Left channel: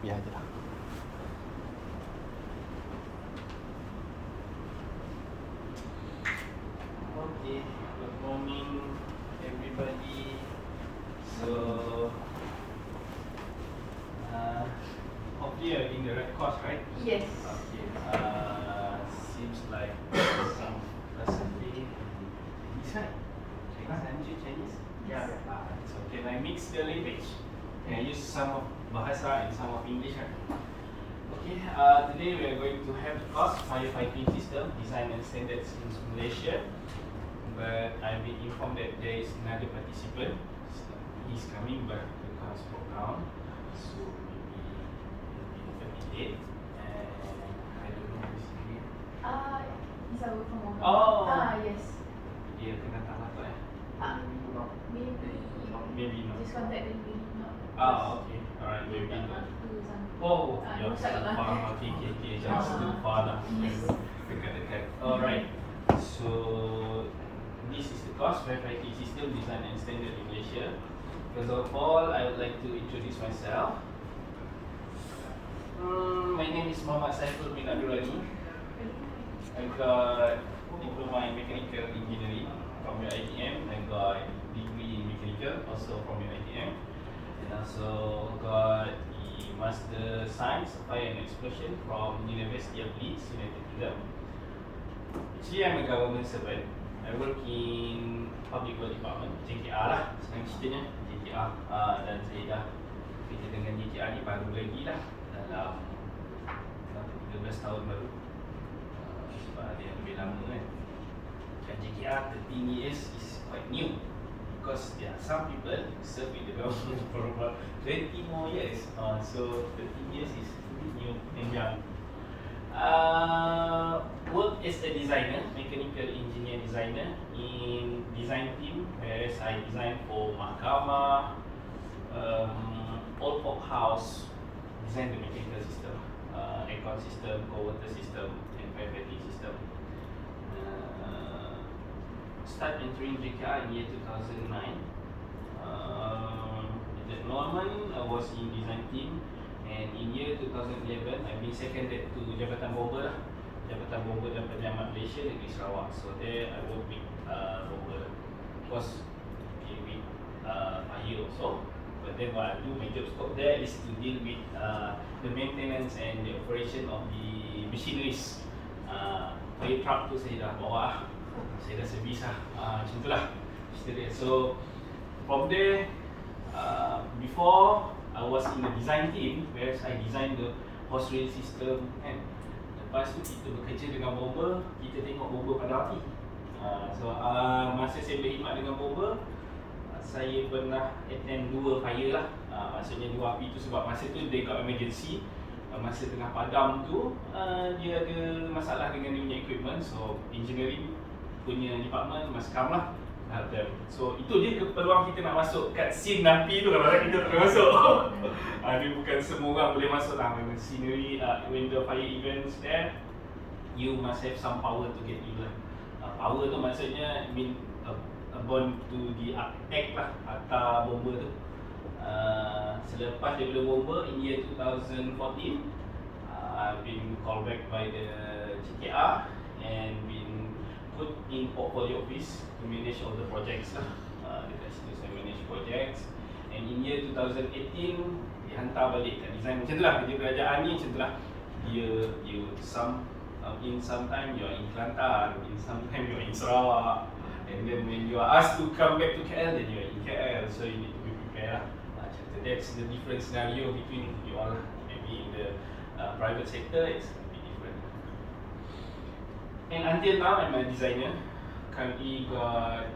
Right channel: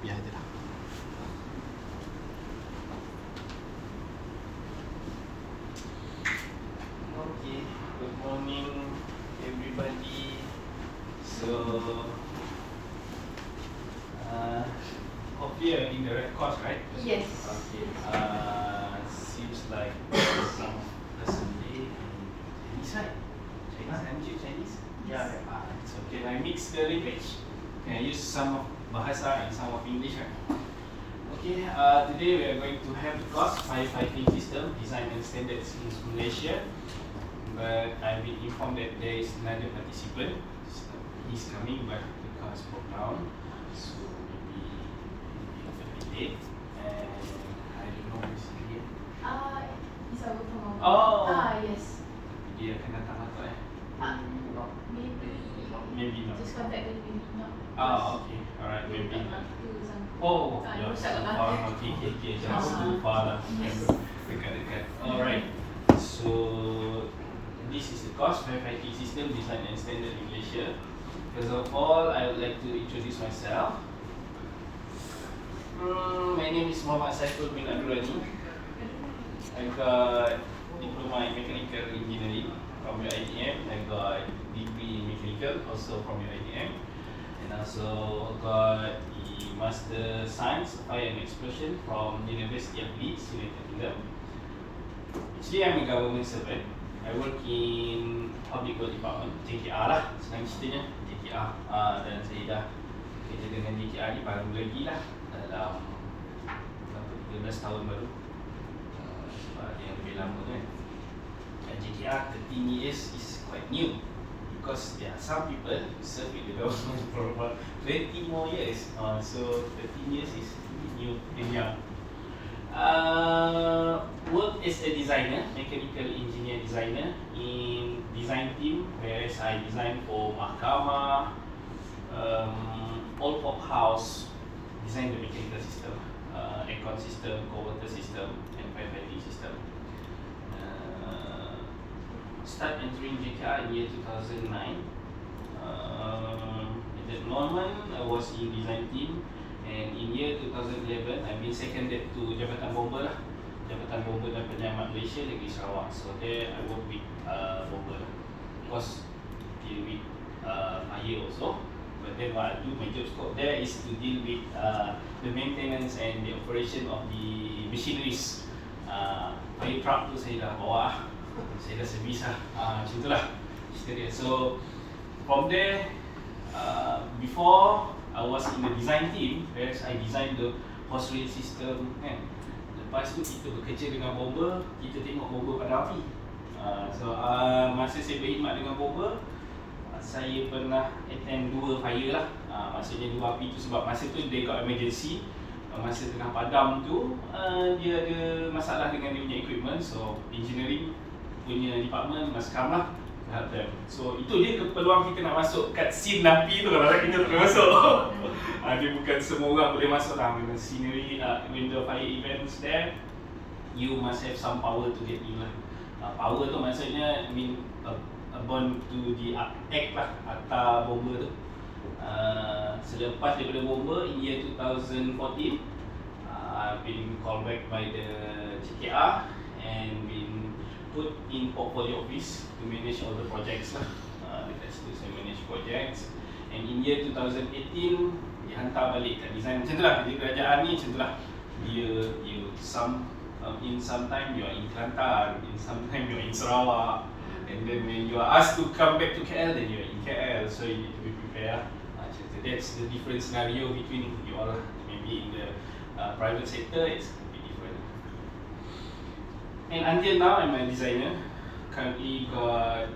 biar je lah. Okay, good morning everybody. So, hopefully you're in the right course, right? Yes. Okay, seems like some lesson in Chinese, right? Chinese? Yes. It's okay. I mix the language. Can I use some of Bahasa and some of English, right? Okay, today we are going to have course firefighting system design and standards in Malaysia. But I've been informed that there is another participant. He's coming, but the car is broke down, so maybe he'll be a bit late. And I don't know who's he. Is our from Oh. Yes. Dia akan datang atau maybe not. Just contact the maybe not. Okay, alright, maybe not. Some. Oh, Yang so kat far, belakang. okay, just too far lah. Dekat. Alright, so this is the course firefighting system design and standard in Malaysia. First of all, I would like to introduce myself. My name is Muhammad Saiful bin Abdul Rani. I got diploma in mechanical engineering from UiTM. I got degree in mechanical also from UiTM, and also got the master science of fire and explosion from University of Leeds, United Kingdom. Actually, I'm a government servant. I work in Public Works Department, JKR lah, senang ceritanya, JKR. Dan saya dah kerja dengan JKR ni baru lagi lah, dalam 13 tahun baru. Sebab ada yang lebih lama kan. Dan JKR 13 years is quite new, because there are some people serve in the government for about 20 more years. So 13 years is really new and young. Work as a designer, mechanical engineer designer in design team, whereas I design for mahkamah, old folk house, design the mechanical system, aircon system, cold water system, and firefighting system. Start entering JKR in year 2009. At that moment, I was in design team. And in year 2011, I've been seconded to Jabatan Bomber lah, Jabatan Bomber dan Penyelamat Malaysia Negeri Sarawak. So there I work with bomber, of course deal with fire also. But then what I do, my job scope there is to deal with the maintenance and the operation of the machineries. Fire truck tu saya dah bawa, saya dah servis lah, macam tu lah cerita dia. So from there, before I was in the design team, whereas I designed the hose rail system kan. Lepas tu kita bekerja dengan bomber, kita tengok bomber pada api. So masa saya berkhidmat dengan bomber, saya pernah attend 2 fire lah. Maksudnya 2 api tu sebab masa tu dia got emergency. Masa tengah padam tu, dia ada masalah dengan dia punya equipment. So engineering punya department must come lah. So itu dia peluang kita nak masuk kat scene api tu, kalau kita tak boleh masuk. Dia bukan semua orang boleh masuk lah. When the scenery, when the fire events there, you must have some power to get in lah. Power tu maksudnya bond to the act lah, akta bomber tu. Selepas daripada bomber in year 2014, I've been called back by the JKR and been put in portfolio office to manage all the projects lah. Dekat situ saya manage projects. And in year 2018 dihantar balik kat design. Macam tu lah kerja kerajaan ni, macam tu lah. You in some time you are in Kelantan, in some time you are in Sarawak, and then when you are asked to come back to KL, then you are in KL. So you need to be prepared lah. Macam tu. That's the different scenario between you all lah. Maybe in the private sector it's different. And until now, I'm a designer. Currently got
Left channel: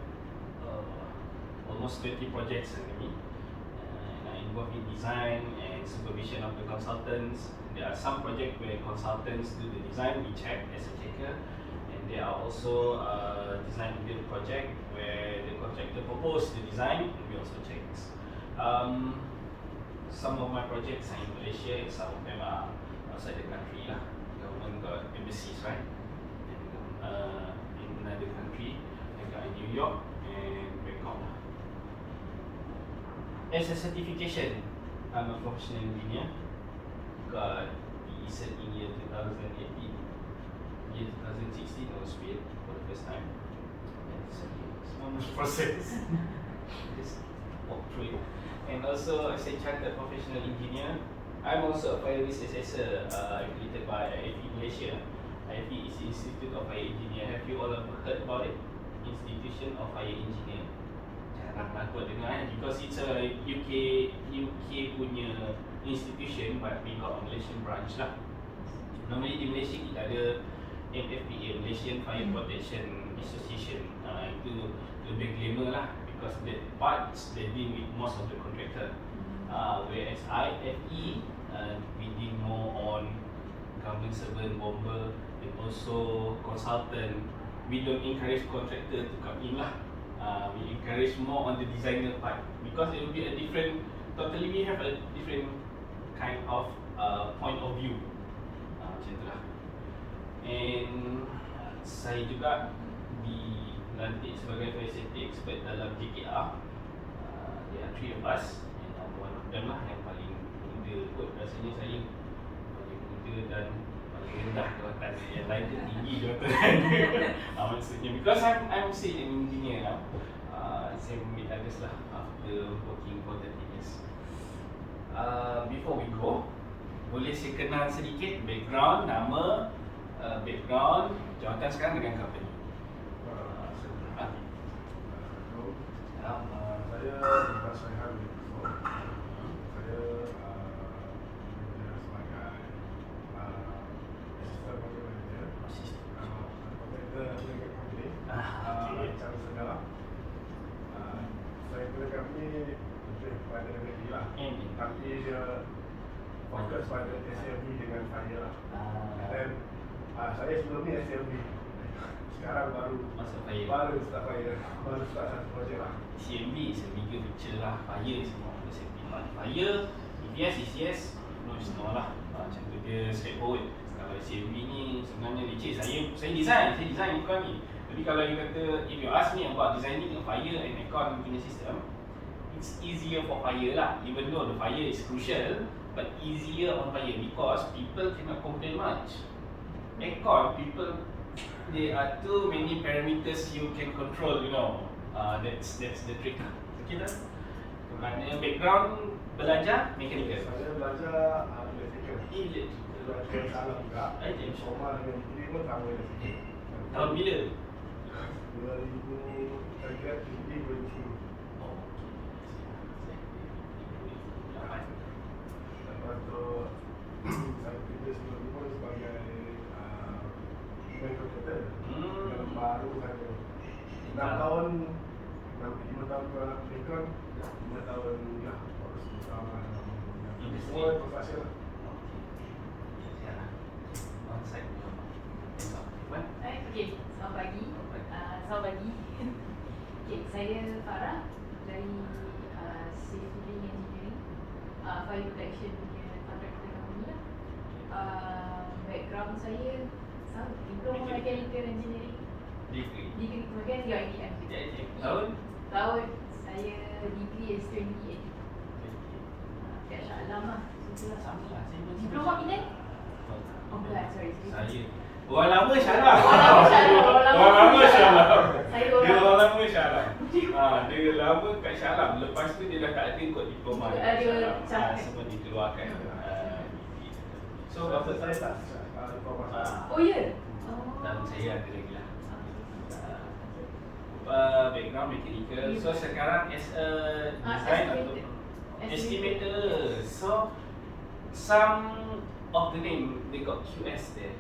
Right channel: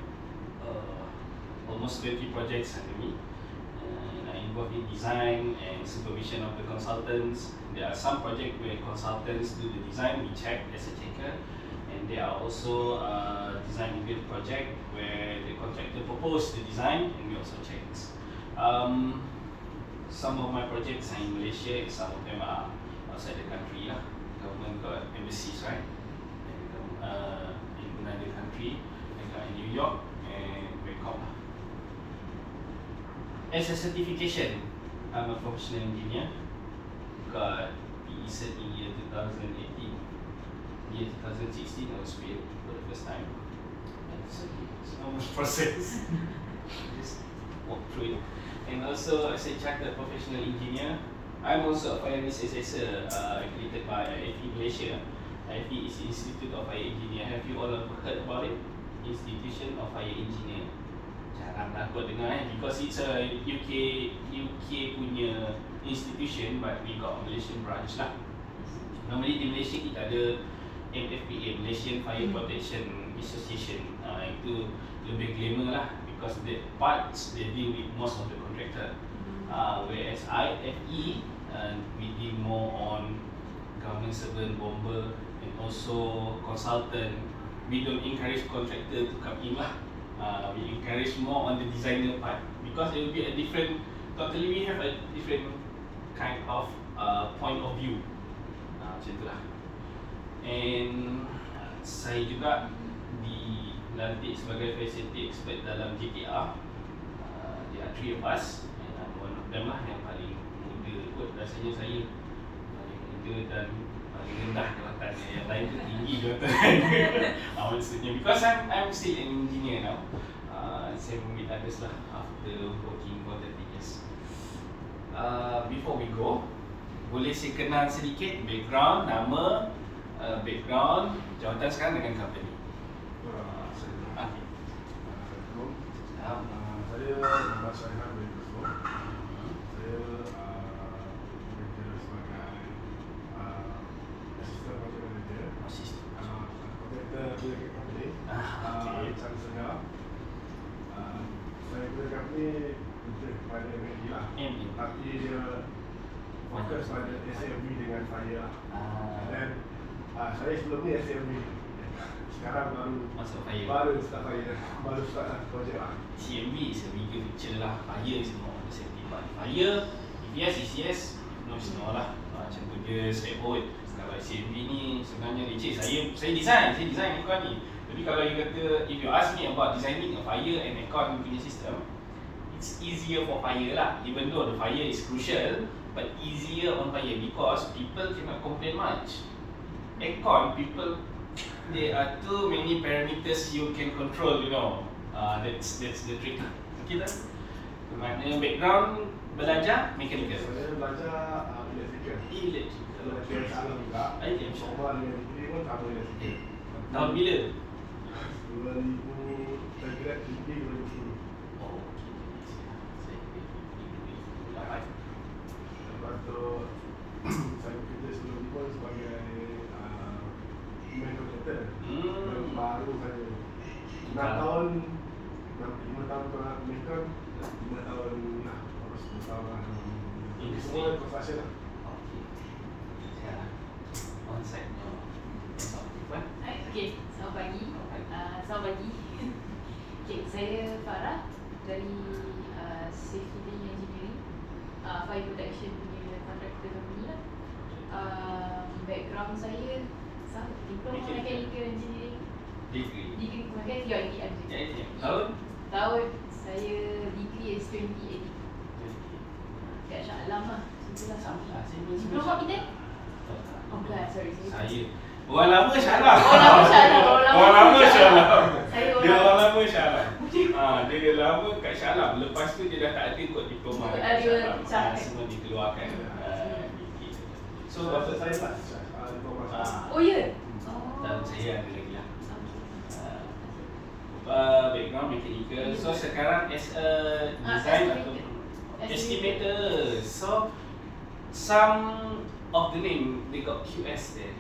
almost 20 projects under me. And I involved in design and supervision of the consultants. There are some projects where consultants do the design, we check as a checker. And there are also design build project where the contractor proposes the design and we also check. Some of my projects are in Malaysia, some of them are outside the country lah. Government got embassies, right? In another country, like in New York and Bangkok. As a certification, I'm a professional engineer. got PE cert in year 2018. Year 2016 I was paid for the first time. It's not much process. Just walk through it. And also as a chartered professional engineer, I'm also a fire risk assessor accredited by IFE Malaysia. IFE is Institute of Fire Engineer. Have you all heard about it? Institution of Fire Engineer. Jarang lah aku dengar because it's a UK punya institution, but we got a Malaysian branch lah. Normally di Malaysia kita ada MFPA, Malaysian Fire Protection Association. Itu lebih glamour lah because that parts they deal with most of the contractor. Whereas IFE we deal more on government servant, bomber, and also consultant. We don't encourage contractor to come in lah. We encourage more on the designer part because it will be a different, totally we have a different kind of point of view. Macam itulah. And saya juga dilantik sebagai fire safety expert dalam JKR. There are 3 of us, and I'm one of them lah yang paling muda kot. Rasanya saya paling muda dan paling rendah jawatan. Yang lain tu tinggi jawatan. Maksudnya because I'm still an engineer now. Saya meet others lah after working for 30 years. Before we go, boleh saya kenal sedikit background, nama, background, jawatan sekarang dengan company. Saya Mas Raihan bin Yusuf. Saya manager sebagai assistant project manager. Kontraktor ada dekat company. Cara saya punya company lebih kepada MD lah. Tapi dia fokus pada SMB dengan fire lah. Dan saya sebelum ni SMB. Sekarang baru start fire. Baru start projek lah. CMB is a bigger picture lah. Fire is more of a safety part. Fire, if yes is yes, no is no lah. Macam tu dia straightforward. Kalau CMB ni sebenarnya leceh. Saya design aircon ni. Tapi kalau you kata, if you ask me about designing a fire and aircon punya system, it's easier for fire lah. Even though the fire is crucial, but easier on fire because people cannot complain much. Aircon, people, there are too many parameters you can control, you know. That's the trick. Okay tak? Kemana background belajar mechanical? Saya belajar electrical. Electrical sama juga. Semua dengan degree pun sama electrical. Tahun bila? 2000, saya kira degree 2010. Oh, Lepas tu saya kerja sebelum ni pun sebagai main contractor. Baru saja 5 tahun ke Mekon, 5 tahun dah terus bersama semua construction lah. One side. Okay, selamat pagi. Okay, saya Farah dari Safety Engineering, Fire Protection punya contractor company lah. Background saya sama, Diploma Mechanical Engineering. Degree sebagai UITM. Tahun saya degree is 2018. Kat Shah Alam lah. Itulah sama. Diploma Pinang? Oh bukan, sorry. Saya orang lama Syarah. Orang lama Syarah. Dia orang lama Syarah. Dia lama kat Syarah. Lepas tu dia dah tak ada kot diploma. Semua dikeluarkan. So bapa saya tak diploma. Oh ya? Dan saya ada lagi lah. Background mechanical. So sekarang as a design atau estimator. So some of the name they got QS there.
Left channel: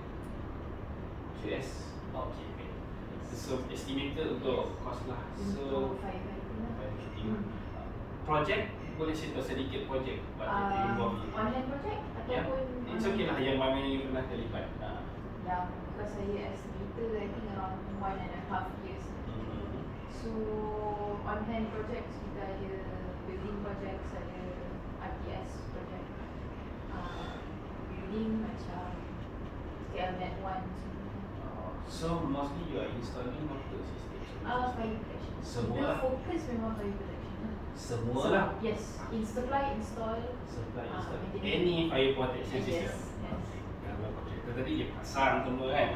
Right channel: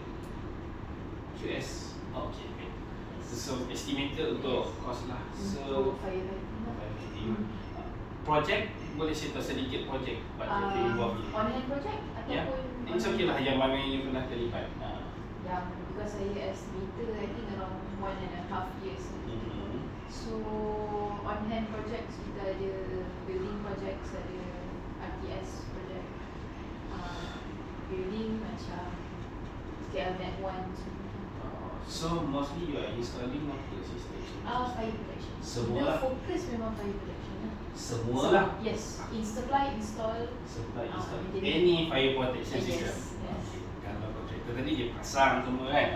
QS. Okay. So estimator untuk cost lah. So firefighting. Project boleh cerita sedikit project what you involved in. Online project ataupun it's okay lah yang mana you pernah terlibat. Yeah, because saya estimator I think around 1.5 years. So on hand projects kita ada building projects, ada RTS project, building macam KL Net 1 semua. So mostly you are installing apa system? Fire protection. Semua Kita lah. fokus memang fire protection lah. Semua So, lah. yes, install. Supply install maintenance. any fire protection Yes, system. yes. Okay. Kalau kontraktor tadi dia pasang semua kan.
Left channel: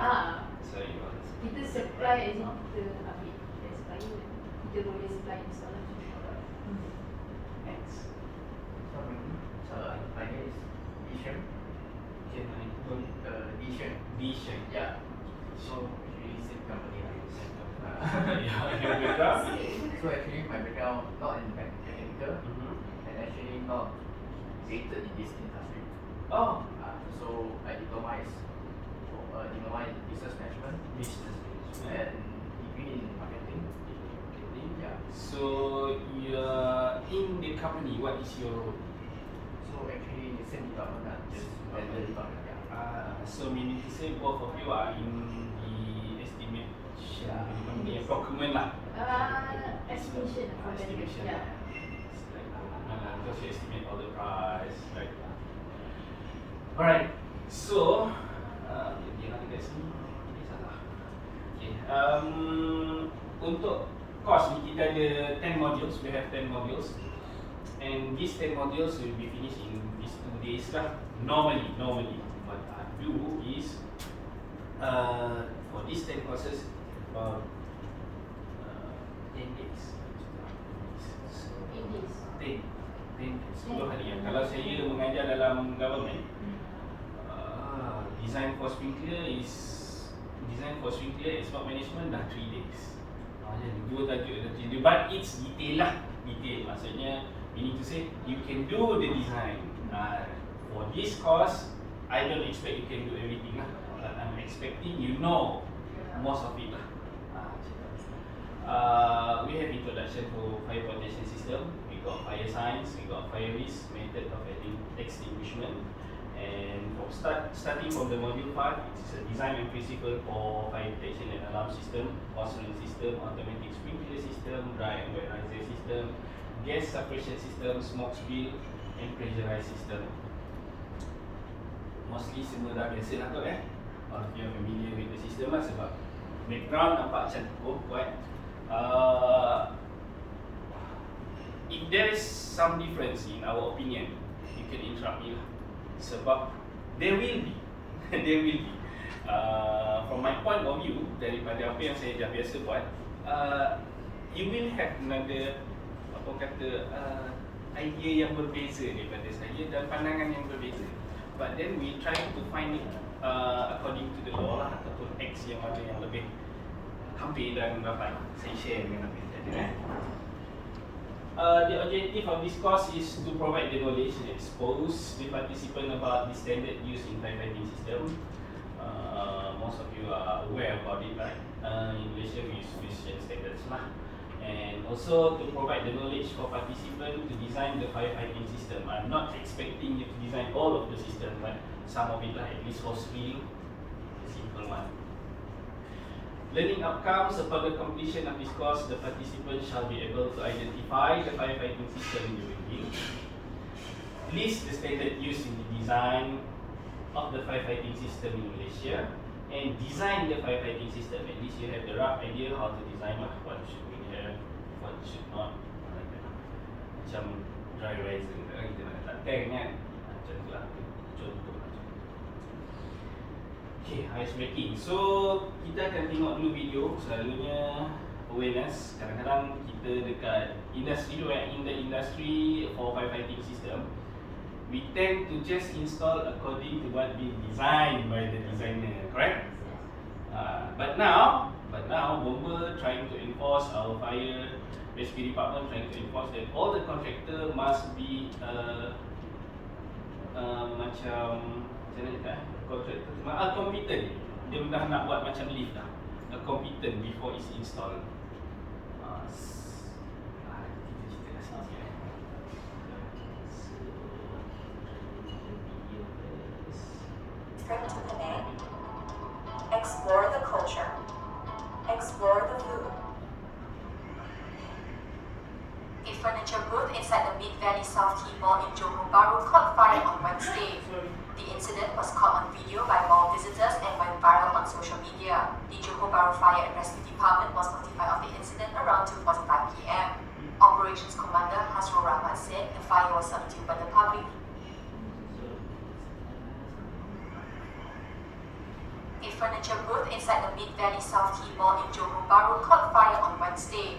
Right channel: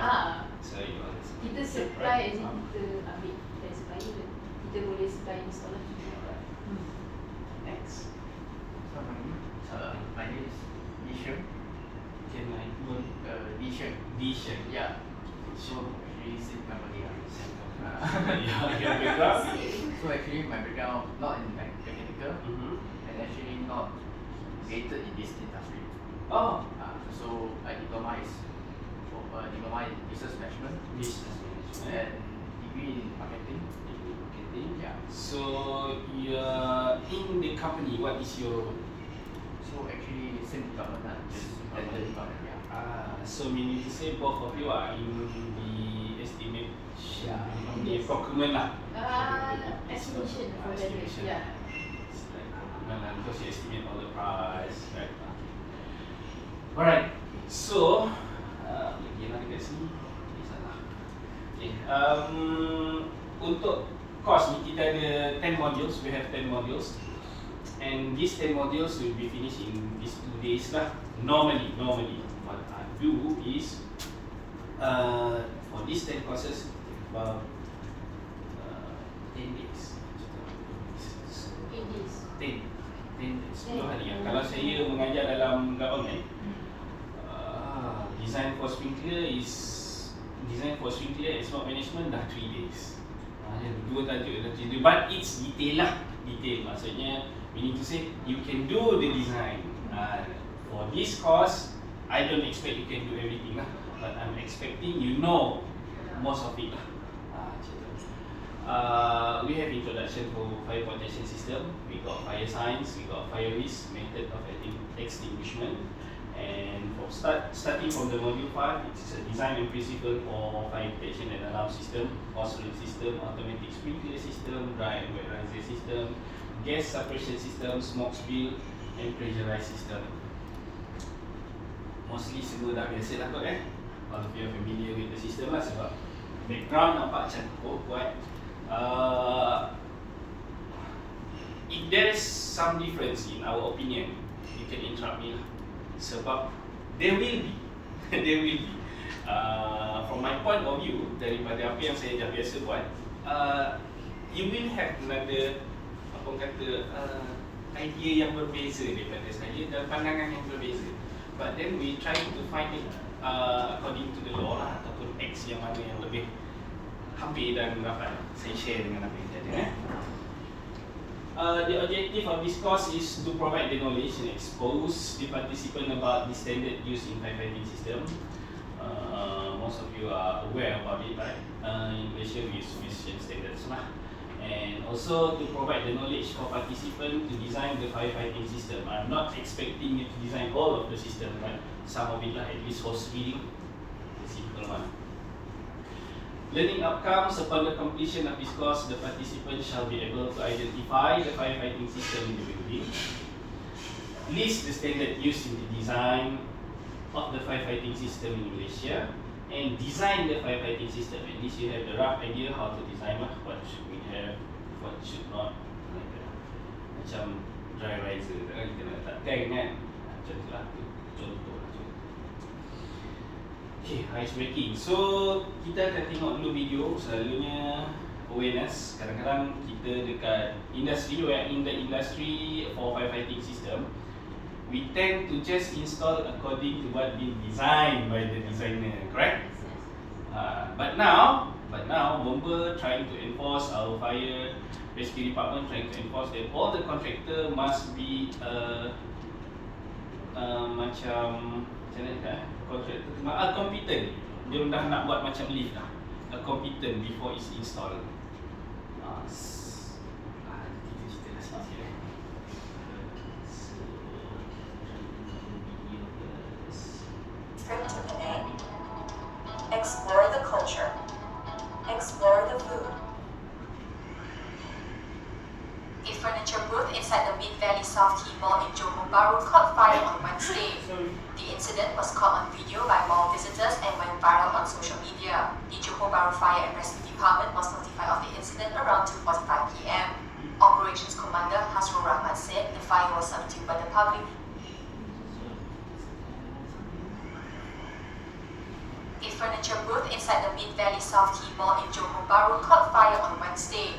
So you are Kita supply as in kita ambil dari supplier. Kita boleh supply installer. Next. My name is Disham. Can I go? Disham. Vision. Yeah. So actually same company lah. Yeah, your background. So actually my background not in mechanical and actually not related in this industry. Oh, So my diploma is diploma in business management business management. and degree in marketing. Marketing. Yeah. So you are in the company. What is your role? So actually same department lah, just blended department. Yeah. So meaning to say both of you are in the estimate, the Yes. procurement lah. Estimation for the Estimation. yeah. It's like procurement lah, because you estimate all the price, right? Alright, so lagi mana kat sini? Okay, salah. Okay, untuk course ni kita ada 10 modules. We have 10 modules, and these 10 modules will be finished in these 2 days lah. Normally, what I do is for these 10 courses about 10 days. So 8 days. 10 10 hari ya. Kalau saya mengajar dalam government, design for sprinkler and smart management dah 3 days. Dua tajuk dah 3 days. But it's detail lah. Detail maksudnya meaning to say you can do the design. For this course, I don't expect you can do everything lah, but I'm expecting you know most of it lah. We have introduction to fire protection system. We got fire science. We got fire risk, method of extinguishment, and starting from the module 5, it's a design and principle for fire protection and alarm system, oscillate system, automatic sprinkler system, dry and wet riser system, gas suppression system, smoke spill, and pressurized system. Mostly semua dah biasa lah kot all of you are familiar with the system lah, sebab background nampak macam buat. If there's some difference in our opinion, you can interrupt me lah, sebab there will be there will be from my point of view, daripada apa yang saya dah biasa buat, you will have another apa kata idea yang berbeza daripada saya dan pandangan yang berbeza. But then we try to find it according to the law lah, ataupun X yang mana yang lebih hampir dan rapat. Saya share dengan apa yang tadi. The objective of this course is to provide the knowledge and expose the participant about the standard used in firefighting system. Most of you are aware about it, right? In Malaysia we use Malaysian standards lah. And also to provide the knowledge for participants to design the firefighting system. I'm not expecting you to design all of the system, right? Some of it lah, at least hose reading, the simple one. Learning outcomes: upon the completion of this course, the participants shall be able to identify the firefighting system in the building, list the standard used in the design of the firefighting system in Malaysia, and design the firefighting system. At least you have the rough idea how to design lah, what should we have, what should not, like that. Macam dry riser, kita nak letak tank kan, macam tu lah, contoh. Okay, ice breaking. So kita akan tengok dulu video. Selalunya awareness. Kadang-kadang kita dekat industri, we are in the industry for firefighting system, we tend to just install according to what been designed by the designer, correct? But now Bomber trying to enforce, our fire rescue department trying to enforce that all the contractor must be macam mana cakap contractor competent. Dia dah nak buat macam lift lah, competent before it's installed. Script A. Explore the culture. Explore the food. A furniture booth inside the Mid Valley South Key Mall in Johor Bahru caught fire on Wednesday. The incident was caught on video by mall visitors and went viral on social media. The Johor Bahru Fire and Rescue Department was notified of the incident around 2:45 p.m. Operations Commander Hasrul Rahman said the fire was subdued by the public. A furniture booth inside the Mid-Valley South Quay Mall in Johor Bahru caught fire on Wednesday.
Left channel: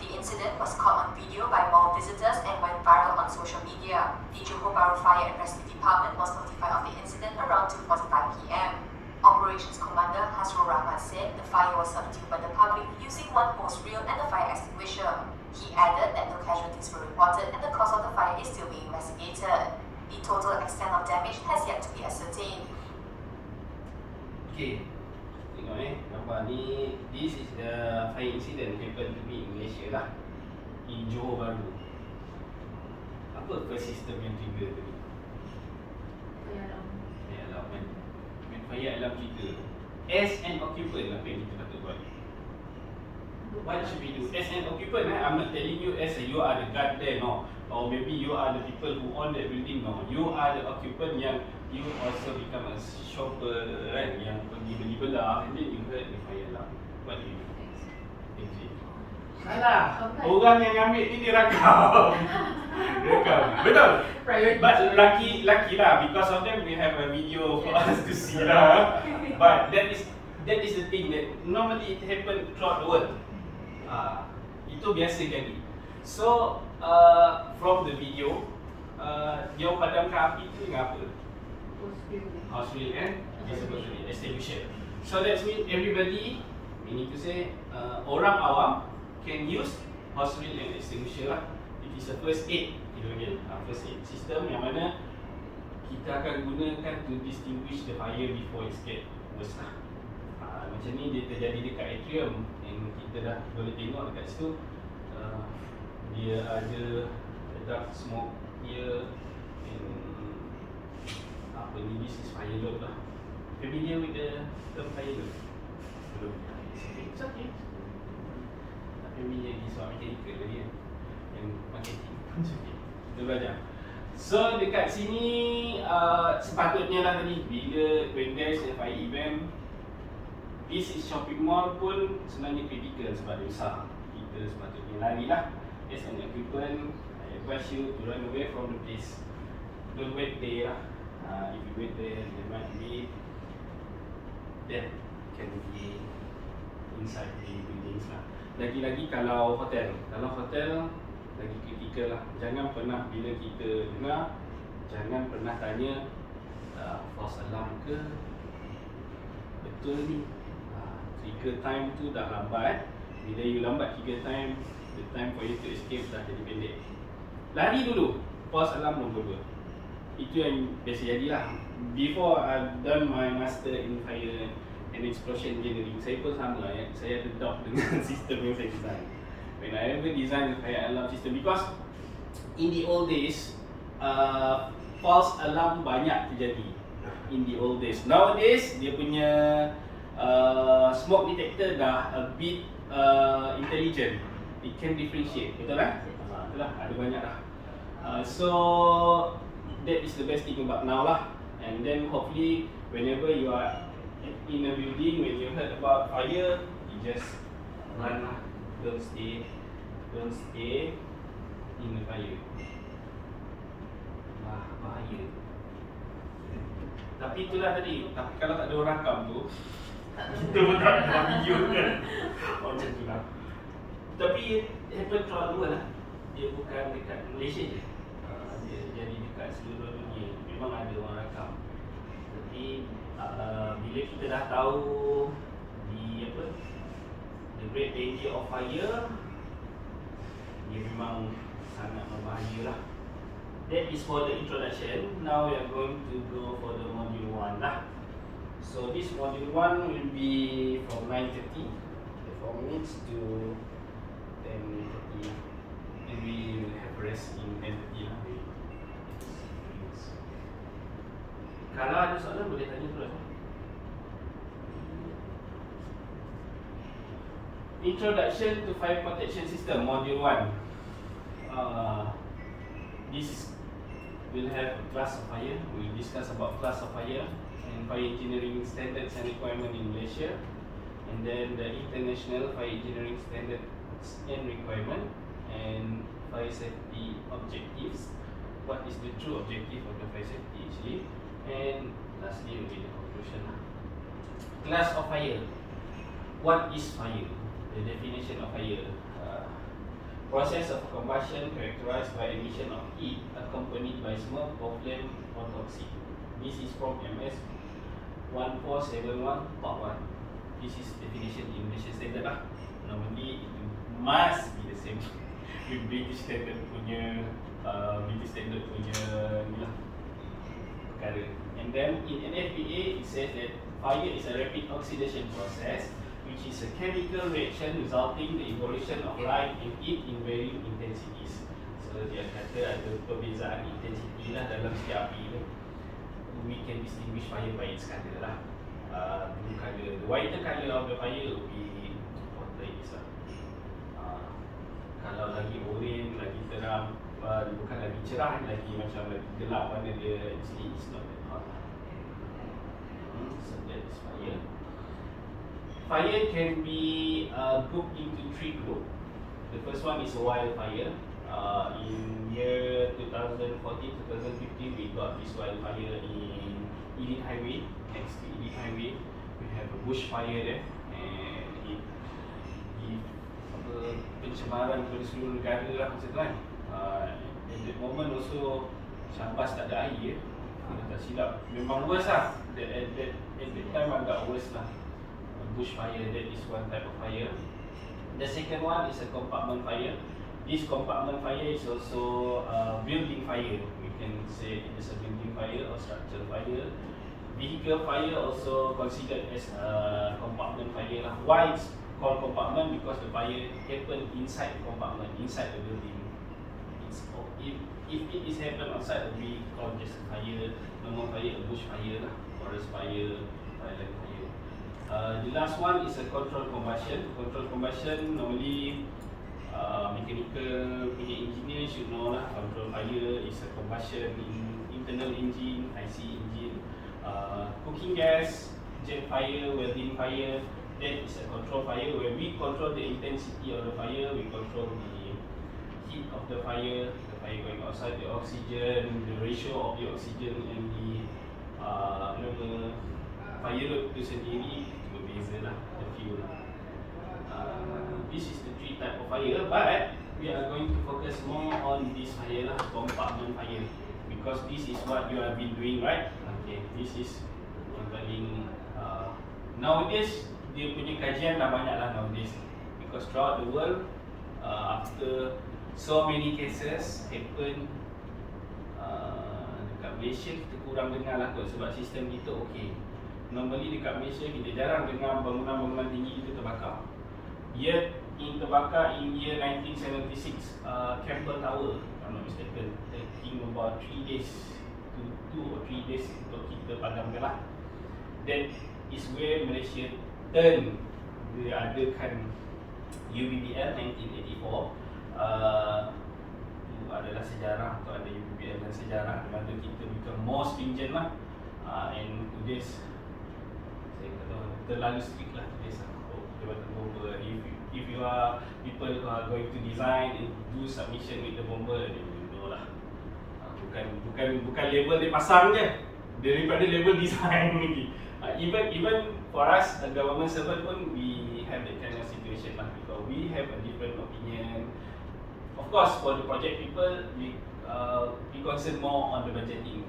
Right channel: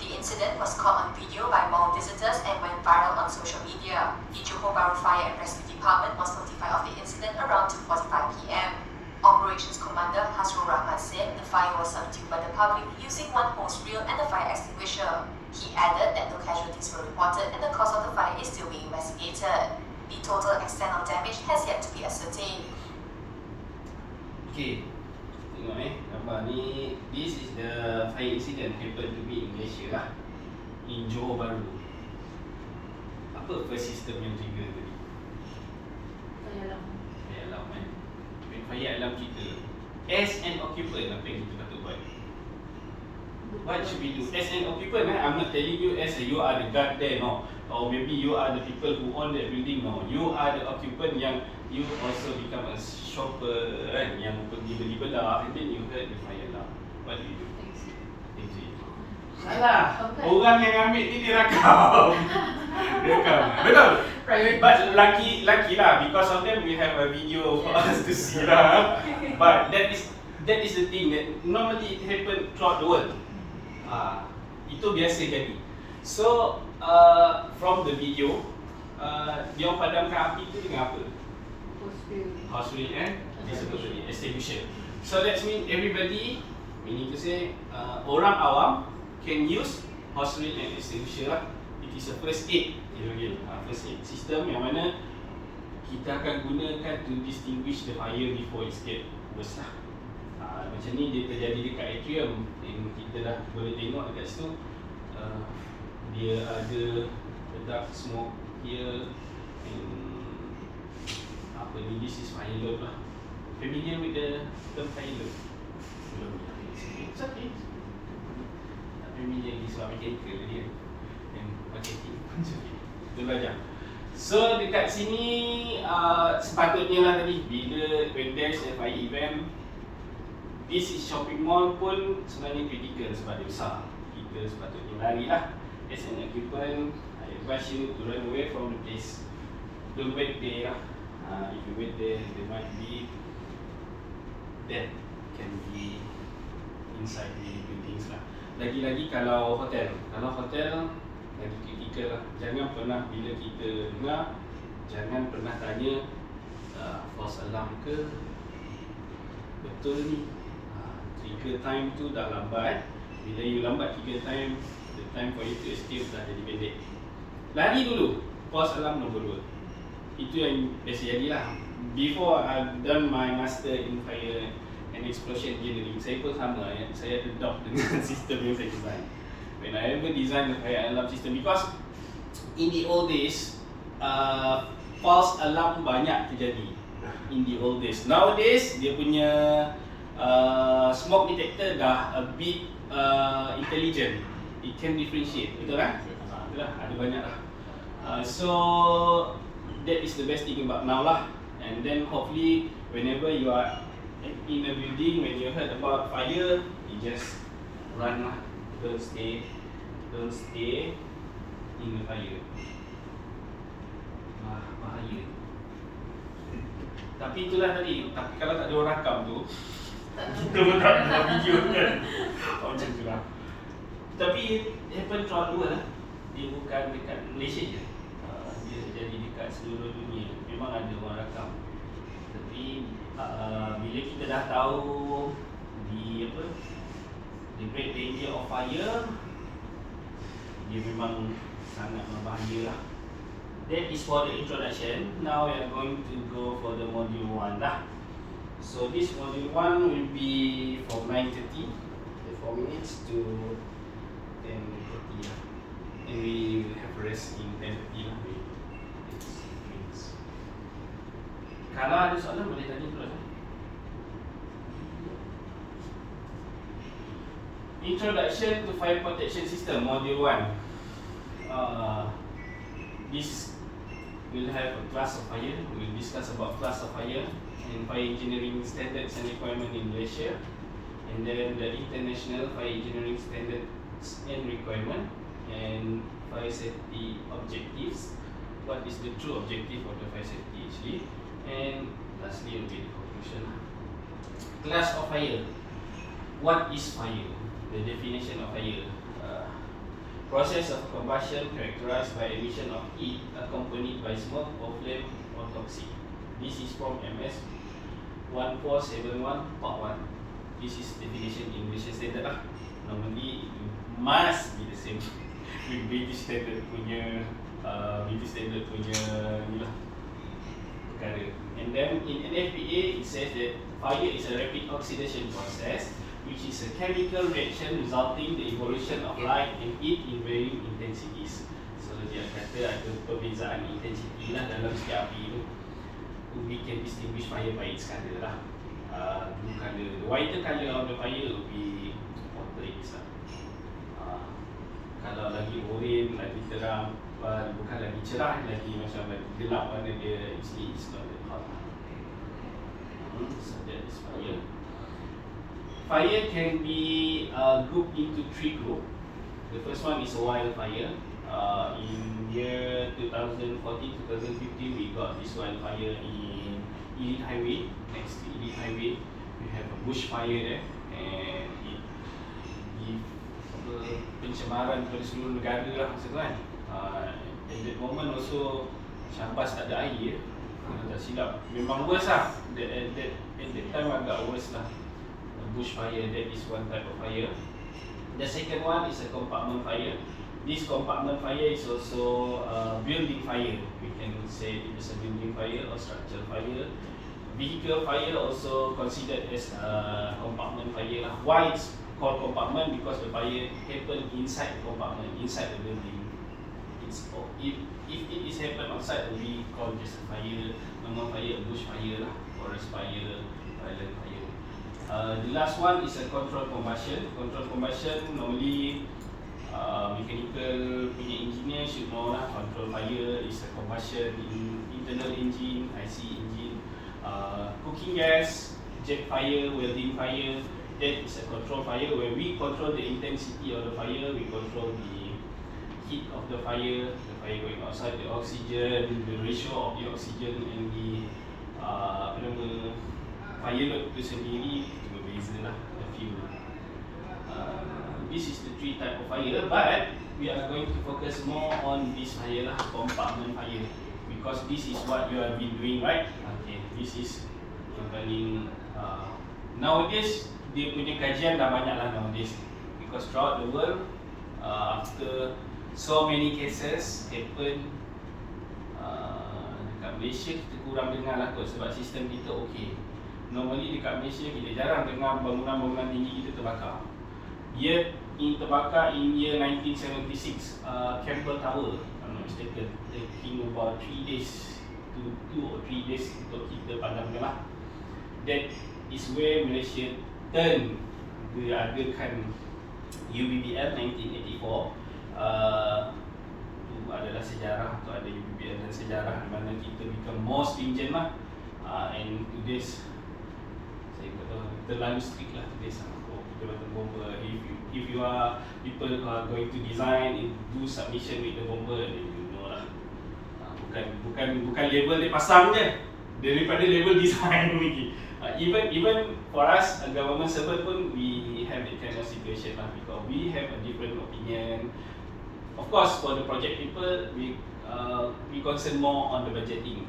The incident was caught on video by mall visitors and went viral on social media. The Johor Bahru Fire and Rescue Department was notified of the incident around 2:45 p.m. Operations Commander Hasrul Rahman said the fire was subdued by the public using one hose reel and a fire extinguisher. He added that no casualties were reported and the cause of the fire is still being investigated. The total extent of damage has yet to be ascertained. Okay, tengok gambar ni. This is the fire incident happened to be in Malaysia lah, in Johor Bahru. Apa first system yang trigger tadi? Fire alarm. Fire alarm kan. When fire alarm kita, as an occupant, apa yang kita patut buat? What should we do? As an occupant, I'm not telling you as you are the guard there, no. Or maybe you are the people who own that building, no. You are the occupant yang you also become a shopper, kan, yang pergi beli belah, and then you heard the fire alarm. What do you do? Exit. Salah. Orang yang ambil ni dia rakam. Betul. But lucky lah, because of them we have a video for us to see lah. But that is the thing that normally it happen throughout the world. Itu biasa jadi. So from the video, dia padamkan api tu dengan apa? House reel and disebut tadi extinguisher. So that means everybody, meaning to say, orang awam can use house reel and extinguisher lah. It is a first aid, first aid system yang mana kita akan gunakan to distinguish the fire before it get worse lah. Macam ni dia terjadi dekat atrium yang kita dah boleh tengok dekat situ. Dia ada dark smoke here and apa ni, this is fire alarm lah. Familiar with the term fire alarm? Belum. It's okay. Familiar with mechanical tadi kan, yang marketing. It's okay. Kita belajar. So dekat sini sepatutnya lah tadi, bila when there's a fire event, this is shopping mall pun sebenarnya critical sebab dia besar. Kita sepatutnya lari lah. As an occupant, I advise you to run away from the place. Don't wait there lah. If you wait there might be death can be inside the buildings lah. Lagi-lagi kalau hotel lagi critical lah. Jangan pernah, bila kita dengar, jangan pernah tanya false alarm ke, betul ni. Trigger time tu dah lambat. Bila you lambat trigger time, the time for you to escape dah jadi pendek. Lari dulu. False alarm nombor 2. Itu yang biasa jadilah. Before I've done my master in fire and explosion engineering, saya pun sama ya. Saya ada doubt dengan sistem yang saya design. When I ever design the fire alarm system, because in the old days, false alarm banyak terjadi. In the old days. Nowadays, dia punya smoke detector dah a bit intelligent. It can differentiate, betul kan? Betul lah, ada banyak dah. So that is the best thing about now lah. And then hopefully whenever you are in a building, when you heard about fire, you just run lah. Don't stay in the fire. Bahaya. Tapi itulah tadi. Tapi kalau tak ada orang rakam tu, kita pun tak ada video kan. Macam tu lah. Tapi happen throughout the world lah. Dia bukan dekat Malaysia je. Dia jadi dekat seluruh dunia. Memang ada orang rakam. Tapi bila kita dah tahu the great danger of fire, dia memang sangat berbahaya lah. That is for the introduction. Now we are going to go for the module 1 lah. So this module 1 will be from 9:30, 4 minutes to 10:30 lah. And we will have rest in 10:30 lah. Kalau ada soalan boleh tanya dulu. Introduction to Fire Protection System, Module 1. This will have a class of fire. We will discuss about class of fire and fire engineering standards and requirement in Malaysia. and then the international fire engineering standards and requirement, and fire safety objectives. What is the true objective of the fire safety actually? And lastly will be the conclusion. Class of fire. What is fire? The definition of fire. Process of combustion characterized by emission of heat accompanied by smoke or flame or toxic. This is from MS 1471 part 1. This is definition in Malaysia standard lah. Normally it must be the same with British standard punya ni lah perkara. And then in NFPA it says that fire is a rapid oxidation process which is a chemical reaction resulting the evolution of light and heat in varying intensities. So dia kata ada perbezaan intensity lah dalam setiap api tu. We can distinguish fire by its color lah. Blue color, the whiter color of the fire will be water is lah. Kalau lagi orange, lagi terang, bukan lagi cerah, lagi macam lagi gelap warna dia, it's not that hot lah. So that is fire. Fire can be grouped into 3 groups. The first one is a wildfire. In year 2014-2015, we got this wildfire in Elite Highway. Next to Elite Highway, we have a bushfire there, and it pencemaran kepada seluruh negara lah masa tu kan. At that moment also Syambas tak ada air kalau tak silap. Memang worse lah. At that time agak worse lah. Bushfire, that is one type of fire. The second one is a compartment fire. This compartment fire is also building fire. We can say it is a building fire or structural fire. Vehicle fire also considered as a compartment fire. Why it's called compartment? Because the fire happen inside the compartment, inside the building. If it is happen outside, we call just a fire, normal fire, a bush fire, forest fire, violent fire. The last one is a controlled combustion. Controlled combustion normally mechanical punya engineer should know lah. Controlled fire is a combustion in internal engine, IC engine, cooking gas, jet fire, welding fire. That is a controlled fire where we control the intensity of the fire, we control the heat of the fire going outside, the oxygen, the ratio of the oxygen and the fire load tu sendiri berbeza lah, the fuel. This is the 3 type of fire, but we are going to focus more on this fire lah, compartment fire, because this is what you have been doing, right? Okay, this is yang paling nowadays dia punya kajian dah banyak lah nowadays, because throughout the world after so many cases happen, dekat Malaysia kita kurang dengar lah kot sebab sistem kita okey. Normally dekat Malaysia kita jarang dengar bangunan-bangunan tinggi kita terbakar. Yet terbakar in year 1976, Campbell Tower, if I'm not mistaken, taking about 3 days to 2 or 3 days untuk kita padamkan lah. That is where Malaysia turn, dia adakan UBBL 1984. Itu adalah sejarah, atau ada UBBL dan sejarah di mana kita become more stringent lah. And to this, saya kata terlalu strict lah to this. Jabatan bomba, if you are people who are going to design and do submission with the bomba, then you know lah. Bukan label dia pasang je, daripada label design lagi. Even for us, the government servant pun, we have that kind of situation lah, because we have a different opinion. Of course, for the project people, we concern more on the budgeting,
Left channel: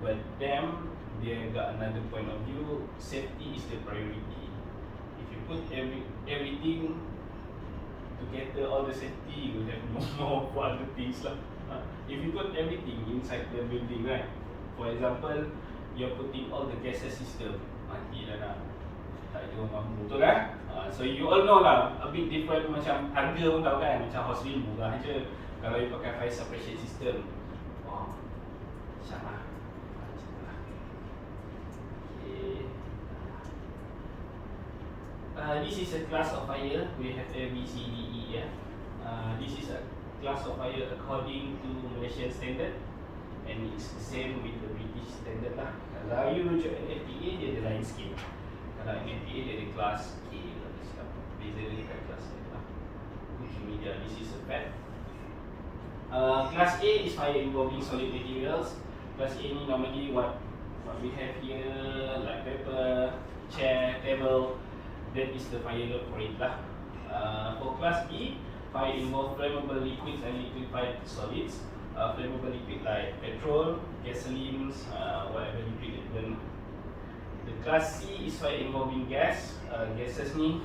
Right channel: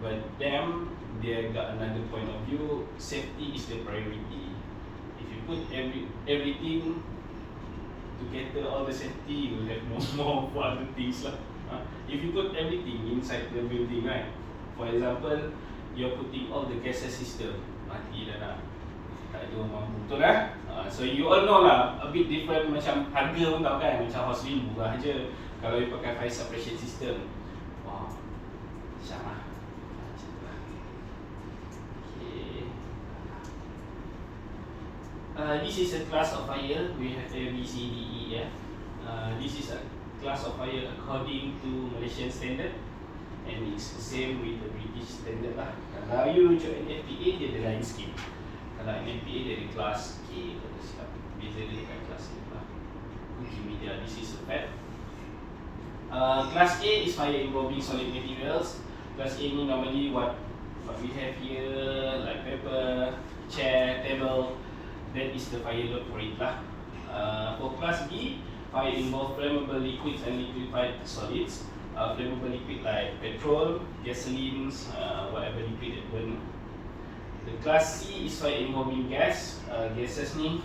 but them, they got another point of view. Safety is the priority. If you put everything to cater all the safety, you will have no more for other things lah. If you put everything inside the building, right? For example, you're putting all the gases system, mati lah nak, tak ada mampu, betul kan? So you all know lah, a bit different, macam harga pun tahu kan, macam house ring murah je. Kalau you pakai fire suppression system, macam lah. Okay. This is a class of fire. We have A, B, C, D, E, F. This is a class of fire according to Malaysian standard, and it's the same with the British standard lah. Kalau you rujuk NFPA, dia ada lain sikit. Kalau NFPA dari kelas K kalau silap. Beza dengan kelas A lah. Multimedia, this is a fact. Class A is fire involving solid materials. Class A ni normally what we have here, like paper, chair, table. That is the fire load for it lah. For class B, fire involves flammable liquids and liquefied solids. Flammable liquid like petrol, gasoline, whatever liquid that burn. The class C is fire involving gas. Gases ni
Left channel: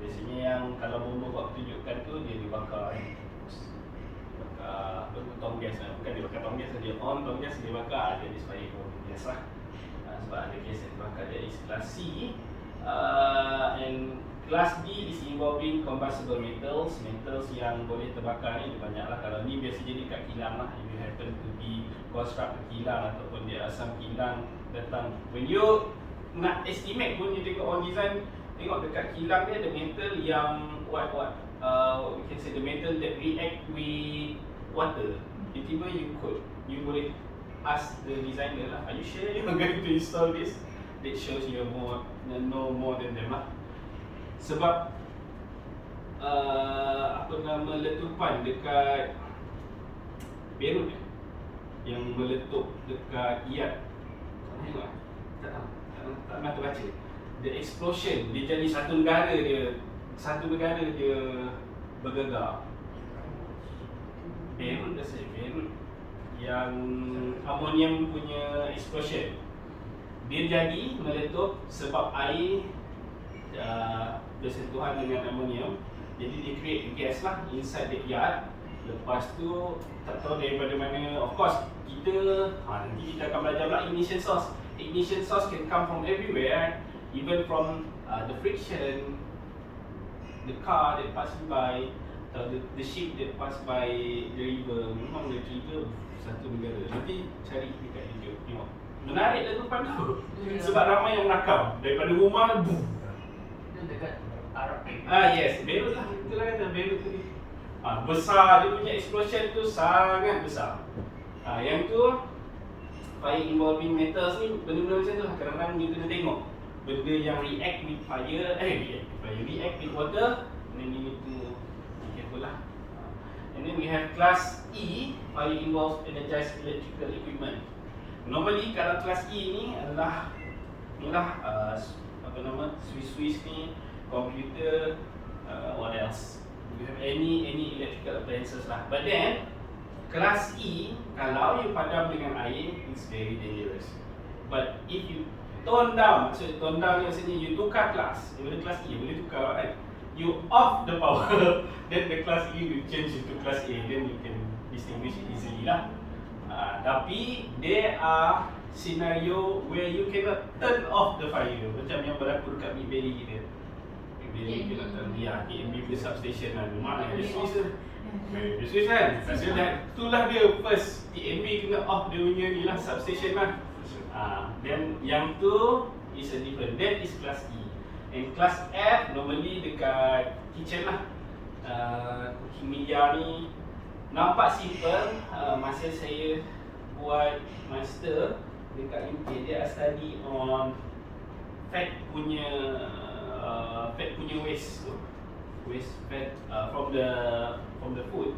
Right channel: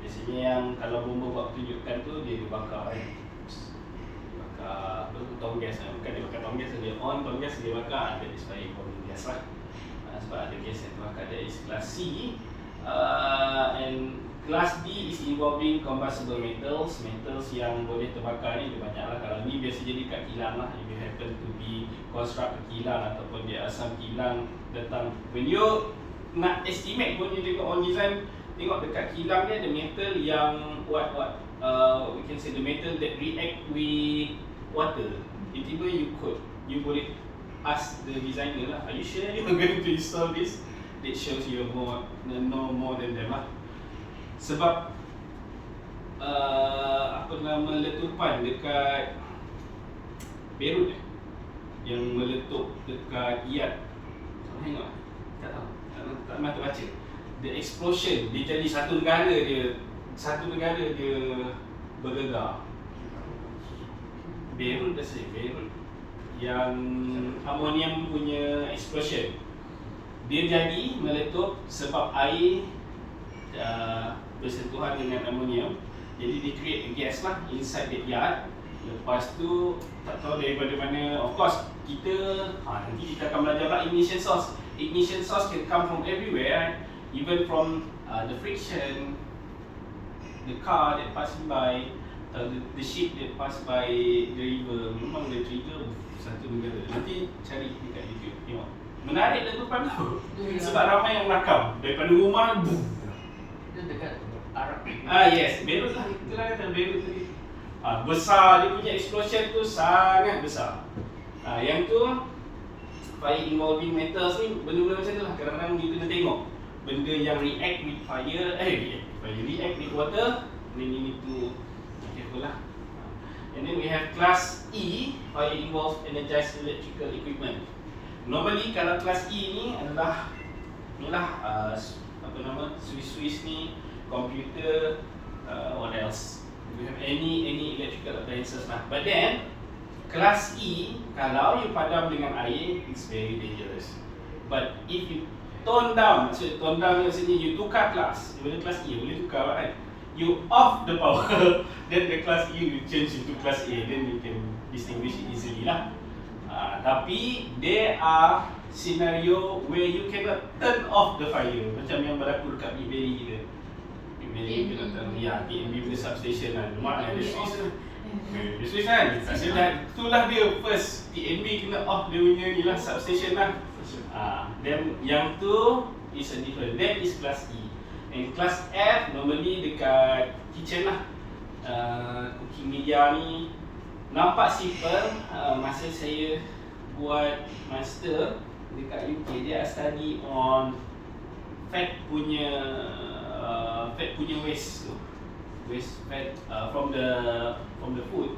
biasanya yang kalau bomba buat tunjukkan tu dia dibakar bakar tong gas lah. Bukan dia bakar tong gas, dia on tong gas dia bakar. That is fire involving gas lah. Sebab ada gas yang terbakar. That is class C. And class D is involving combustible metals. Metals yang boleh terbakar ni banyak lah. Kalau ni biasa jadi kat kilang lah. If you happen to be construct kilang ataupun dia asam kilang datang. When you nak estimate pun you tengok on design, tengok dekat kilang dia ada metal yang what we can say the metal that react with water. Tiba-tiba you boleh ask the designer lah, are you sure you are going to install this? That shows you know more than them lah. Sebab letupan dekat Beirut yang meletup dekat Iyad. Tengok, tak tahu, tak pernah terbaca. The explosion, dia jadi satu negara dia bergegar. Beirut yang amonium punya explosion. Dia jadi meletup sebab air bersentuhan dengan amonium. Jadi dia create a gas lah inside that yard. Lepas tu tak tahu daripada mana. Of course kita nanti kita akan belajar pula ignition source. Ignition source can come from everywhere, right? Even from the friction, the car that passing by, the ship that pass by the river. Memang the trigger satu negara. Nanti cari dekat YouTube tengok. Menarik letupan tu. Sebab ramai yang nakam daripada rumah boom. Itu dekat Arab. Yes, Beirut lah. Itulah kata Beirut tadi. Besar, dia punya explosion tu sangat besar. Yang tu fire involving metals ni benda-benda macam tu lah. Kadang-kadang you kena tengok benda yang react with fire, react with water. Then you need to be careful lah. And then we have class E, fire involves energized electrical equipment. Normally kalau kelas E ni adalah switch ni, komputer, what else? We have any electrical appliances lah. But then kelas E, kalau you padam dengan air, it's very dangerous. But if you tone down maksudnya you tukar kelas, daripada kelas E boleh tukar kan? You off the power, then the class E will change into class A, then you can distinguish it easily lah. Tapi there are scenario where you cannot turn off the fire, macam yang berlaku dekat Mid Valley kita. Mid Valley kita kata, KMB punya substation kan. Mak ada Swiss kan. Itulah dia first TNB kena off dia punya ni lah, substation lah. Then yang tu is a different. That is class E. And class F normally dekat kitchen lah. Cooking media ni nampak simple. Masa saya buat master dekat UK, dia study on fat punya waste fat from the food.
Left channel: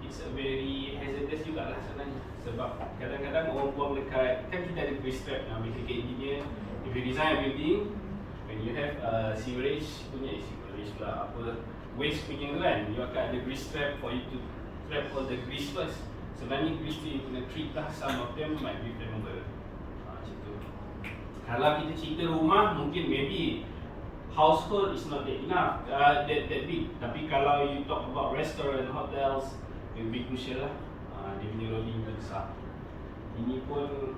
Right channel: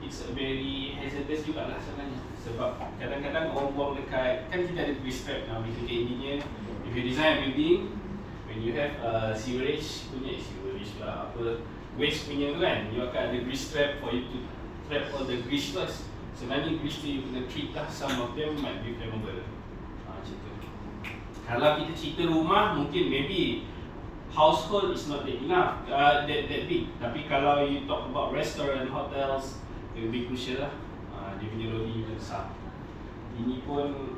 It's a very hazardous jugalah sebenarnya. Sebab kadang-kadang orang buang dekat, kan kita ada grease trap lah, mechanical engineer. If you design a building, when you have sewerage lah, waste punya tu kan, you akan ada grease trap for you to trap all the grease first. Sebenarnya grease tu you kena treat lah, some of them might be flammable. Macam tu. Kalau kita cerita rumah, mungkin maybe household is not that enough, that big. Tapi kalau you talk about restaurant, hotels, it will be crucial lah. Dia punya loading yang besar. Ini pun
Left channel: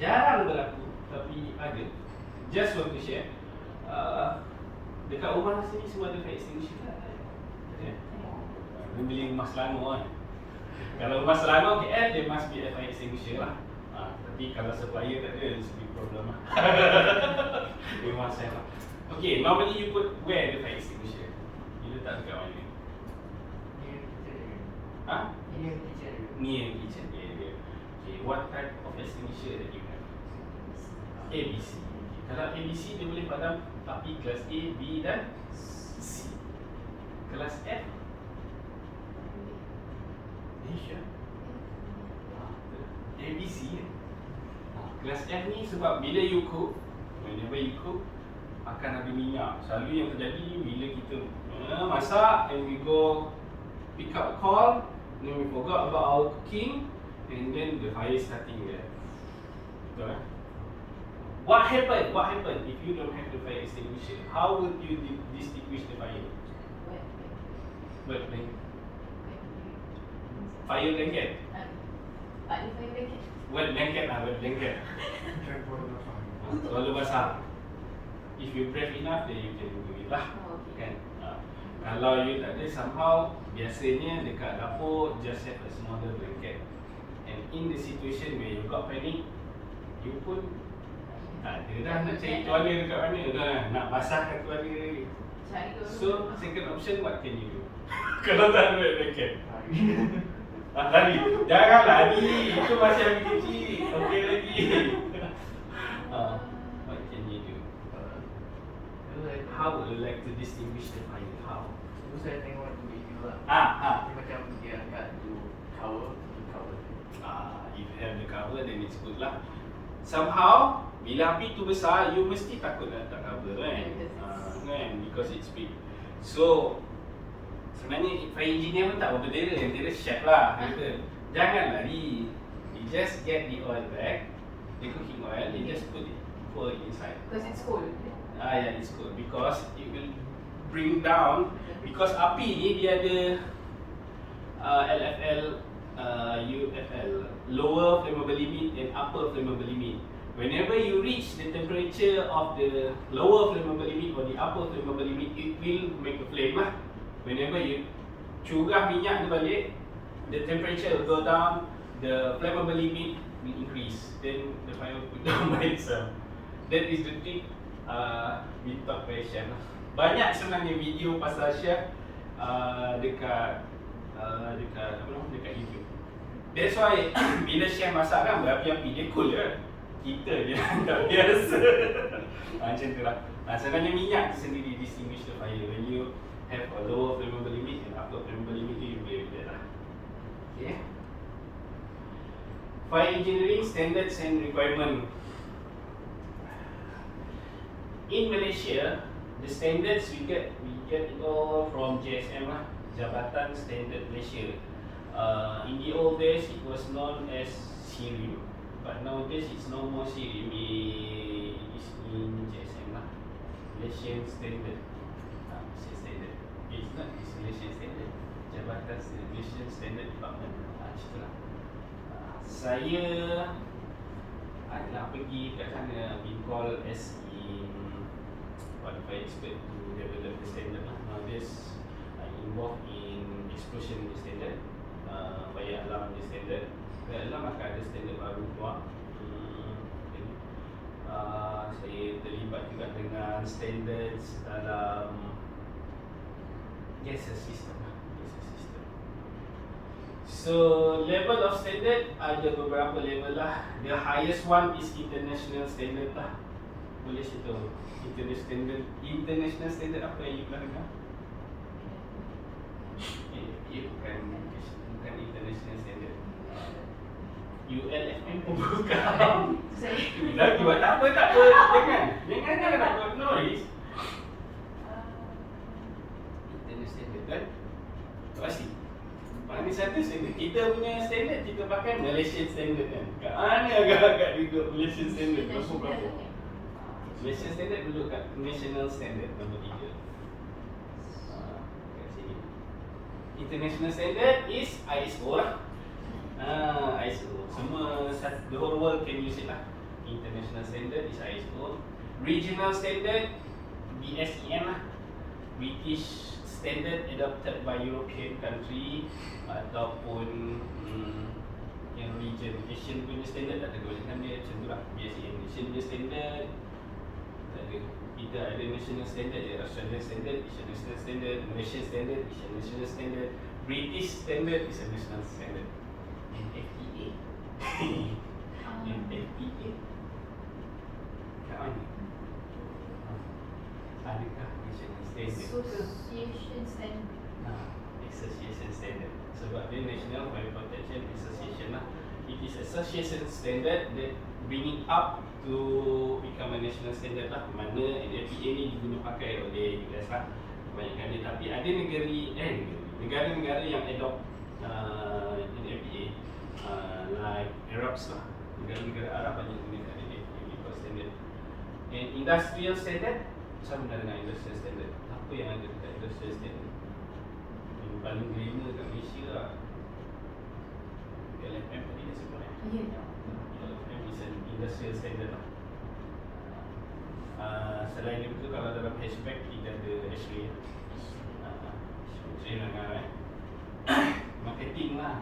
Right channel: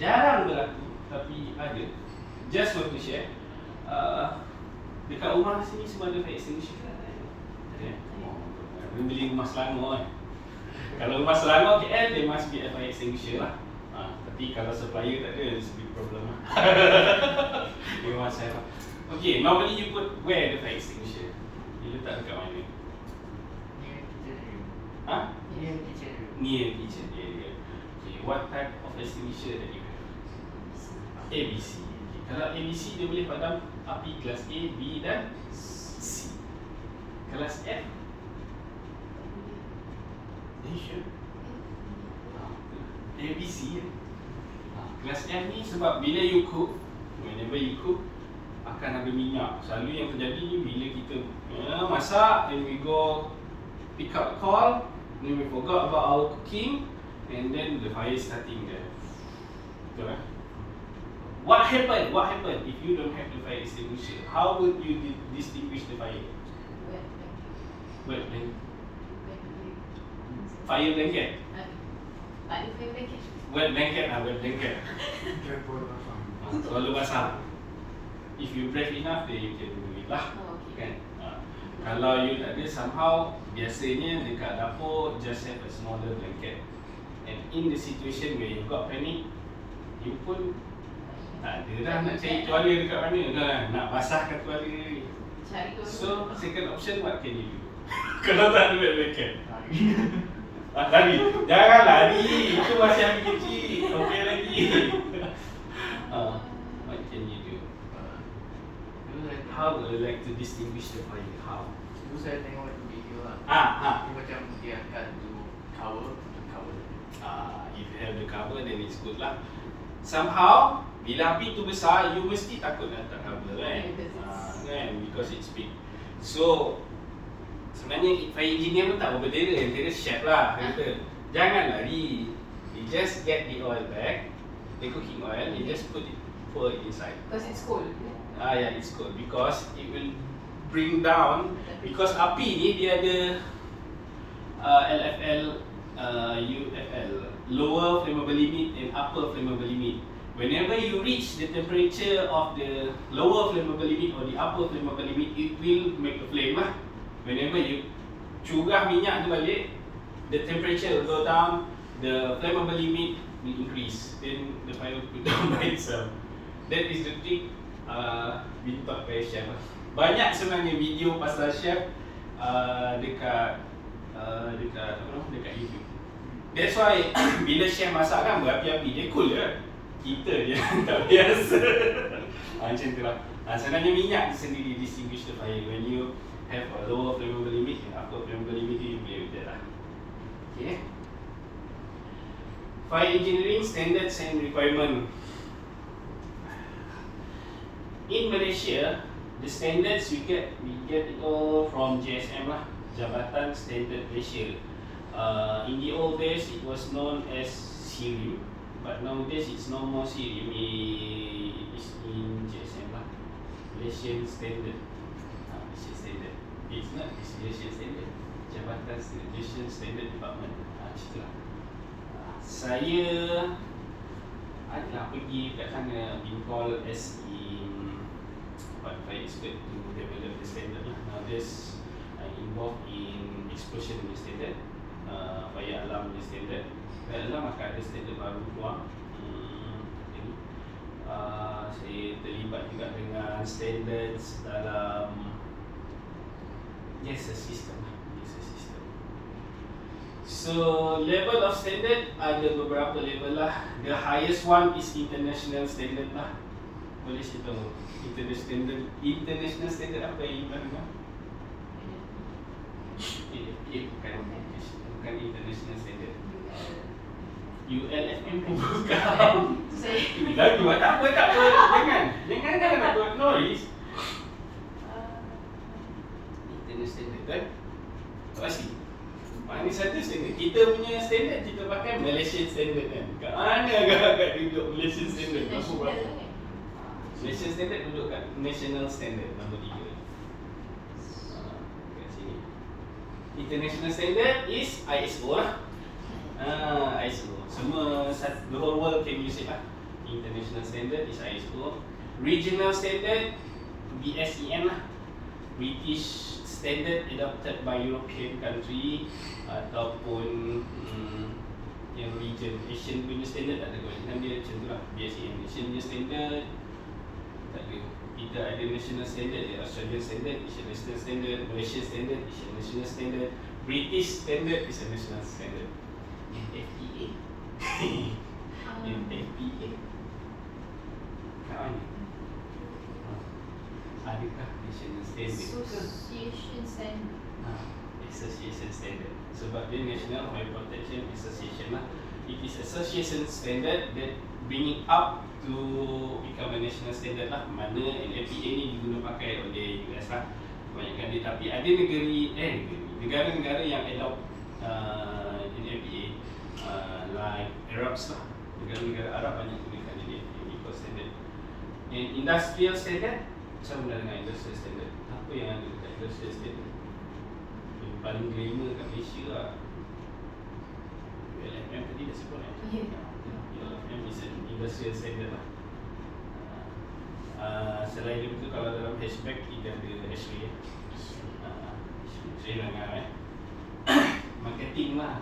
jarang berlaku, tapi ada. Just want to share. Dekat rumah sini semua ada fire extinguisher kan? Beli rumah Selangor kan? Kalau rumah Selangor KL, there must be a fire extinguisher lah. Tapi kalau supplier tak ada, it's a big problem lah. Dia masa lah. Okay, normally you put where the fire extinguisher? You letak dekat mana? Near kitchen area. Okay, what type of extinguisher that you have? ABC. Okay, Kalau ABC dia boleh padam api kelas A, B dan C. Kelas F Malaysia ABC ya. Kelas F ni sebab bila you cook, whenever you cook akan ada minyak. Selalu yang terjadi ni bila kita masak and we go pick up a call, then we forgot about our cooking and then the fire starting there. Betul lah. What happened if you don't have the fire extinguisher? How would you distinguish the fire? Wet blanket. Fire blanket. Ada fire blanket. Wet blanket lah, wet blanket. Selalu basah. If you brave enough, then you can do it lah. Oh, okay. Kan? Kalau you tak ada, somehow biasanya dekat dapur just have a smaller blanket. And in the situation where you got panic, you pun tak ada dah nak cari tuala dekat mana kan, nak basahkan tuala ni. So second option, what can you do? Kalau tak ada wet blanket, lari. Jangan lari, itu masih lagi kecil. Okey lagi. What can you do? How would you like to distinguish the fire? How? Tu saya tengok itu video lah. Dia macam dia angkat tu cover. If you have the cover, then it's good lah. Somehow, bila api tu besar, you mesti takut nak tak cover kan? Kan? Because it's big. So, sebenarnya fire engineer pun tak berbeza, yang kira chef lah. Kata, jangan lari. You just get the oil back, the cooking oil, you just pour it inside. Because it's cold. Yeah, it's cold because it will bring down, because api ni dia ada LFL, UFL, lower flammable limit and upper flammable limit. Whenever you reach the temperature of the lower flammable limit or the upper flammable limit, it will make a flame lah. Whenever you curah minyak tu balik, the temperature will go down, the flammable limit will increase, then the fire will go down by itself. That is the trick being taught by chef. Banyak sebenarnya video pasal chef dekat YouTube. That's why bila chef masak kan berapi-api, dia cool je. Kita je tak biasa. Macam tu lah. Sebenarnya minyak sendiri distinguish the fire. When you have a lower flammable limit and upper flammable limit, you be with that lah. Okay. Fire engineering standards and requirement. In Malaysia, the standards we get it all from JSM lah, Jabatan Standard Malaysia. In the old days, it was known as SIRIM, but nowadays it's no more SIRIM. It's in JSM lah, Malaysian Standard. Malaysian Standard. It's not Malaysian Standard. Jabatan Malaysian Standard Department. Macam lah. Saya adalah pergi kat sana, been called as expert to develop the standard lah. Nowadays involved in explosion standard, fire alarm standard. Fire alarm akan ada standard baru keluar. Saya terlibat juga dengan standards dalam gas system. So level of standard ada beberapa level lah. The highest one is international standard lah. Boleh saya tahu international standard apa yang iman kan? Bukan international standard. ULFM pun bukan. Lagi buat apa tak apa. Jangan nak buat noise. International standard kan? Pasti. Mana satu standard. Kita punya standard kita pakai Malaysian standard kan. Kat mana agak-agak duduk Malaysian standard? Malaysian standard duduk kat national standard nombor 3. Kat sini. International standard is ISO lah. ISO. Semua the whole world can use it lah. International standard is ISO. Regional standard BSEN lah. British standard adopted by European country ataupun yang region Asian punya standard tak ada kebanyakan dia macam tu lah. BSEN Asian punya standard tak ada. Kita ada national standard, Australian standard, Asian national standard, Malaysian standard, Asian national standard, British standard is a national standard. NFPA. NFPA. Kat mana? the National Fire Protection Association lah. It is association standard that bring it up to become a national standard lah. Mana NFPA ni diguna pakai oleh US lah kebanyakan dia. Tapi ada negara-negara yang adopt NFPA like Arabs lah. Negara-negara Arab banyak gunakan NFPA standard. And industrial standard, sama dengan industrial standard. Apa yang ada dekat industrial standard? Yang paling glamour kat Malaysia lah, LFM tadi dah sebut kan? LFM is an industrial standard lah. Selain daripada tu, kalau dalam hatchback kita ada H-ray. H-ray langgar marketing lah.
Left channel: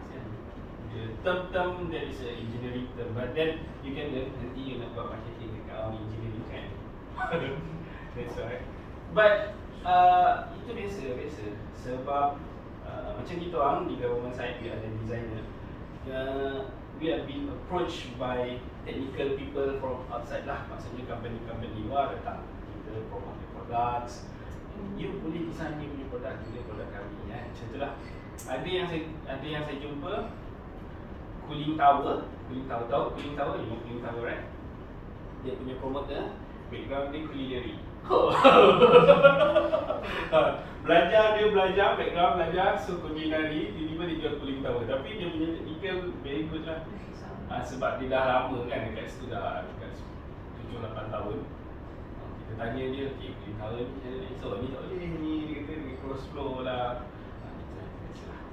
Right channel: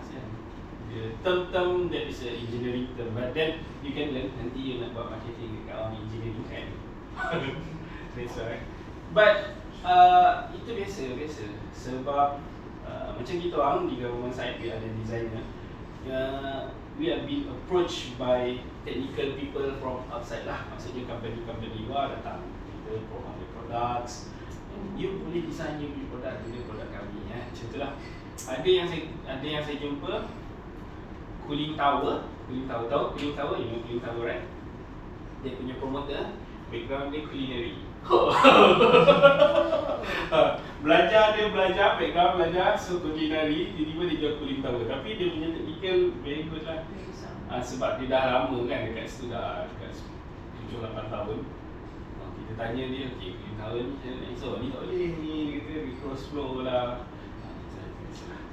The term that is a engineering term, but then you can learn nanti you nak buat marketing dekat orang engineering kan. That's right. But itu biasa sebab macam kita orang di government side, we ada designer, we have been approached by technical people from outside lah. Maksudnya company luar datang, kita promote products, you boleh design new product, new produk kami macam tu lah. Ada yang saya jumpa cooling tower, tahu cooling tower, you know cooling tower right? Dia punya promoter background dia culinary. Belajar background belajar, so culinary, tiba-tiba dia jual cooling tower. Tapi dia punya technical very good lah. Sebab dia dah lama kan dekat situ, dah dekat 7-8 tahun. Kita tanya dia, okay, cooling tower ni, so ni tak boleh, ni kata close flow lah.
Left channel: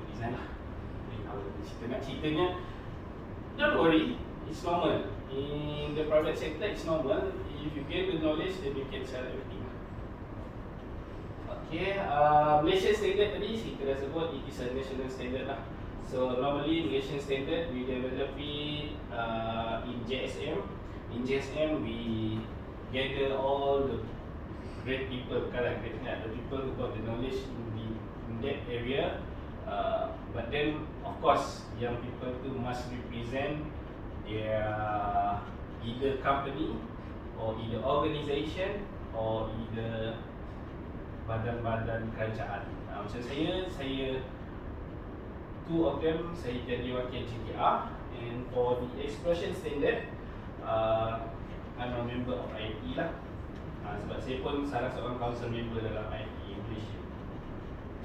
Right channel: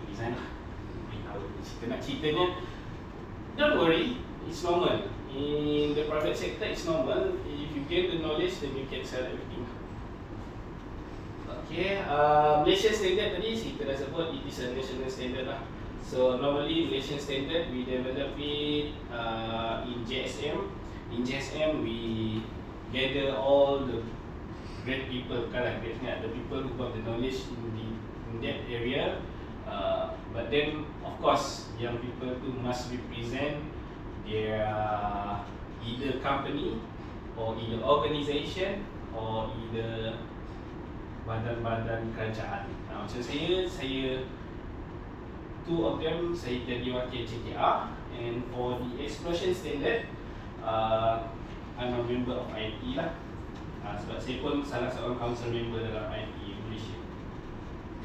Design lah cooling tower. Kita nak ceritanya, don't worry, it's normal. In the private sector, it's normal. If you get the knowledge, then you can sell everything. Okay, Malaysian standard tadi kita dah sebut, it is a national standard lah. So normally Malaysian standard we develop it in JSM. In JSM we gather all the great people, like the people who got the knowledge in that area. But then of course, young people too must represent their either company or either organisation or either badan-badan kerajaan. Macam saya two of them saya jadi wakil JTR, and for the explosion standard I'm a member of IMT lah. Sebab saya pun salah seorang council member dalam IMT Malaysia.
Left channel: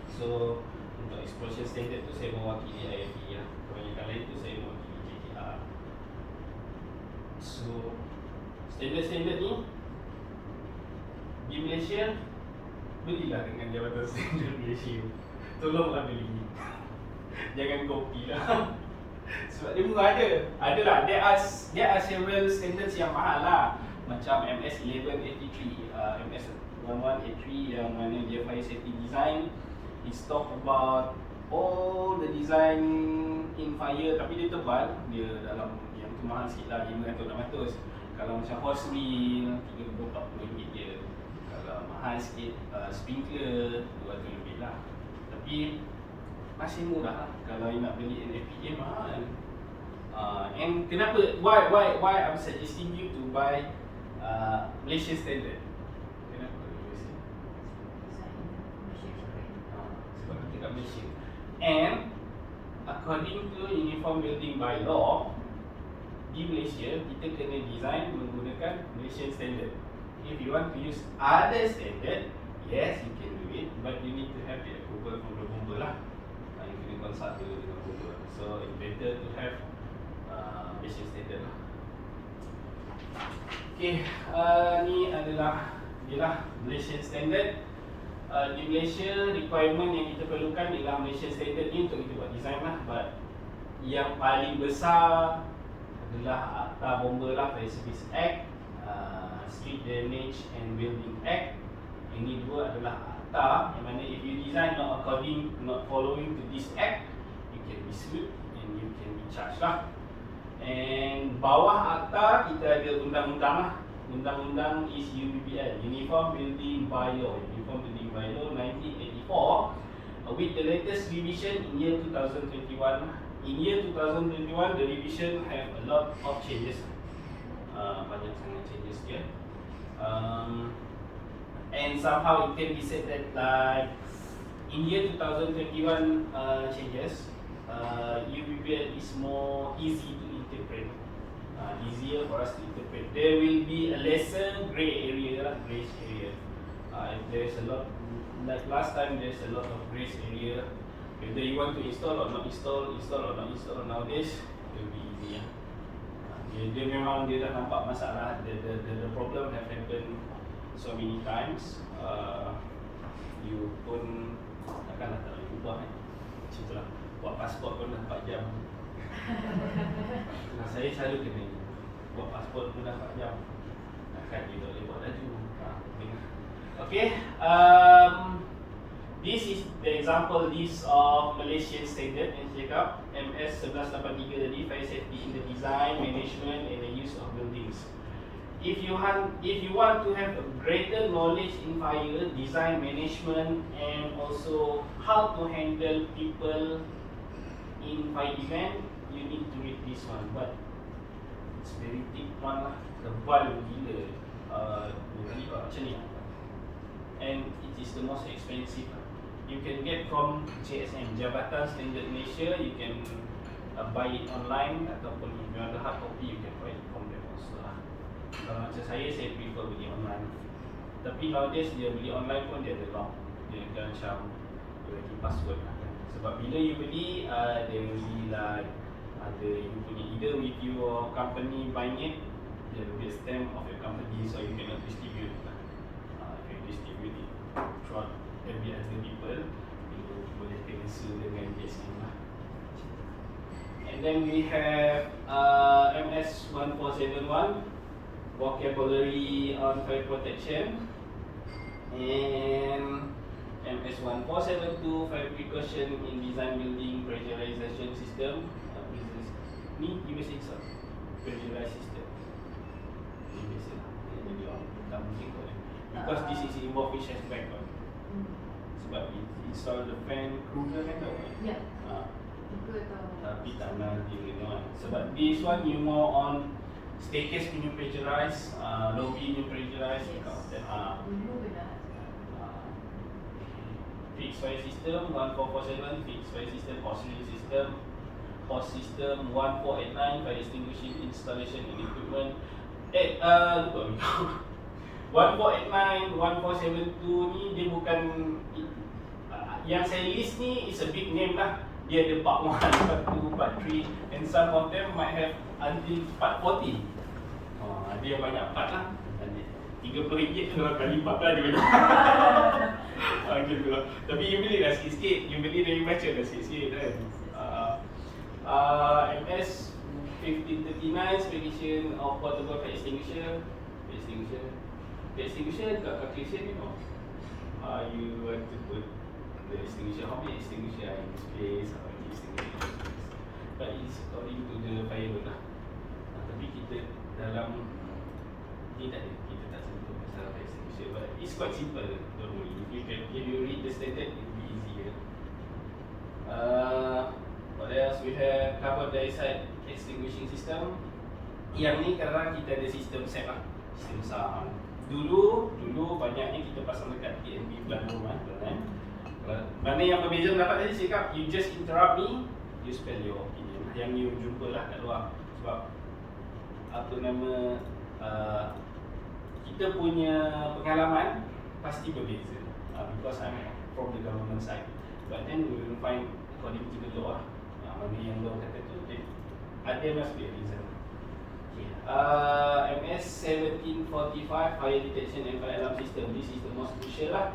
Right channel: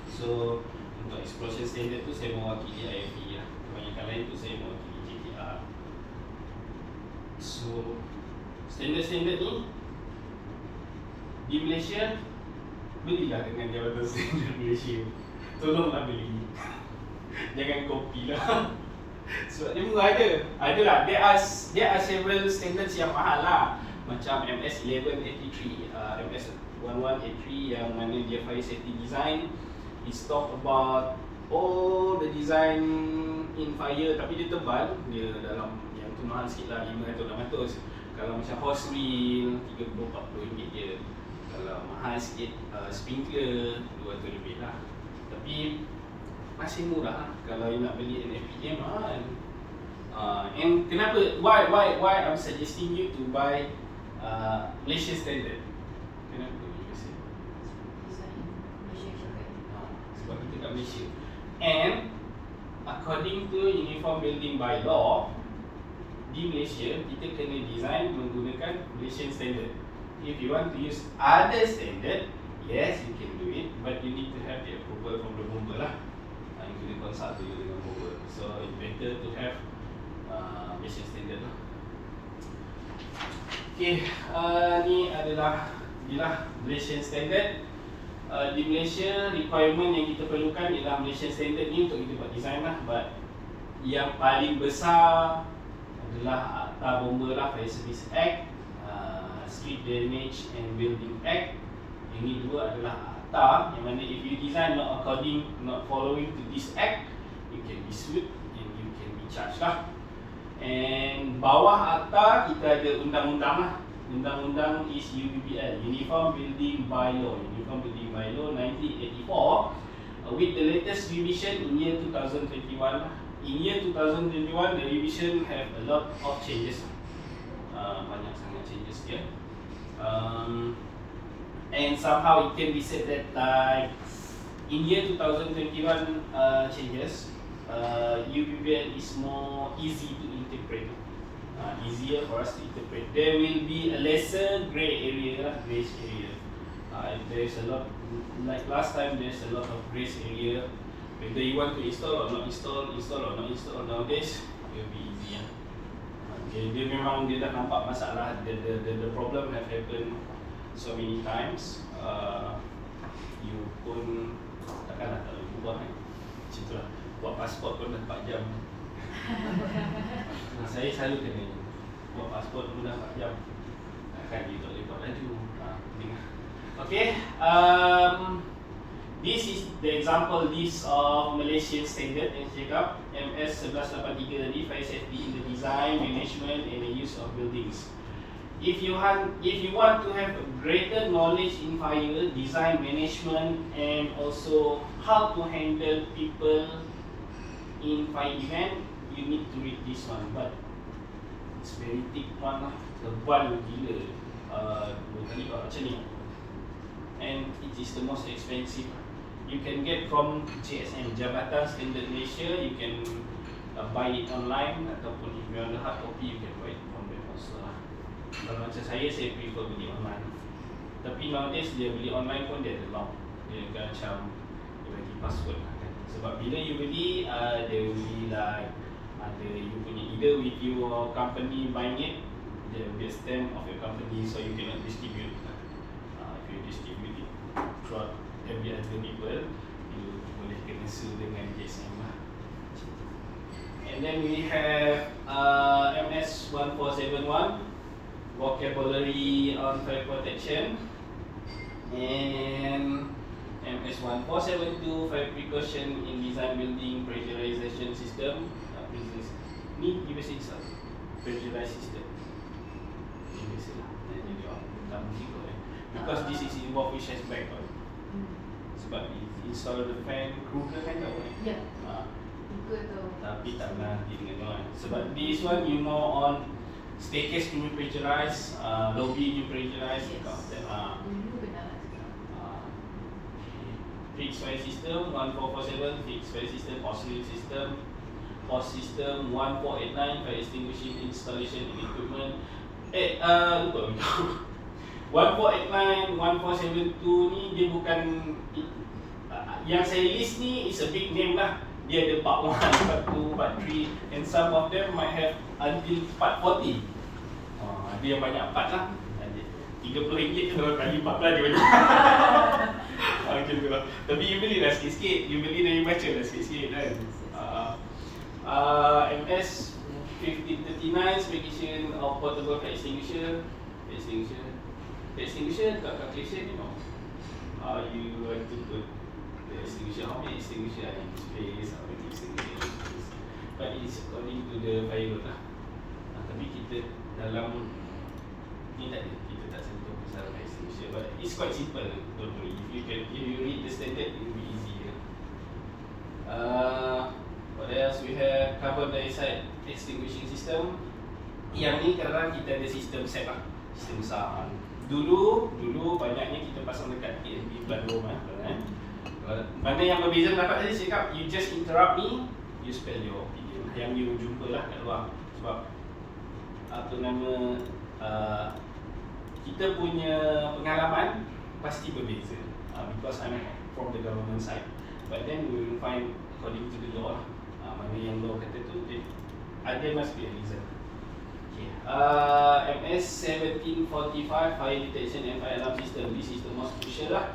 So untuk explosion standard tu saya mewakili IMT lah. Kebanyakan lain tu saya mewakili JTR. So standard-standard ni di Malaysia, belilah dengan Jabatan Standard Malaysia. Tolonglah beli. Jangan copy lah. Sebab dia murah ada. Adalah, there are several standards yang mahal lah. Macam MS1183, MS1183 yang mana dia fire safety design. It's talk about all the design in fire, tapi dia tebal. Dia dalam yang tu mahal sikit lah, 500-600. Kalau macam hose wheel, 30-40 je. Kalau mahal sikit, sprinkler 200 lebih lah. Tapi masih murah lah. Kalau you nak beli NFPA mahal. And kenapa? Why I'm suggesting you to buy Malaysia standard? Kenapa you say? Sebab kita kat Malaysia. And according to Uniform Building Bylaw, di Malaysia kita kena design menggunakan Malaysian standard. If you want to use other standard, yes you can do it, but you need to have the approval from the bomber lah. You kena consult dulu dengan bomber. So it's better to have Malaysian standard lah. Okay, ni adalah Malaysian standard. Di Malaysia, requirement yang kita perlukan ialah Malaysian standard ni untuk kita buat design lah. But yang paling besar adalah Akta Bomber lah, Fire Service Act, Street Drainage and Building Act. Ini dua adalah akta yang mana if you design not following to this act, you can be sued and you can be charged lah. And bawah akta kita ada undang-undang lah. Undang-undang is UBBL, Uniform Building Bylaw, 1984, with the latest revision in year 2021 lah. In year 2021, the revision have a lot of changes. Banyak sangat changes dia. And somehow it can be said that like in year 2021 changes, UPBL is more easy to interpret. Easier for us to interpret. There will be a lesser grey area, grace area. There's a lot, like last time, there's a lot of grace area. Whether you want to install or not install, install or not install, nowadays it will be easy. Dia memang dia dah nampak masalah. The problem have happened so many times. You pun takkanlah tak boleh ubah kan. Macam itulah. Buat pasport pun dah 4 jam. Saya selalu kena buat pasport pun dah 4 jam. Kan dia tak boleh buat laju. Penting. Okay. This is the example list of Malaysian standard yang saya cakap MS 1183 tadi, fire safety in the design, management and the use of buildings. If you want to have a greater knowledge in fire, design, management and also how to handle people in fire event, you need to read this one. But it's very thick one lah, tebal gila. 2 kali macam ni. And it is the most expensive. You can get from JSM, Jabatan Standard Malaysia. You can buy it online ataupun if you want the hard copy, you can buy it from them also lah. Kalau macam saya prefer beli online. Tapi nowadays dia beli online pun dia ada lock. Dia akan macam dia bagi password. Sebab bila you beli, there will be like ada you punya either with your company buying it, there will be a stamp of your company, so you cannot distribute. If you distribute it throughout every other people, you boleh kena sue dengan JSM lah. And then we have MS 1471, vocabulary on fire protection, and MS 1472, fire precaution in design building pressurization system. Ni USA itself, pressurized system. USA lah. Jadi tak mungkin kot because this is involved with chest backup. Sebab install the fan crew kan tau. Ya. Buka tu. Tapi tak nanti dengan sebab this one you more on staircase punya pressurized, lobby punya pressurized. Dulu benar. Fixed fire system 1447, fixed fire system, post system 1489, fire extinguishing installation and equipment. Lupa beritahu. 1489, 1472 ni dia bukan yang saya list ni is a big name lah. Dia ada part 1, part 2, part 3 and some of them might have until part 40. Dia yang banyak part lah. RM30 kalau kali 14 je banyak. Gitu lah. Tapi you beli dah sikit-sikit. You beli dan you baca dah sikit-sikit kan. MS 1539, expedition of portable fire extinguisher. Extinguisher got calculation, you know. You want to put the extinguisher, how many extinguisher are in this place, how many extinguisher. But it's according to the fire load lah. Tapi kita dalam ni tak ada, kita tak sentuh pasal fire extinguisher. But it's quite simple, don't worry. If you read the standard, it will be easy. What else we have? Carbon dioxide extinguishing system. Yang ni kadang-kadang kita ada sistem set lah, sistem besar. Dulu banyaknya kita pasang dekat TNB Bandung kan. Mana yang berbeza dapat tadi saya cakap, you just interrupt me, you spell your opinion. Yang you jumpa lah kat luar. Sebab apa nama kita punya pengalaman pasti berbeza. Because I'm from the government side. But then we will find according to the law lah. Mana yang law kata tu, there must be a reason. MS 1745, fire detection and fire alarm system. This is the most crucial lah.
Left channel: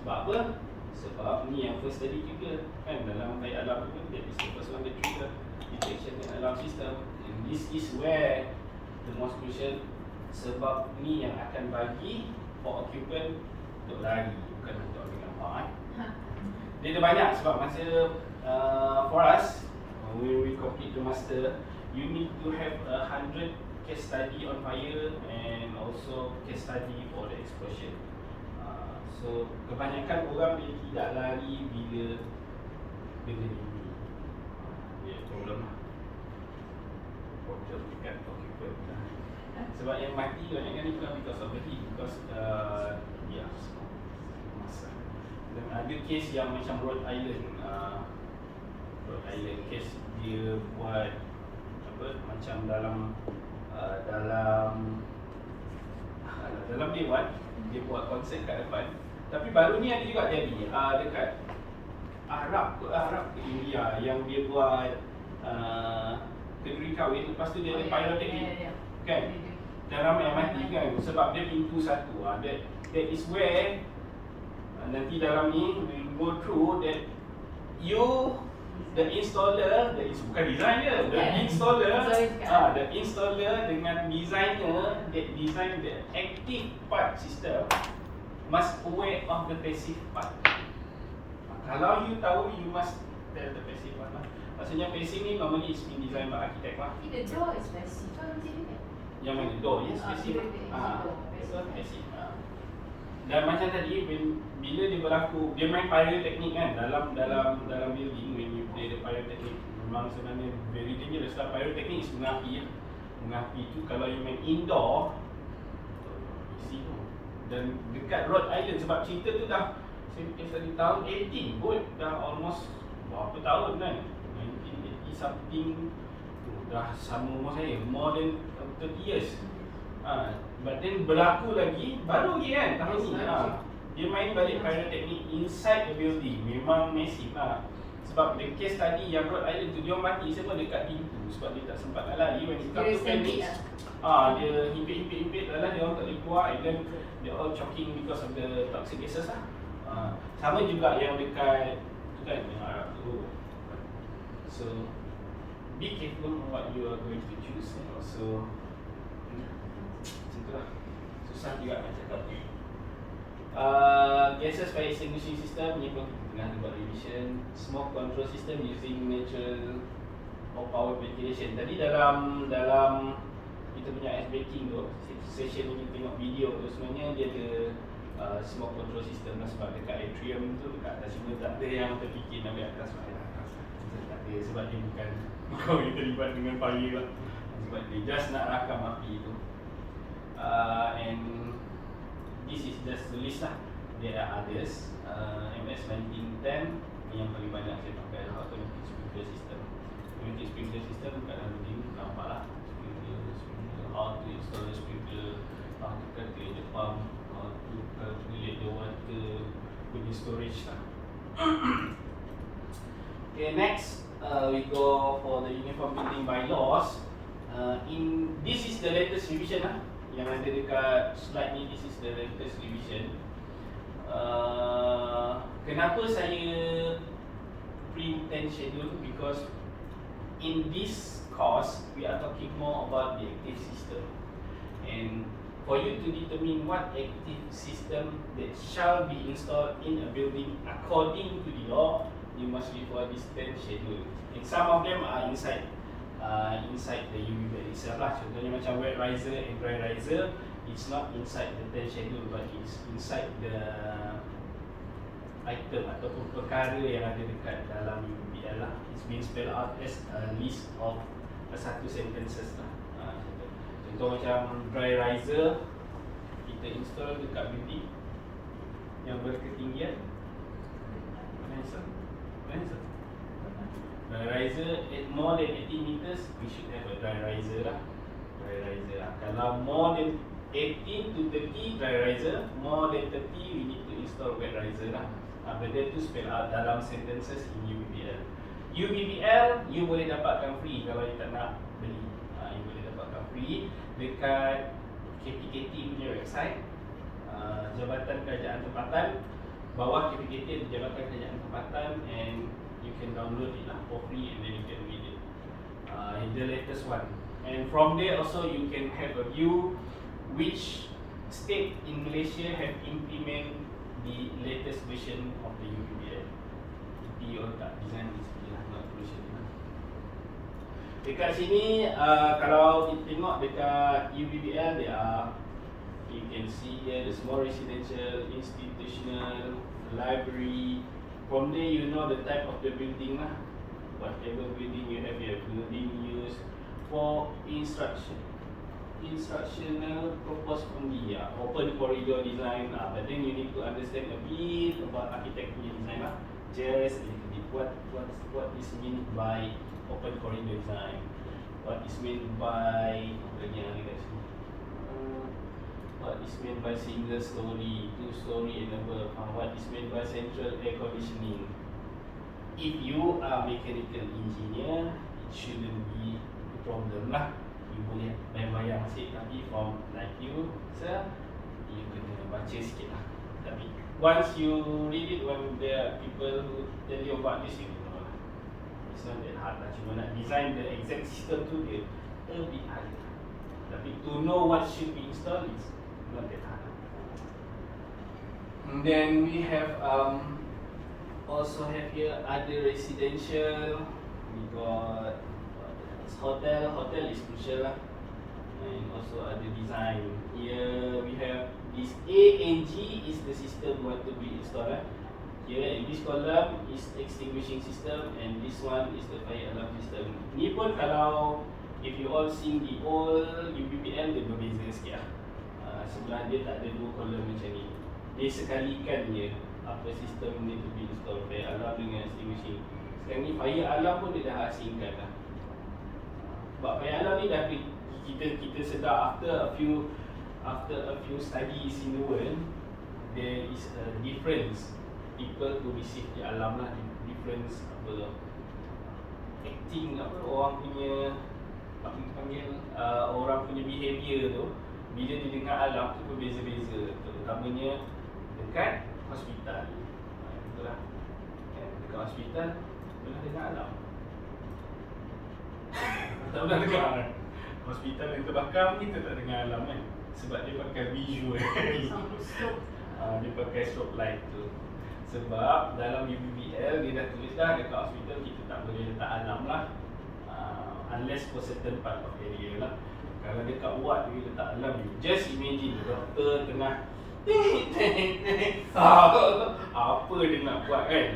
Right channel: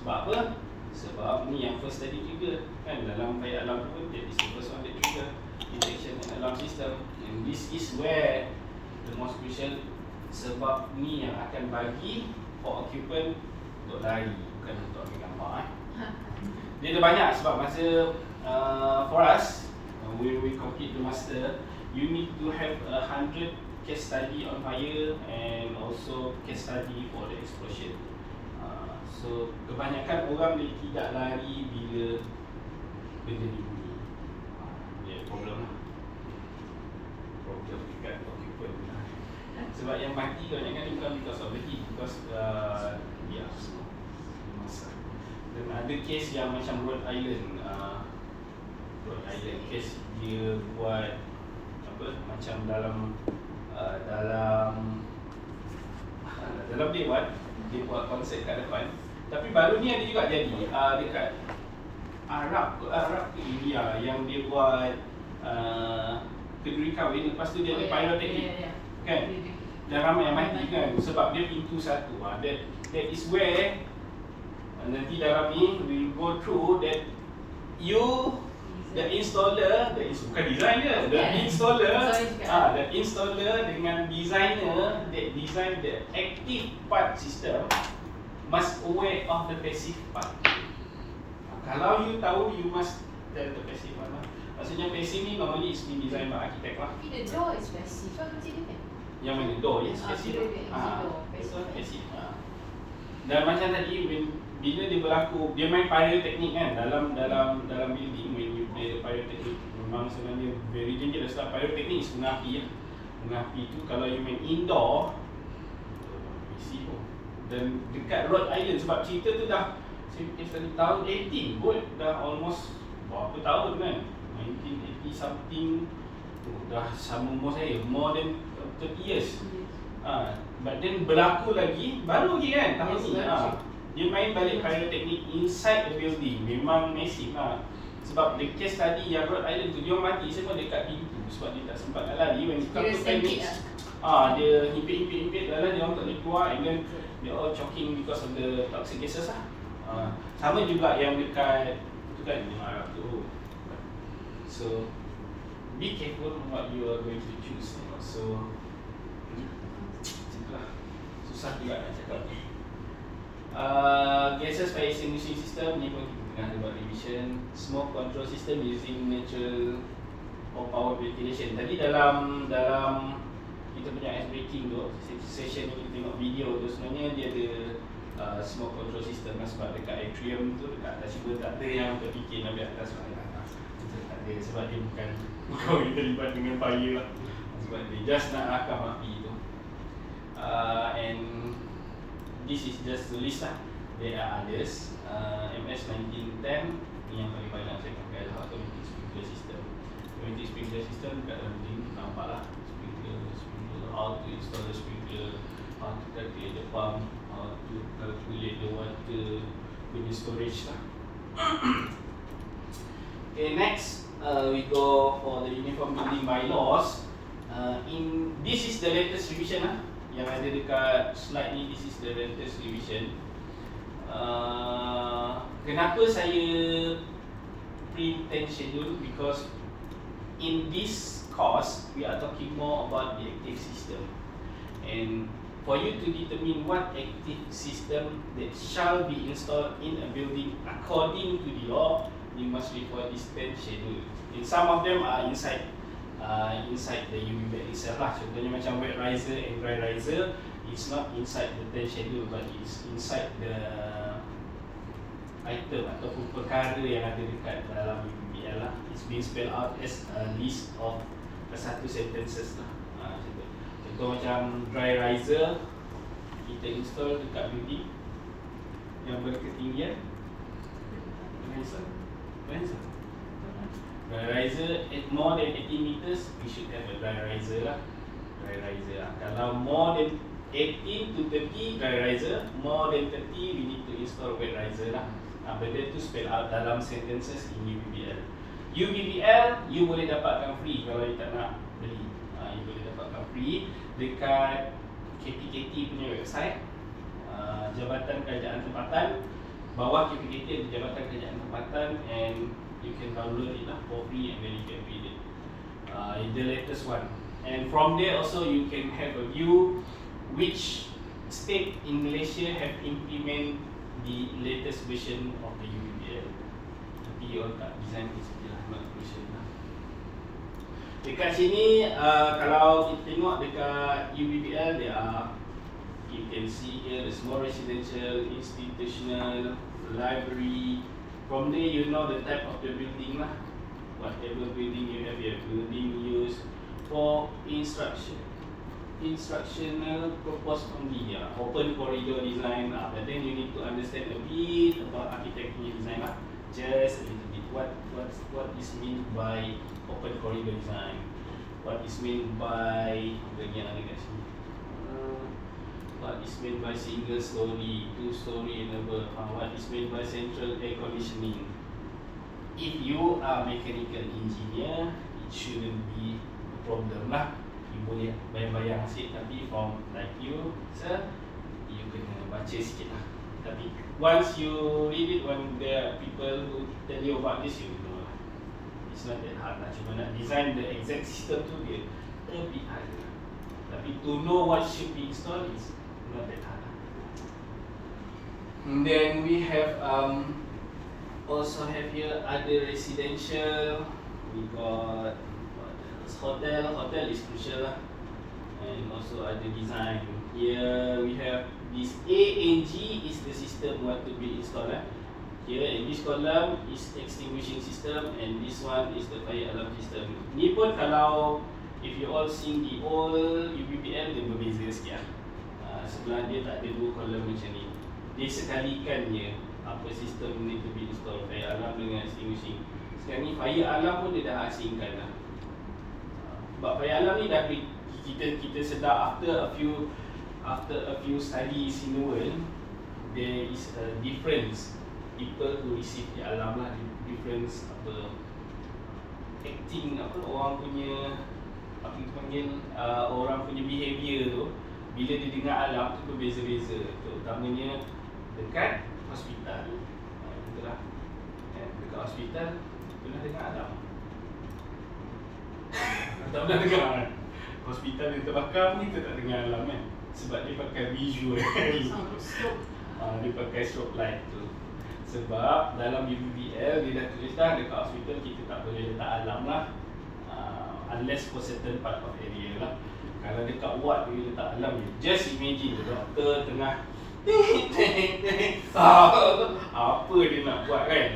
Sebab apa? Sebab ni yang first tadi juga kan, dalam fire alarm pun that is the first one that trigger detection and alarm system. And this is where the most crucial, sebab ni yang akan bagi for occupant untuk lari, bukan untuk ambil gambar Dia ada banyak sebab masa for us when we complete the master, you need to have 100 case study on fire and also case study for the explosion. So kebanyakan orang dia tidak lari bila benda ni bunyi. Dia problem lah. Problem dekat occupant lah. Sebab yang mati kebanyakan ni bukan because of the heat, because masa. Dan ada case yang macam Rhode Island Rhode Island case dia buat apa macam dalam dalam dewan dia buat konsert kat depan. Tapi baru ni ada juga jadi dekat Arab ke India yang dia buat kenduri kahwin, lepas tu dia ada pyrotechnic kan, dan ramai mati kan sebab dia pintu satu. That is where nanti dalam ni we go through that the installer, bukan design dia, the installer dengan designer that design the active part system must aware of the passive part. Kalau you tahu, you must tell the passive part lah. Maksudnya passive ni normally is been designed by architect lah. Tapi the door is passive kan macam ni kan? Yang mana? Door, yes, passive. Passive. Dan macam tadi, bila dia berlaku, dia main pyrotechnic kan dalam building. When you play the pyrotechnic, memang sebenarnya very dangerous lah. Pyrotechnic is bunga api ya. Bunga api tu kalau you main indoor, risiko. Dan dekat Rhode Island, sebab cerita tu dah saya fikir tadi tahun 18 pun, dah almost berapa tahun kan, 1980 something, dah sama umur saya, more than 30 years. But then berlaku lagi, baru lagi kan tahun ni. Dia main balik pyrotechnic inside the building, memang massive lah. Sebab the case tadi yang Rhode Island tu, dia mati semua dekat pintu sebab dia tak sempat nak lari. When it comes to panic, dia himpit dalam, dia orang tak boleh keluar, and then they all choking because of the toxic gases lah. Sama juga yang dekat tu kan, yang Arab tu. So be careful what you are going to choose. So itulah, susah juga nak cakap ni. Gases fire extinguishing system ni pun kita tengah buat revision. Smoke control system using natural or power ventilation. Tadi dalam kita punya ice breaking tu, session ni kita tengok video tu, sebenarnya dia ada smoke control system kan, sebab dekat atrium tu, dekat atas cuma tak ada yang terfikir nak ambil atas orang atas. Kita tak ada sebab dia bukan kita terlibat dengan fire lah. Sebab dia just nak rakam api tu. And this is just the list lah. There are others. MS 1910 ni yang paling banyak saya pakai lah, automatic sprinkler system. Automatic sprinkler system kat dalam ni nampak lah, sprinkler, how to install the sprinkler, how to calculate the pump, how to calculate the water punya storage lah. Okay, next we go for the uniform building bylaws. This is the latest revision lah yang ada dekat slide ni. This is the latest revision. Kenapa saya print 10 schedule? Because in this course we are talking more about the active system, and for you to determine what active system that shall be installed in a building according to the law, you must refer this 10 schedule. And some of them are inside the UV bed itself lah. Contohnya macam wet riser and dry riser, it's not inside the 10 schedule, but it's inside the item ataupun perkara yang ada dekat dalam UVBL lah. It's being spelled out as a list of satu sentences lah. Contoh macam dry riser, kita install dekat building yang berketinggian dry riser at more than 80 meters, we should have a dry riser lah. Dry riser lah. Kalau more than 18 to 30 dry riser, more than 30 we need to install wet riser lah. Benda tu spell out dalam sentences in UVBL. UVBL you boleh dapatkan free kalau you tak nak beli. You boleh dapatkan free dekat KPKT punya website, Jabatan Kerajaan Tempatan. Bawah KPKT ada Jabatan Kerajaan Tempatan, and you can download it lah for free, and then you can read it. The latest one. And from there also you can have a view which state in Malaysia have implement the latest version of the UVBL. Tapi orang tak design di sini lah, version. Dekat sini kalau kita tengok dekat UVBL, there are, you can see here the small residential, institutional, library. From there you know the type of the building lah. Whatever building you have building used for instructional purpose only, open corridor design, but then you need to understand a bit about architectural design lah. just a little bit. What is meant by open corridor design? What is meant by lagi yang ada kat sini? What is meant by single story, 2 story and above? What is meant by central air conditioning? If you are mechanical engineer, it shouldn't be a problem lah. You boleh bayang-bayang sikit, tapi from like you, sir, you kena baca sikit lah. Tapi once you read it, when there are people who tell you about this, you know lah. It's not that hard lah. Cuma nak design the exact system tu dia a bit hard. Tapi to know what should be installed is not that hard. And then we have also have here other residential. We got hotel. Hotel is crucial lah. And also other design. Here we have this A and G is the system what to be installed. Here in this column is extinguishing system, and this one is the fire alarm system. Ni pun kalau if you all seen the old UPPL, dia berbeza sikit lah. Sebelah dia tak ada 2 kolom macam ni. Dia sekalikan je apa sistem ni to be installed, fire alarm dengan extinguishing. Sekarang ni fire alarm pun dia dah asingkan lah. Sebab fire alarm ni dah kita sedar after a few studies in the world, there is a difference. People who receive the alarm lah, difference apa acting apa orang punya apa kita panggil orang punya behaviour tu bila dia dengar alarm tu berbeza-beza, terutamanya dekat hospital. Itulah. Dekat hospital pernah dengar alarm. Tak pernah dengar. Hospital dia terbakar ni kita tak dengar alarm kan. Sebab dia pakai visual. Dia pakai strobe light tu. Sebab dalam UPPL dia dah tulis dah dekat hospital kita tak boleh letak alarm lah, unless for certain part of area lah. Kalau dekat ward dia letak alarm ni, just imagine doktor tengah apa dia nak buat kan.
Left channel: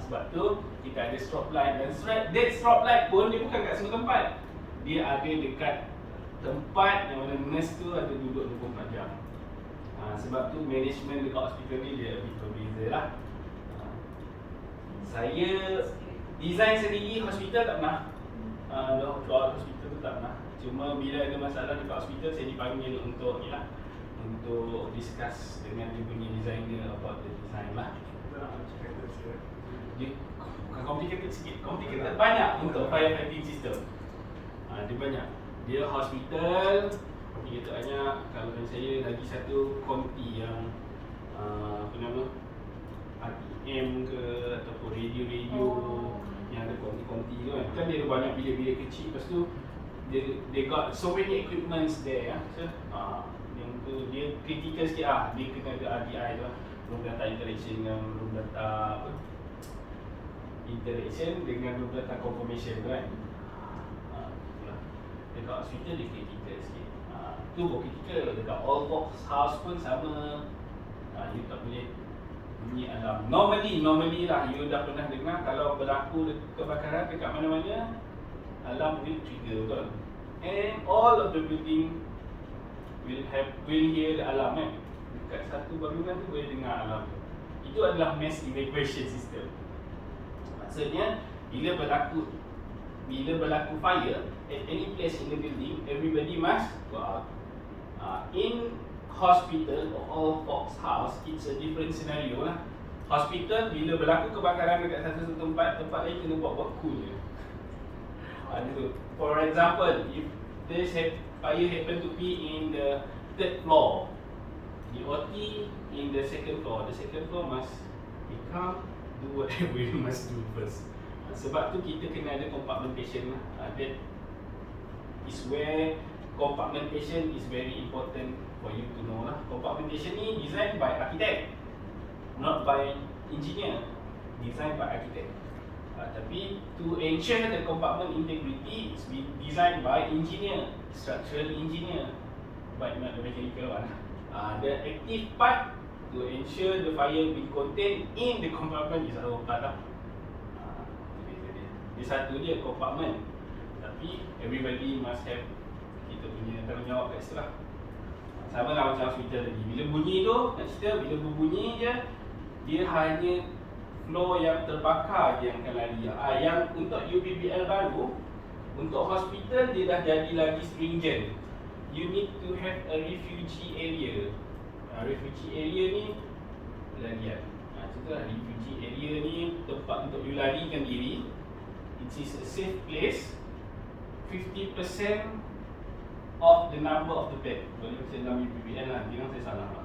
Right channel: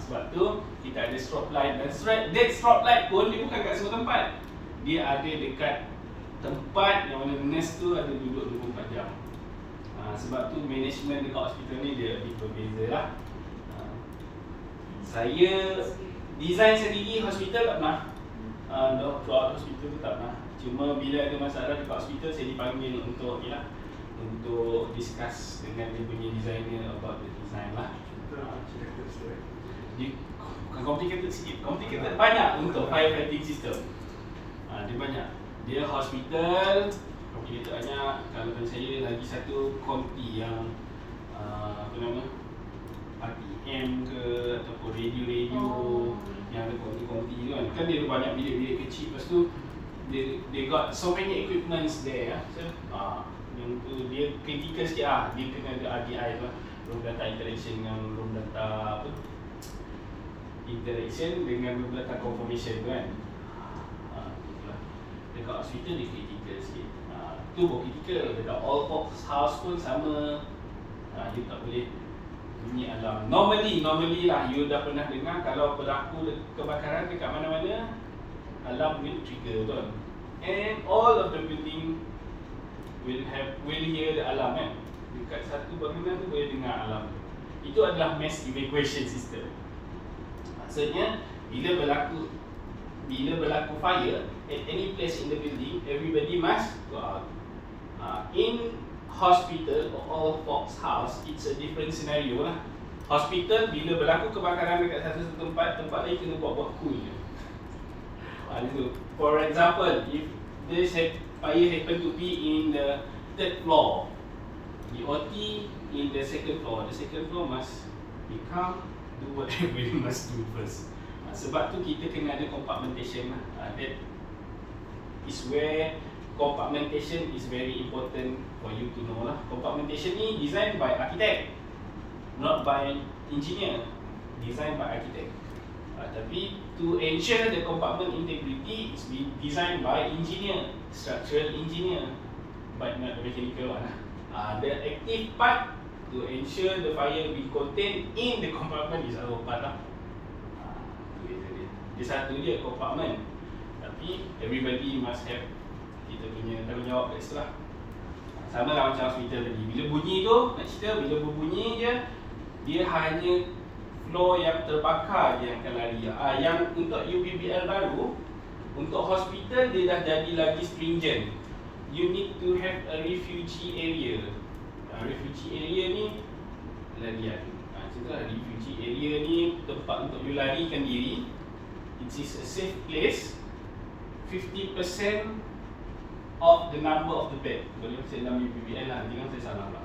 Sebab tu kita ada strobe light, dan that strobe light pun dia bukan kat semua tempat. Dia ada dekat tempat yang mana nurse tu ada duduk 24 jam. Sebab tu management dekat hospital ni dia lebih berbeza lah. Saya design sendiri hospital tak pernah. Throughout hospital tu tak pernah. Cuma bila ada masalah dekat hospital, saya dipanggil untuk untuk discuss dengan dia punya designer about the design lah. Dia bukan complicated sikit, complicated banyak untuk firefighting system. Dia banyak. Dia hospital complicated banyak. Kalau dari saya lagi satu konti yang apa nama, RTM ke ataupun radio yang ada konti-konti tu kan. Kan dia ada banyak bilik-bilik kecil. Lepas tu they got so many equipments there. So, yang tu dia critical sikit lah. Dia kena ada RDI tu lah. Room data interaction dengan room data apa, interaction dengan room data confirmation tu kan. Dekat hospital dia critical sikit. Tu pun critical. Dekat all box house pun sama. You tak boleh bunyi alarm. Normally lah, you dah pernah dengar kalau berlaku kebakaran dekat mana-mana, alarm will trigger betul. And all of the building will hear the alarm kan. Dekat satu bangunan tu boleh dengar alarm tu. Itu adalah mass evacuation system. Maksudnya bila berlaku fire at any place in the building, everybody must go out. In hospital or all box house, it's a different scenario lah. Hospital bila berlaku kebakaran dekat satu tempat lain kena buat cool je. For example, if this fire happen to be in the 3rd floor, the OT in the 2nd floor, the 2nd floor must become do whatever we must do first. Sebab tu kita kena ada compartmentation lah. That is where compartmentation is very important for you to know lah. Compartmentation ni designed by architect, not by engineer. Designed by architect. Tapi to ensure the compartment integrity is designed by engineer, structural engineer, but not the mechanical one. The active part to ensure the fire be contained in the compartment is our part lah. Dia satu je compartment, tapi everybody must have kita punya tanggungjawab kat situ lah. Sama lah macam hospital tadi. Bila bunyi tu, nak cerita, bila berbunyi je, dia hanya floor yang terbakar je yang akan lari. Yang untuk UBBL baru, untuk hospital dia dah jadi lagi stringent. You need to have a refugee area. Refugee area ni larian. Contohlah refugee area ni tempat untuk you larikan diri. It is a safe place. 50% of the number of the bed. Kalau saya dalam UBBL lah, jangan saya salah lah.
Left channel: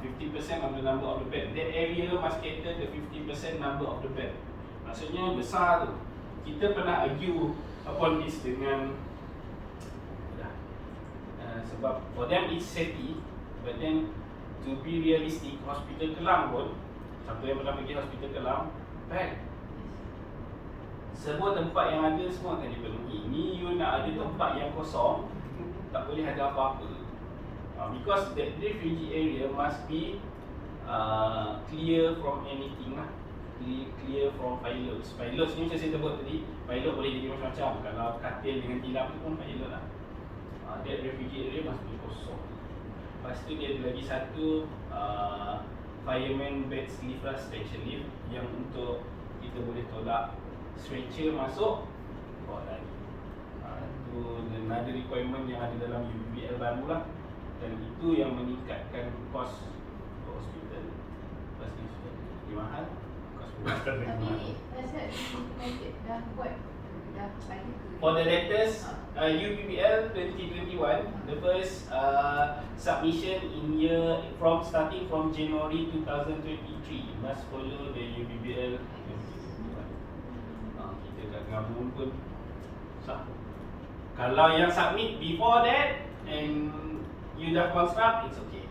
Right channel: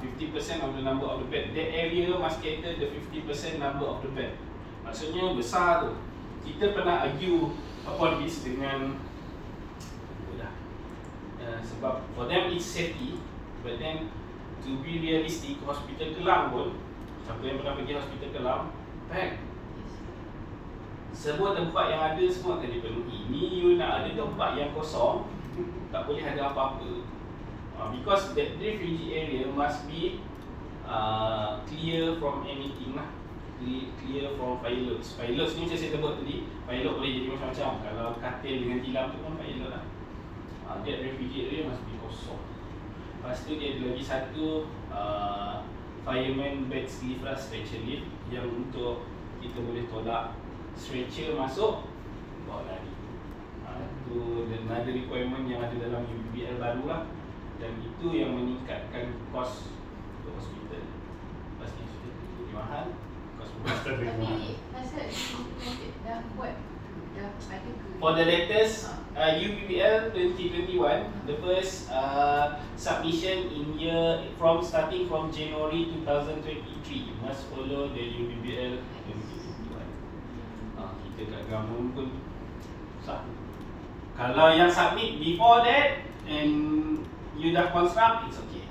50% of the number of the bed. That area must cater the 50% number of the bed. Maksudnya besar tu. Kita pernah argue upon this dengan sebab for them it's safety, but then to be realistic, hospital Kelang pun, siapa yang pernah pergi hospital Kelang, baik, semua tempat yang ada semua akan dipenuhi. Ni you nak ada tempat yang kosong, tak boleh ada apa-apa. Because that refugee area must be clear from anything lah. Clear from pilots. Pilots ni macam saya sebut tadi, pilot boleh jadi macam-macam. Kalau katil dengan tilam tu pun pilot lah. That refugee area must be kosong. Lepas tu dia ada lagi satu fireman bed lift lah, stretcher lift, yang untuk kita boleh tolak stretcher masuk, bawa lari. Itu another requirement yang ada dalam UBBL baru lah. Dan itu yang meningkatkan kos untuk hospital. Pasti hospital lebih mahal, kos perubatan lebih mahal. Tapi pasal implemented dah buat, dah ada ke? For the latest UBBL 2021, the first submission in year starting from January 2023 must follow the UBBL 2021. Kita kat government pun sah. Kalau yang submit before that and you dah construct, it's okay.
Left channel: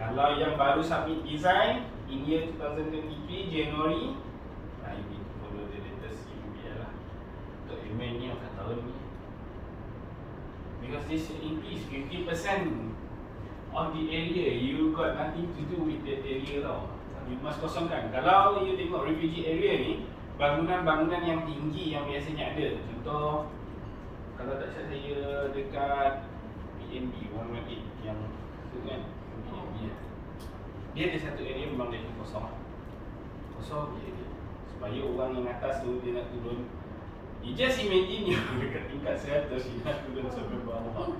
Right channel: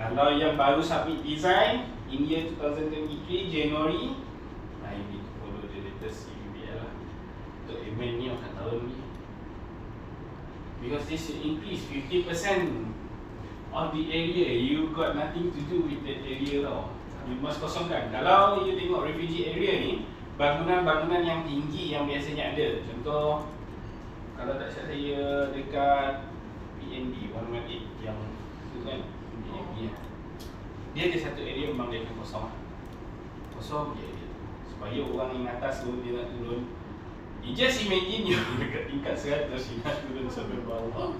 Kalau yang baru submit design in year 2023 January, you need to follow the latest UBBL lah. Untuk amend ni akan tahun ni, because this will increase 50% of the area. You got nothing to do with that area tau. You must kosongkan. Kalau you tengok refugee area ni, bangunan-bangunan yang tinggi yang biasanya ada. Contoh, kalau tak silap saya dekat PNB 118 yang tu kan, PNB lah. Dia ada satu area memang dia akan kosong. Kosong je dia. Supaya orang yang atas tu dia nak turun. You just imagine you dekat tingkat 100, you nak turun sampai bawah.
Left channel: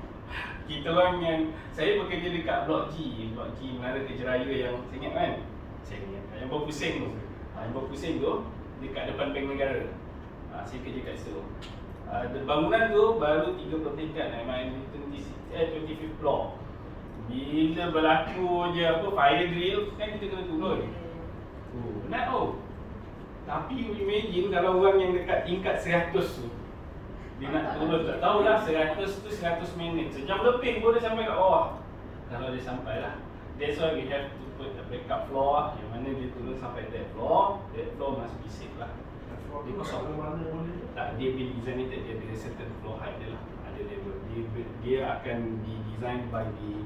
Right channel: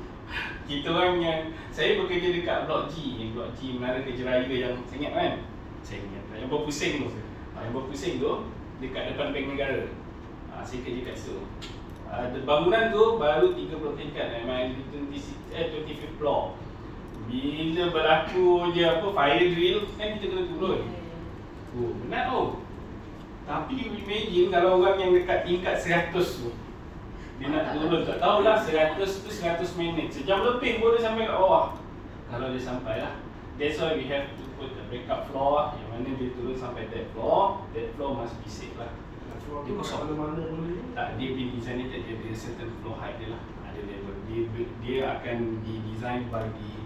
Kita orang yang, saya bekerja dekat Blok G Menara Kerja Raya yang saya ingat kan? Saya ingat, yang berpusing tu. Yang berpusing tu dekat depan Bank Negara. Saya kerja kat situ. Bangunan tu baru 30 tingkat, memang 25th floor. Bila berlaku je fire drill, kan kita kena turun. Penat tau. Tapi imagine kalau orang yang dekat tingkat 100 tu, dia nak turun, tak tahulah 100 tu 100 minit, sejam lebih pun dia sampai kat bawah. Kalau dia sampai lah, that's why we have to put a backup floor, yang mana dia turun sampai that floor must be safe lah. Dia kosong. Tak, dia designated, dia ada certain floor height dia lah, ada level. Dia akan di-design by the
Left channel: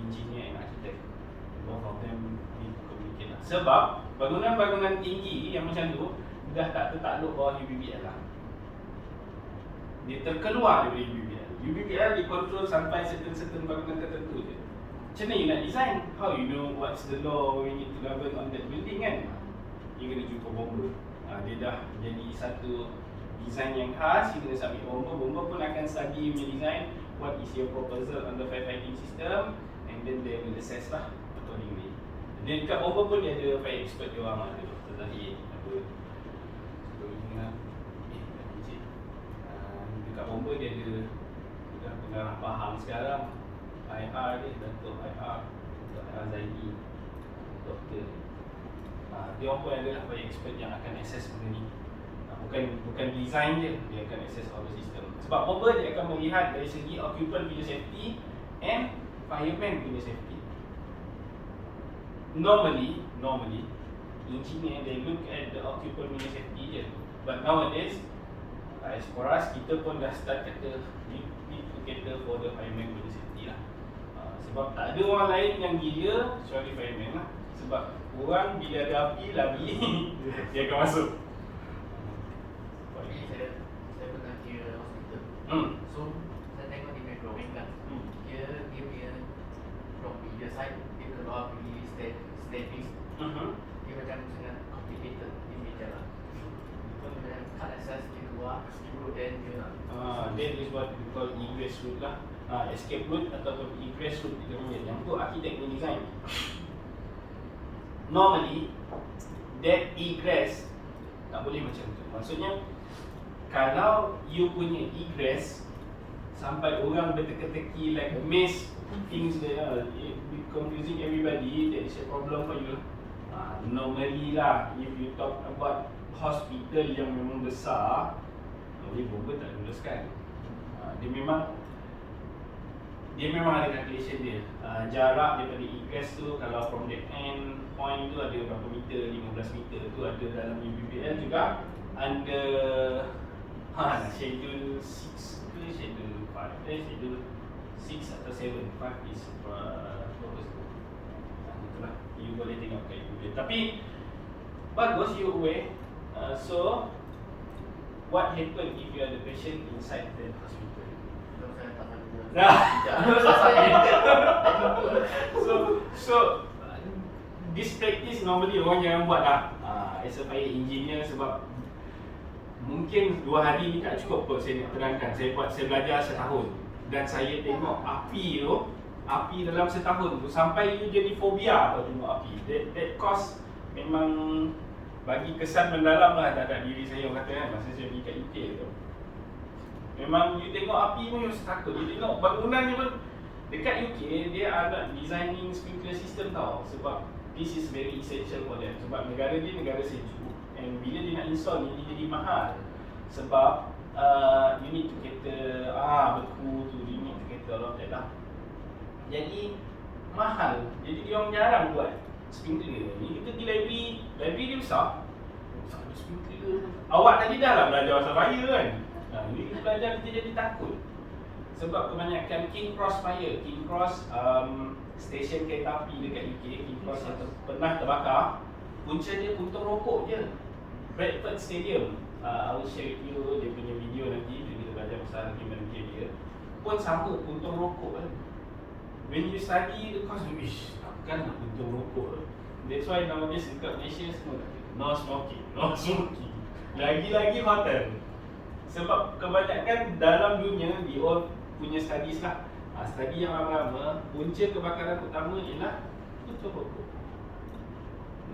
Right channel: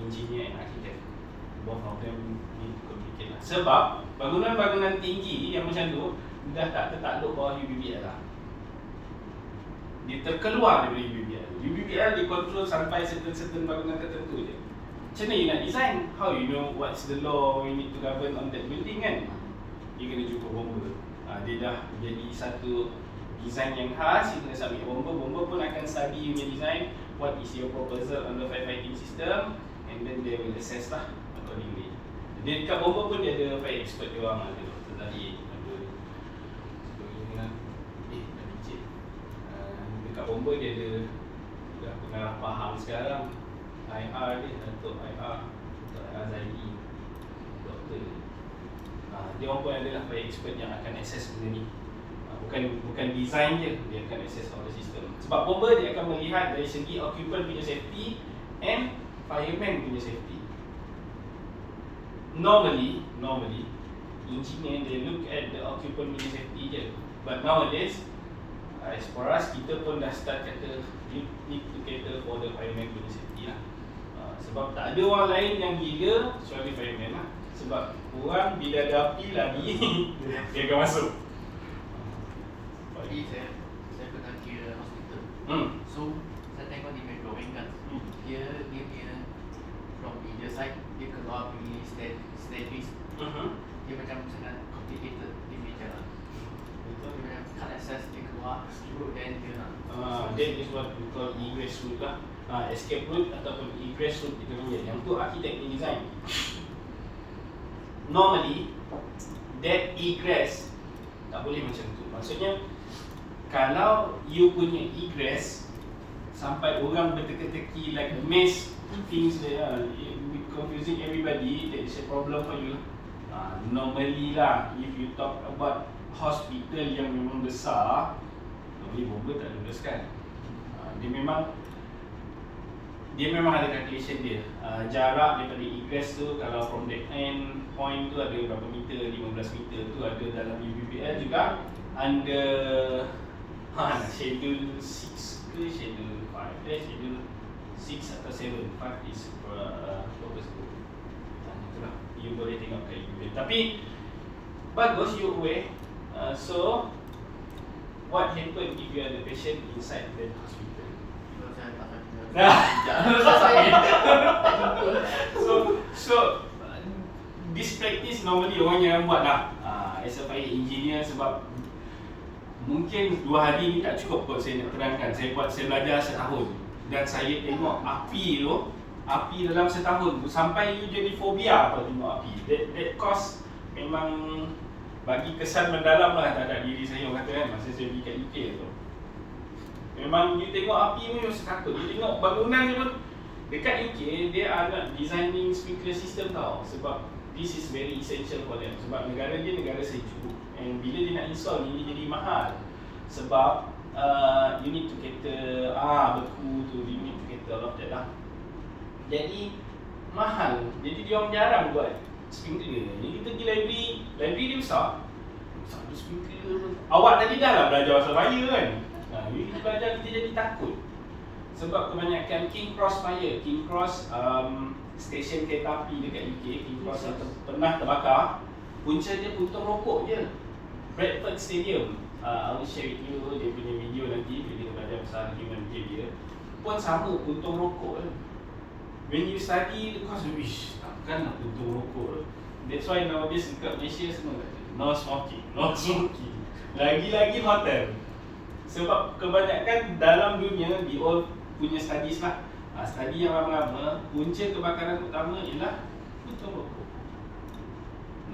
engineer and architect. Both of them need to communicate lah. Sebab bangunan-bangunan tinggi yang macam tu dah tak tertakluk bawah UBBL lah. Dia terkeluar daripada UBBL. UBBL dikontrol sampai certain bangunan tertentu je. Macam mana you nak design? How you know what's the law you need to govern on that building kan? You kena jumpa bomba. Dia dah jadi satu design yang khas. You kena submit bomba. Bomba pun akan study your design, what is your proposal on the firefighting system, and then they will assess lah accordingly. Dia dekat bomba pun dia ada fire expert dia orang, ada doktor tadi, ada sebagainya. Dah kecil. Dekat bomba dia ada dah pengarah faham sekarang, IR dia, Datuk IR, Dr. Zaidi, doktor. Dia orang pun adalah fire expert yang akan access benda ni. Bukan design je, dia akan access all the system. Sebab bomba dia akan melihat dari segi occupant punya safety and fireman punya safety. Normally, engineer they look at the occupant punya safety je. But nowadays, as for us, kita pun dah start kata you need to cater for the fireman punya safety lah. Sebab tak ada orang lain yang gila kecuali fireman lah. Sebab orang bila ada api lari, dia akan masuk. Jadi saya pernah kira hospital. So saya tengok di main drawing kan, dia punya from either side dia keluar pergi staircase. Dia macam sangat egress route lah, escape route ataupun egress route kita panggil. Yang tu arkitek yang design. Normally that egress tak boleh macam tu. Maksudnya kalau you punya egress sampai orang berteka-teki like a maze things there, confusing everybody, that is a problem for you. Normally lah, if you talk about hospital yang memang besar, normally bomba tak luluskan. Dia memang ada calculation dia. Jarak daripada egress tu, kalau from the end point tu ada berapa meter, 15 meter tu ada dalam UBBL juga under schedule 6 ke schedule 5, schedule 6 atau 7, 5 is purpose tu. Itulah, you boleh tengok kat UBBL. Tapi bagus you aware. So what happen if you are the patient inside the hospital? So this practice normally orang jarang buat lah as a fire engineer, sebab mungkin 2 hari ni tak cukup kot saya nak terangkan. Saya belajar setahun dan saya tengok api dalam setahun tu sampai you jadi fobia tau tengok api. That cause memang bagi kesan mendalam lah terhadap diri saya, orang kata kan, masa saya pergi kat UK tu. Memang you tengok api pun you rasa takut. You tengok bangunan je pun. Dekat UK, dia ada designing sprinkler system tau. Sebab this is very essential for them. Sebab negara dia negara sejuk. And bila dia nak install ni, dia jadi mahal. Sebab you need to cater beku tu, you need to cater all of that lah. Jadi mahal. Jadi dia orang jarang buat sprinkler. Jadi kita pergi library dia besar. Tak ada sprinkler. Awak tadi dah lah belajar pasal fire kan? Kita belajar, kita jadi takut. Sebab kebanyakan King Cross fire, King Cross stesen kereta api dekat UK, King Cross yang pernah terbakar, punca dia puntung rokok je. Bradford Stadium, I will share with you dia punya video nanti bila kita belajar pasal human behavior, pun sama puntung rokok. When you study the course, takkan nak puntung rokok. That's why nowadays dekat Malaysia semua no smoking, no smoking. Lagi-lagi hotel. Sebab kebanyakan dalam dunia, di all punya studies lah, study yang lama-lama, punca kebakaran utama ialah puntung rokok.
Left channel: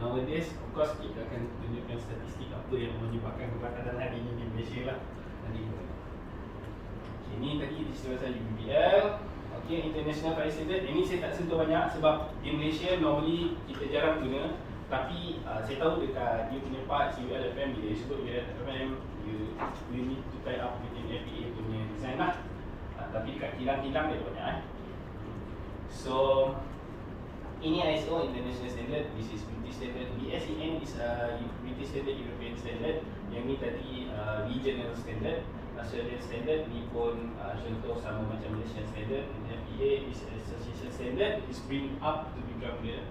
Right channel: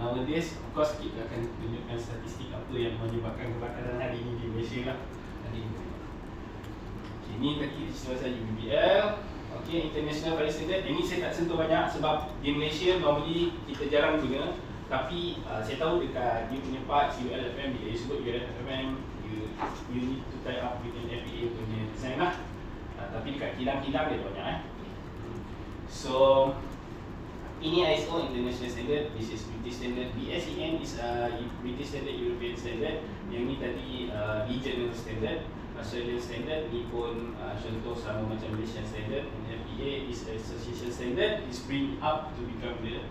Nowadays, of course kita akan tunjukkan statistik apa yang menyebabkan kebakaran hari ini di Malaysia lah. Okay, ini tadi cerita saya UBL. Okay, International Fire Standard. Ini saya tak sentuh banyak sebab di Malaysia normally kita jarang guna. Tapi saya tahu dekat dia punya part ULFM, bila dia sebut ULFM, you need to tie up with an FPA punya design lah. Tapi dekat kilang-kilang dia banyak So ini ISO International Standard, this is British Standard. BSEN is British Standard, European Standard. Yang ni tadi Regional Standard, Australian Standard. Ni pun contoh sama macam Malaysian Standard. FPA is Association Standard, is bring up to become the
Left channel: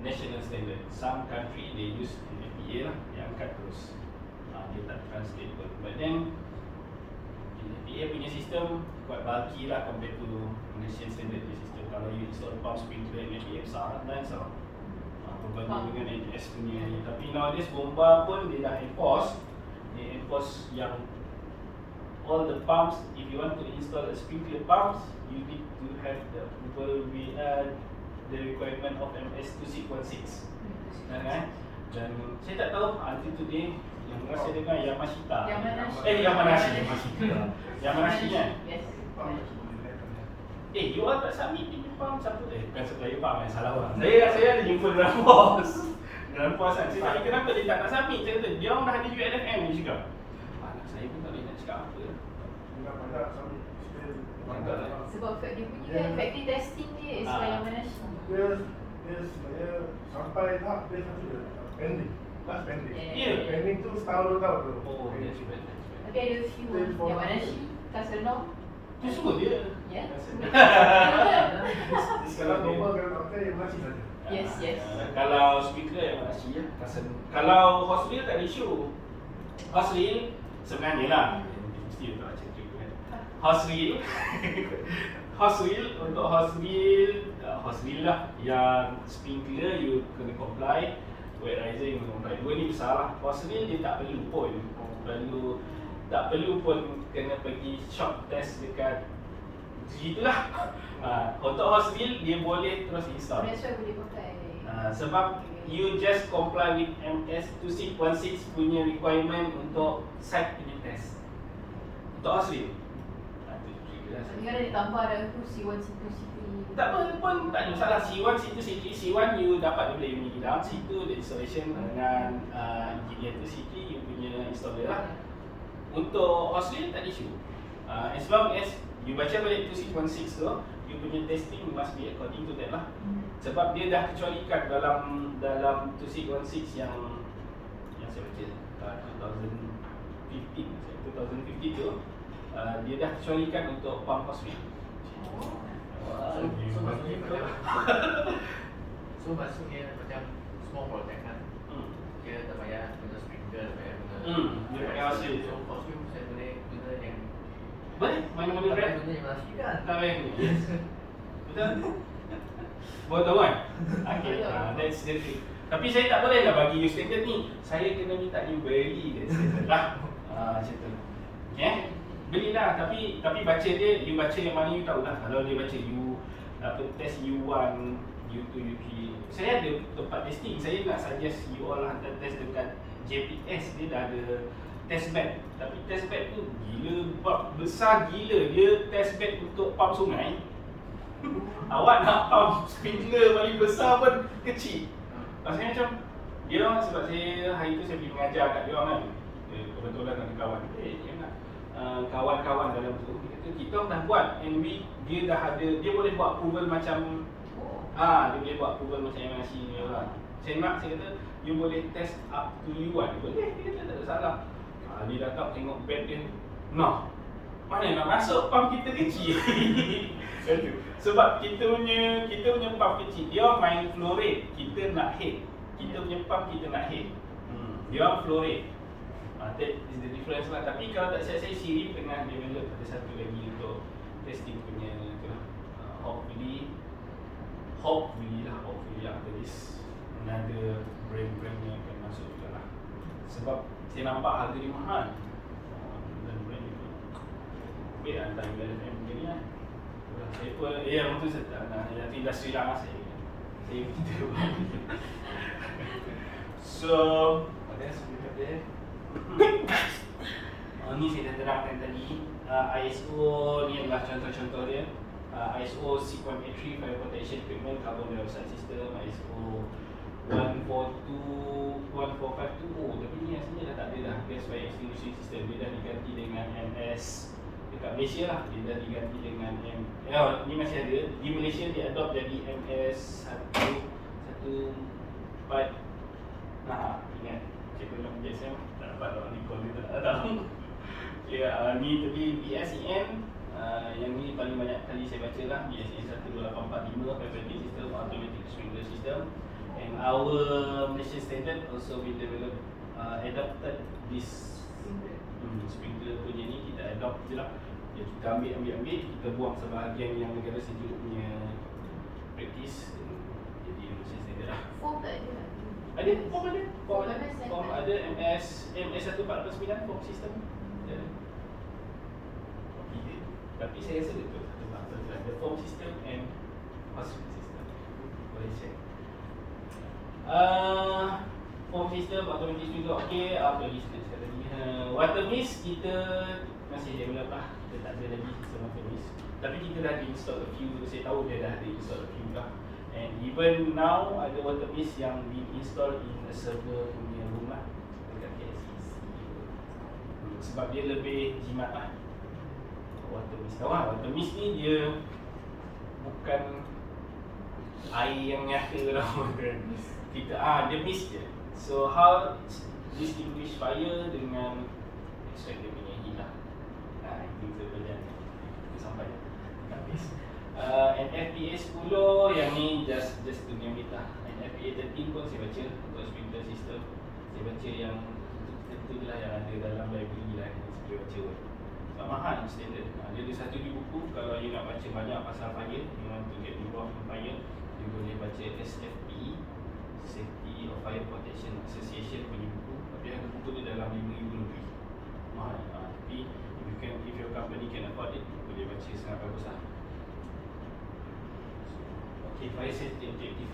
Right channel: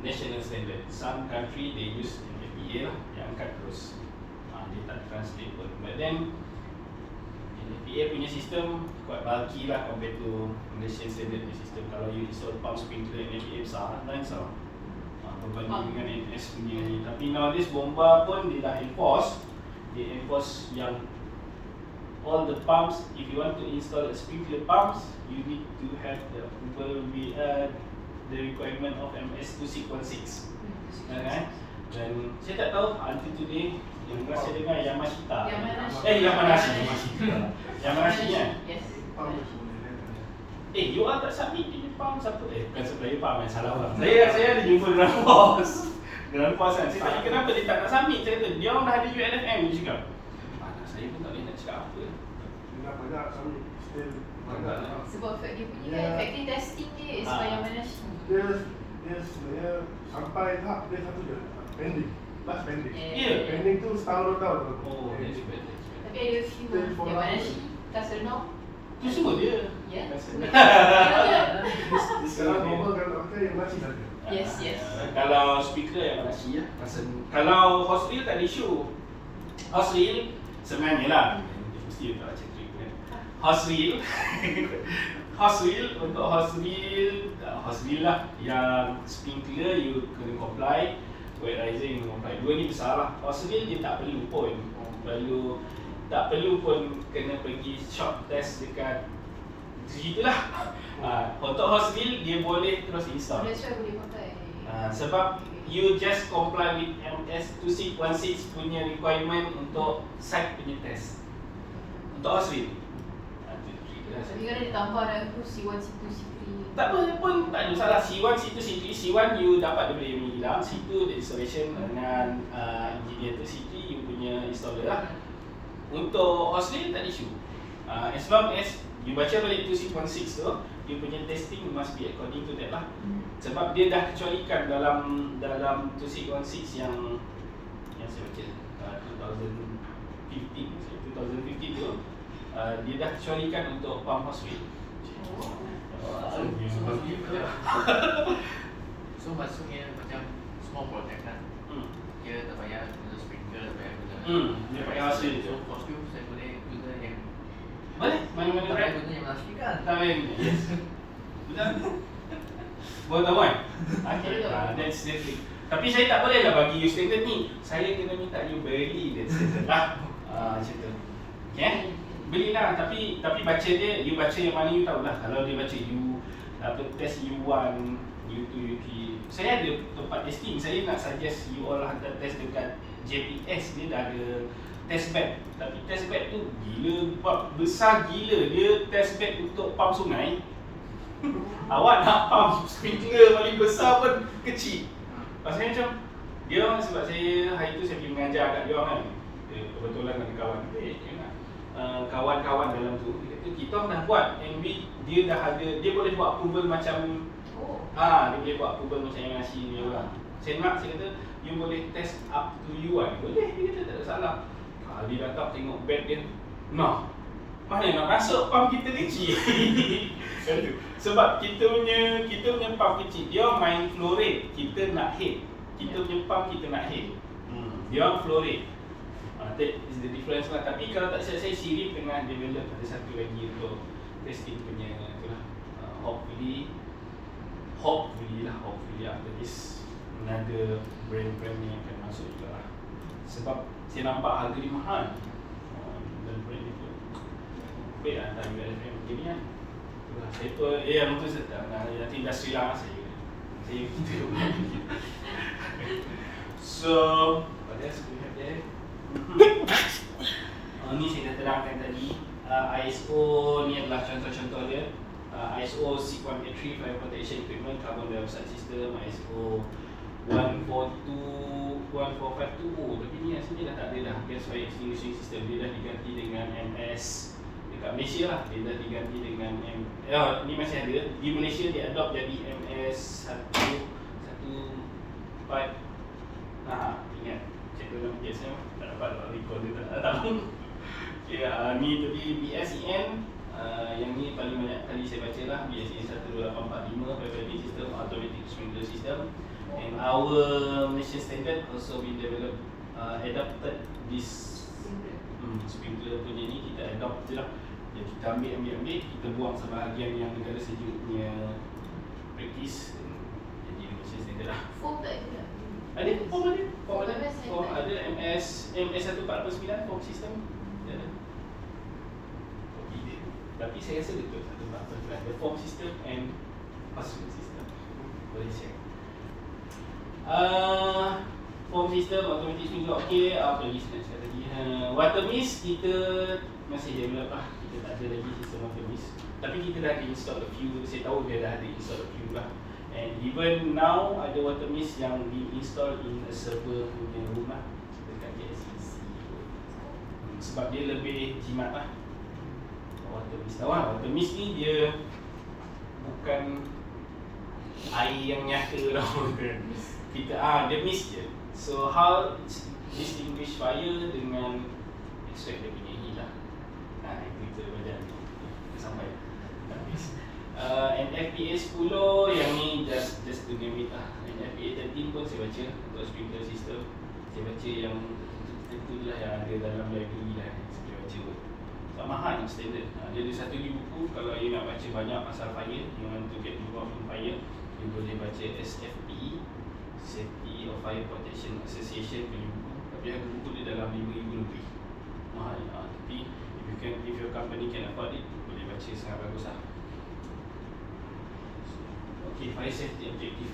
National Standard. Some country they use FPA lah, yang angkat terus. Dia tak translate pun. But then FPA punya sistem quite bulky lah compared to Malaysian Standard punya sistem. Kalau you install pump sprinkler in FPA besar, nice tau. Berbanding dengan NS punya ni. Tapi nowadays bomba pun dia dah enforce. Dia enforce yang all the pumps, if you want to install a sprinkler pumps, you need to have the approval with the requirement of MS 2616. Dan saya tak tahu until today yang saya dengar Yamashita. Yamanashi kan? Yes. You all tak submit di pump siapa? Bukan supplier pump yang salah orang. Saya ada jumpa dengan bos. Dengan bos kan. Saya tanya kenapa dia tak nak submit. Saya kata dia orang dah ada ULFM ni cakap. Saya pun tak boleh nak cakap apa lah. Tidak banyak submit. Still banyak lah. Sebab dia punya factory testing dia is by Yamanashi. Dia sebenarnya sampai tahap dia satu je pending. Last pending. Pending tu setahun 2 tahun tu. Oh, that's bad. Tapi ada few Yamanashi, Kasernong. Tu semua dia. Ya. Sekarang normal kalau pakai yang masih saja. Yes. Kalau speaker yang Malaysia ya. Kalau hose reel tak ada isu. Hose reel sebenarnya lah. Mesti tak cakap kan. Hose reel untuk hose reel lah yang sprinkler you kena comply, wet riser you kena comply. Dua ni besar lah. Hose reel dia tak perlu pun. Perlu tak perlu pun kena pergi shop test dekat gitulah. Untuk hose wheel dia boleh terus install. That's why boleh pakai. Sebab you just comply with MS 2616 punya requirement untuk site punya test. Untuk hose wheel. Jadi kan dia tambah dah tu C1, C2, C3. Tak apa pun, tak ada masalah. C1, C2, C3. C1 you dapat daripada yang hilang. C2 the installation dengan engineer tu. C3 you punya installer lah. Untuk hose wheel tak ada issue. As long as you baca balik 2616 tu, you punya testing must be according to that lah. Sebab dia dah kecualikan dalam 2616 yang saya baca 2015 tu, dia dah kecualikan untuk pump hose wheel. So maksudnya macam small project kan. Dia tak payah guna sprinkler, tak payah guna. Dia pakai hose wheel. So for skill saya boleh guna yang boleh, mana-mana tak brand. payah guna yang plastik kan. Tak payah guna. Yes. Betul? Boleh tahu kan? Okay, that's the thing. Tapi saya tak boleh lah bagi you standard ni. Saya kena minta you beli that standard lah. Macam tu. Okay? Belilah, tapi baca dia, you baca yang mana you tahulah. Kalau dia baca you test U1, U2, U3. Saya ada tempat testing. Saya nak suggest you all hantar test dekat JPS. Dia dah ada test bed. Tapi test bed tu gila, besar gila. Dia test bed untuk pump sungai. Awak nak pump sprinkler paling besar pun kecil. Pasal macam dia orang, sebab saya hari tu saya pergi mengajar kat dia orang kan. Kebetulan ada kawan kita kawan-kawan dalam tu. Dia kata kita orang dah buat and dia dah ada, dia boleh buat approval macam dia boleh buat approval macam MRC ni lah. Saya kata you boleh test up to U1. Boleh, dia kata tak ada salah. Dia datang tengok bed dia. Nah, mana nak masuk pump kita kecil. Sebab kita punya pump kecil. Dia main flow rate, kita nak head. Kita punya pump kita nak head. Dia orang flow rate. That is the difference lah. Tapi kalau tak saya Siri tengah develop ada satu lagi untuk testing punya tu lah. Hopefully after this another brand ni akan masuk juga lah. Sebab saya nampak harga dia mahal. Dan brand itu baik lah dari BLFM macam ni kan. Saya pun, betul saya tak nak industri lah saya begitu. So, what else we have there? Ni saya dah terangkan tadi. ISO ni adalah contoh-contoh dia. ISO 6183 Fire Protection Equipment Carbon Dioxide System, ISO 142, tapi ni aslinya dah tak ada dah. Gas Fire Extinguishing System dia dah diganti dengan MS dekat Malaysia lah. Dia dah diganti dengan ni masih ada. Di Malaysia dia adopt jadi MS 114. Ingat saya tolong gas ni tak dapat nak recall dia tak tahu. Okay, ni tadi BSEN. Yang ni paling banyak kali saya baca lah. BSEN 12845 Firefighting System, Automatic Sprinkler System. And our Malaysian standard also been developed, adapted this sprinkler punya ni. Kita adopt je lah. Kita ambil, kita buang sebahagian yang negara sejuk punya practice. Jadi Malaysian standard lah. Form tak ada. Ada, form ada MS 1449 form system. Ada. Tapi saya rasa betul ada form system and household system. Boleh check. Form system, automatic sprinkler okey. Apa lagi saya tadi? Water mist kita masih develop lah. Kita tak ada lagi sistem water mist. Tapi kita dah install a few. Saya tahu dia dah ada install a few lah. And even now ada water mist yang di-install in the server punya rumah dekat KSCC. Sebab dia lebih jimat lah. Water mist tahu lah, water mist ni dia bukan air yang nyata lah. Kita dia mist je. So how distinguish fire dengan extract dia punya heat lah. Itu kita belajar. Kita sampai and FPA 10 yang ni just to name it lah. And FPA 13 pun saya baca untuk sprinkler system. Saya baca yang tentu je lah yang ada dalam library lah yang saya baca. Tak mahal standard. Dia ada satu buku. Kalau you nak baca banyak pasal fire, you want to get involved in fire, you boleh baca SFP, Safety of Fire Protection Association punya buku. Tapi harga buku dia dalam 5,000 lebih. Mahal. safety. If your company can afford it, boleh baca sangat bagus lah. Okay, fire safety objective.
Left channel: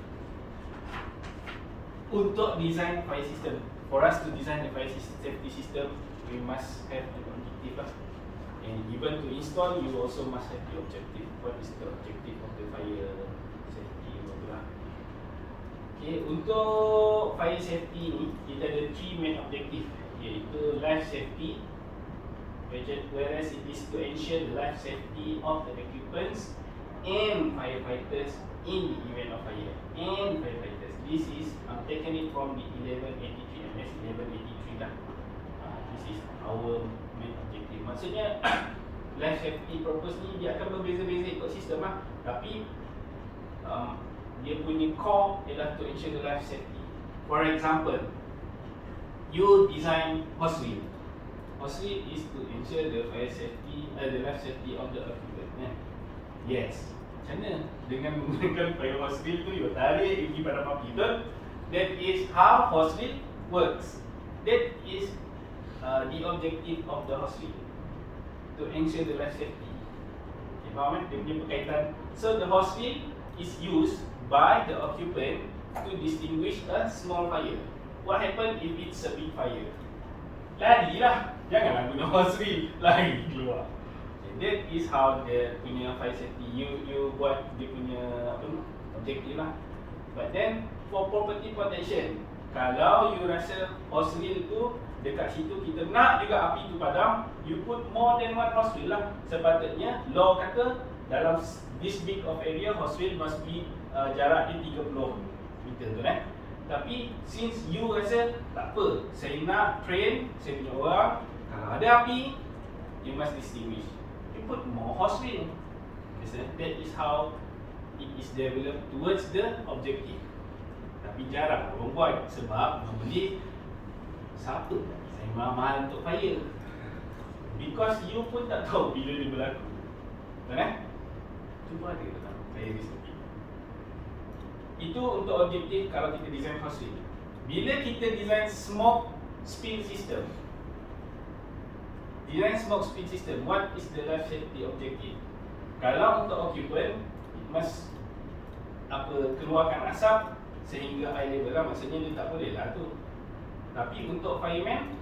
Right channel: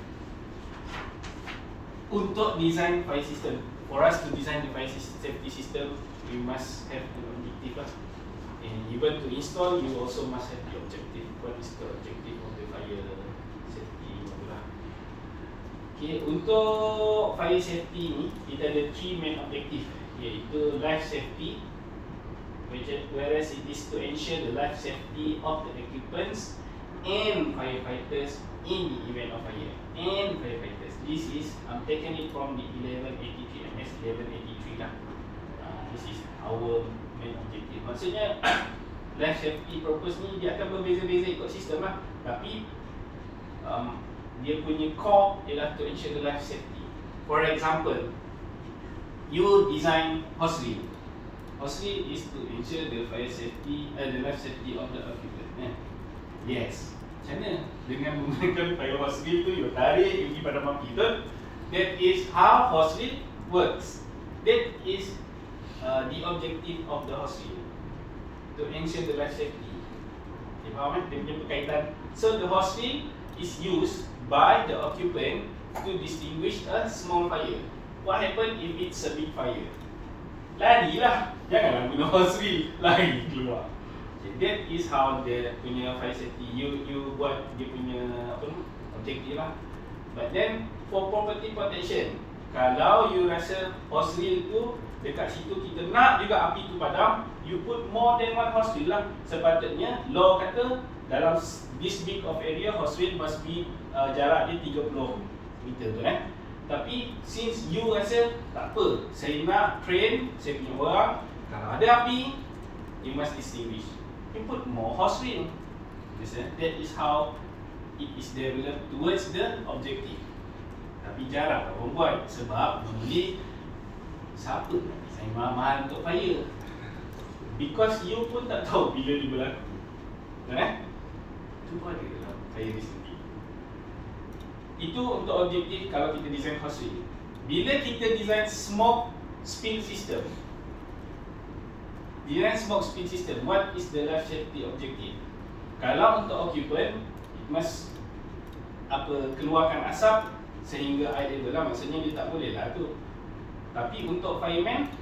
Untuk design fire system, for us to design the fire safety system, we must have an objective lah. And even to install, you also must have the objective. What is the objective of the fire safety lah? Okay, untuk fire safety ni, kita ada 3 main objective, iaitu life safety, whereas it is to ensure the life safety of the occupants and firefighters in the event of fire. And firefighters, this is taken it from the 1183 MS 1183 lah. This is our main objective. Maksudnya life safety purpose ni dia akan berbeza-beza ikut sistem lah, tapi dia punya core ialah to ensure the life safety. For example, you design hose reel. Hose reel is to ensure the fire safety, the life safety of the occupant. Yes. Macam mana? Dengan menggunakan fire hose reel tu, you tarik, you pergi padam api, betul? That is how hose reel works. That is the objective of the hose reel, to ensure the life safety. Okay, faham kan? Dia punya berkaitan. So the hose reel is used by the occupant to distinguish a small fire. What happen if it's a big fire? Larilah. Janganlah guna hose reel, lari keluar. Okay, that is how the punya fire safety. You buat dia punya apa tu? Objektif lah. But then for property protection, kalau you rasa hose reel tu dekat situ kita nak juga api tu padam, you put more than one hose reel lah. Sepatutnya law kata dalam this big of area hose reel must be jarak dia 30 meter tu kan. Tapi since you rasa tak apa, saya nak train saya punya orang, kalau ada api you must distinguish, you put more hose reel. That is how it is developed towards the objective. Tapi jarang orang buat sebab normally siapa nak design mahal-mahal untuk fire? Because you pun tak tahu bila dia berlaku. Betul? Cuba ada dalam fire recipe. Itu untuk objektif kalau kita design hose reel. Bila kita design smoke spill system, what is the life safety objective? Kalau untuk occupant, it must keluarkan asap sehingga air level lah, maksudnya dia tak boleh lah tu. Tapi untuk fireman,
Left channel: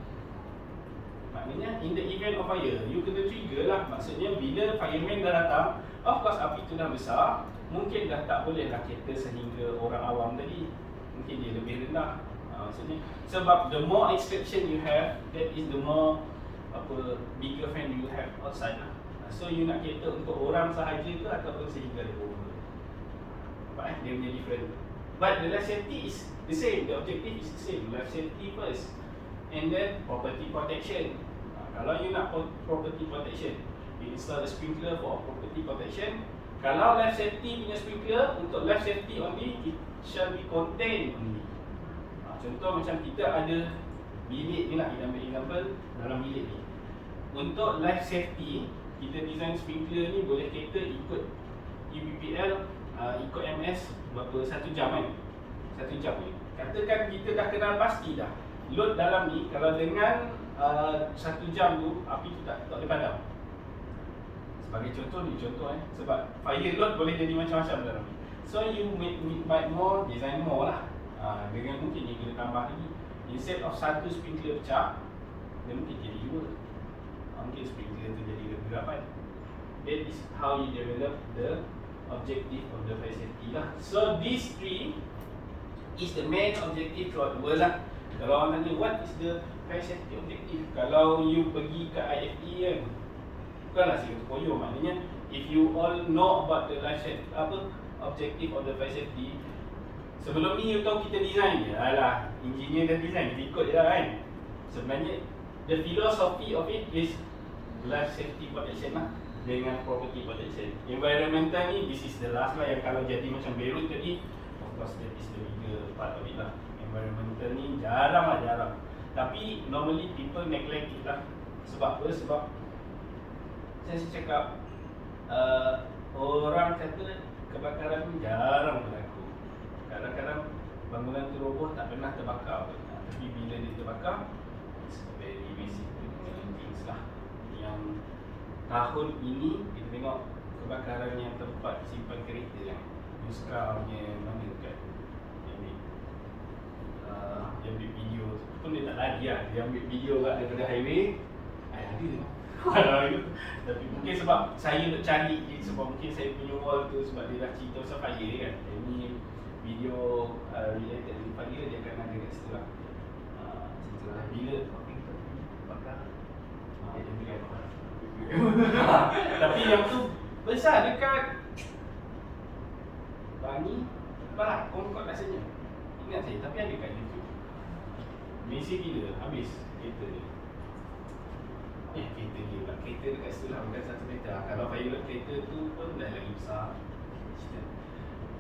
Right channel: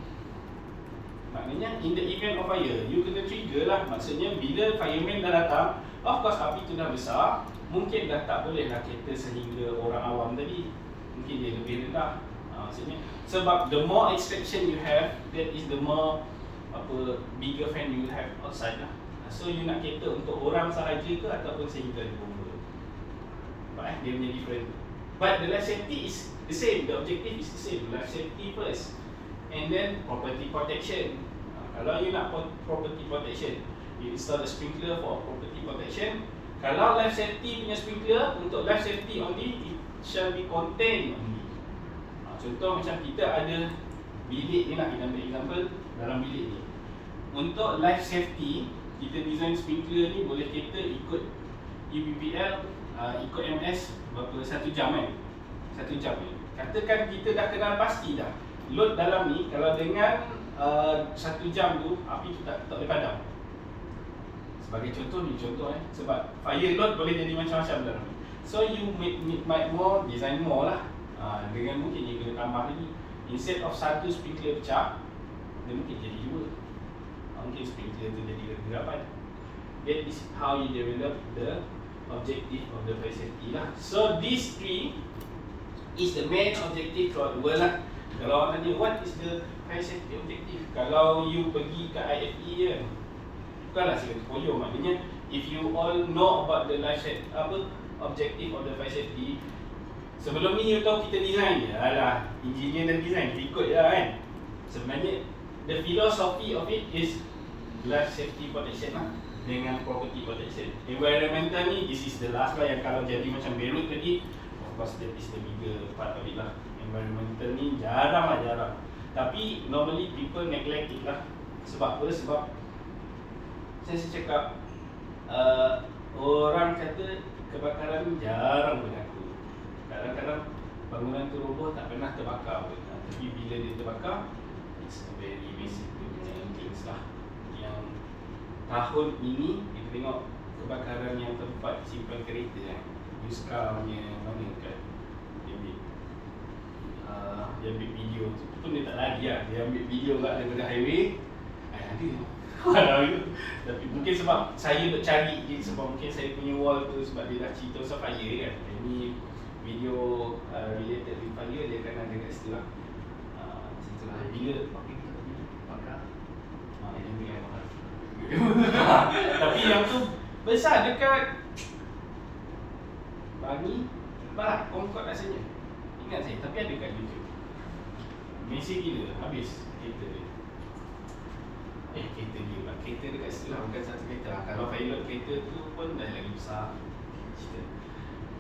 maknanya in the event of fire, you kena trigger lah. Maksudnya bila fireman dah datang, of course api tu dah besar, mungkin dah tak boleh lah cater sehingga orang awam tadi. Mungkin dia lebih rendah. Maksudnya sebab the more extraction you have, that is the more bigger fan you have outside lah. So you nak cater untuk orang sahaja ke ataupun sehingga dia bomba. Nampak dia punya different. But the life safety is the same, the objective is the same. Life safety first, and then property protection. Kalau you nak property protection, you install a sprinkler for property protection. Kalau life safety punya sprinkler, untuk life safety only, it shall be contained only. Contoh macam kita ada bilik ni lah, kita ambil example dalam bilik ni. Untuk life safety, kita design sprinkler ni boleh cater ikut UPPL, ikut MS berapa 1 jam kan? 1 jam ni. Katakan kita dah kenal pasti dah load dalam ni, kalau dengan 1 jam tu api tu tak boleh padam. Sebagai contoh ni, sebab fire load boleh jadi macam-macam dalam ni. So you might more design more lah. Dengan mungkin dia boleh tambah lagi. Instead of 1 sprinkler pecah, dia mungkin jadi 2. Mungkin sprinkler tu jadi kegerapan. That is how you develop the objective of the fire safety lah. So these 3 is the main objective throughout the world lah. Kalau orang tanya what is the fire safety objective, kalau you pergi ke IFE kan, bukanlah sikit koyo. Maknanya if you all know about the life safety, objective of the fire safety, sebelum ni you tahu kita design je, alah engineer dan design kita ikut je kan. Sebenarnya the philosophy of it is life safety protection lah dengan property protection. Environmental ni, this is the last lah, yang kalau jadi macam Beirut tadi, of course that is the bigger part of it lah. Environmental ni jarang. Tapi normally people neglect it lah. Sebab apa? Sebab saya cakap orang kata kebakaran jarang berlaku. Kadang-kadang bangunan tu roboh tak pernah terbakar. Tapi bila dia terbakar, it's very basic things lah. yang tahun ini kita tengok kebakaran yang tempat simpan kereta kan, Yuska punya mana kat dia ambil video tu pun dia tak lari lah, dia ambil video kat dekat highway. Ada tapi mungkin sebab saya nak cari dia, sebab mungkin saya punya wall tu sebab dia dah cerita pasal fire kan. Ini video related with fire, dia akan ada kat situ lah. Cerita lah bila tapi yang tu besar dekat Bangi Balakong kot rasanya. Ingat saya, tapi ada kat YouTube. Malaysia gila, habis kereta dia. Kereta dia pula, kereta dekat situ lah, bukan satu kereta. Kalau pilot kereta tu pun dah lagi besar cerita.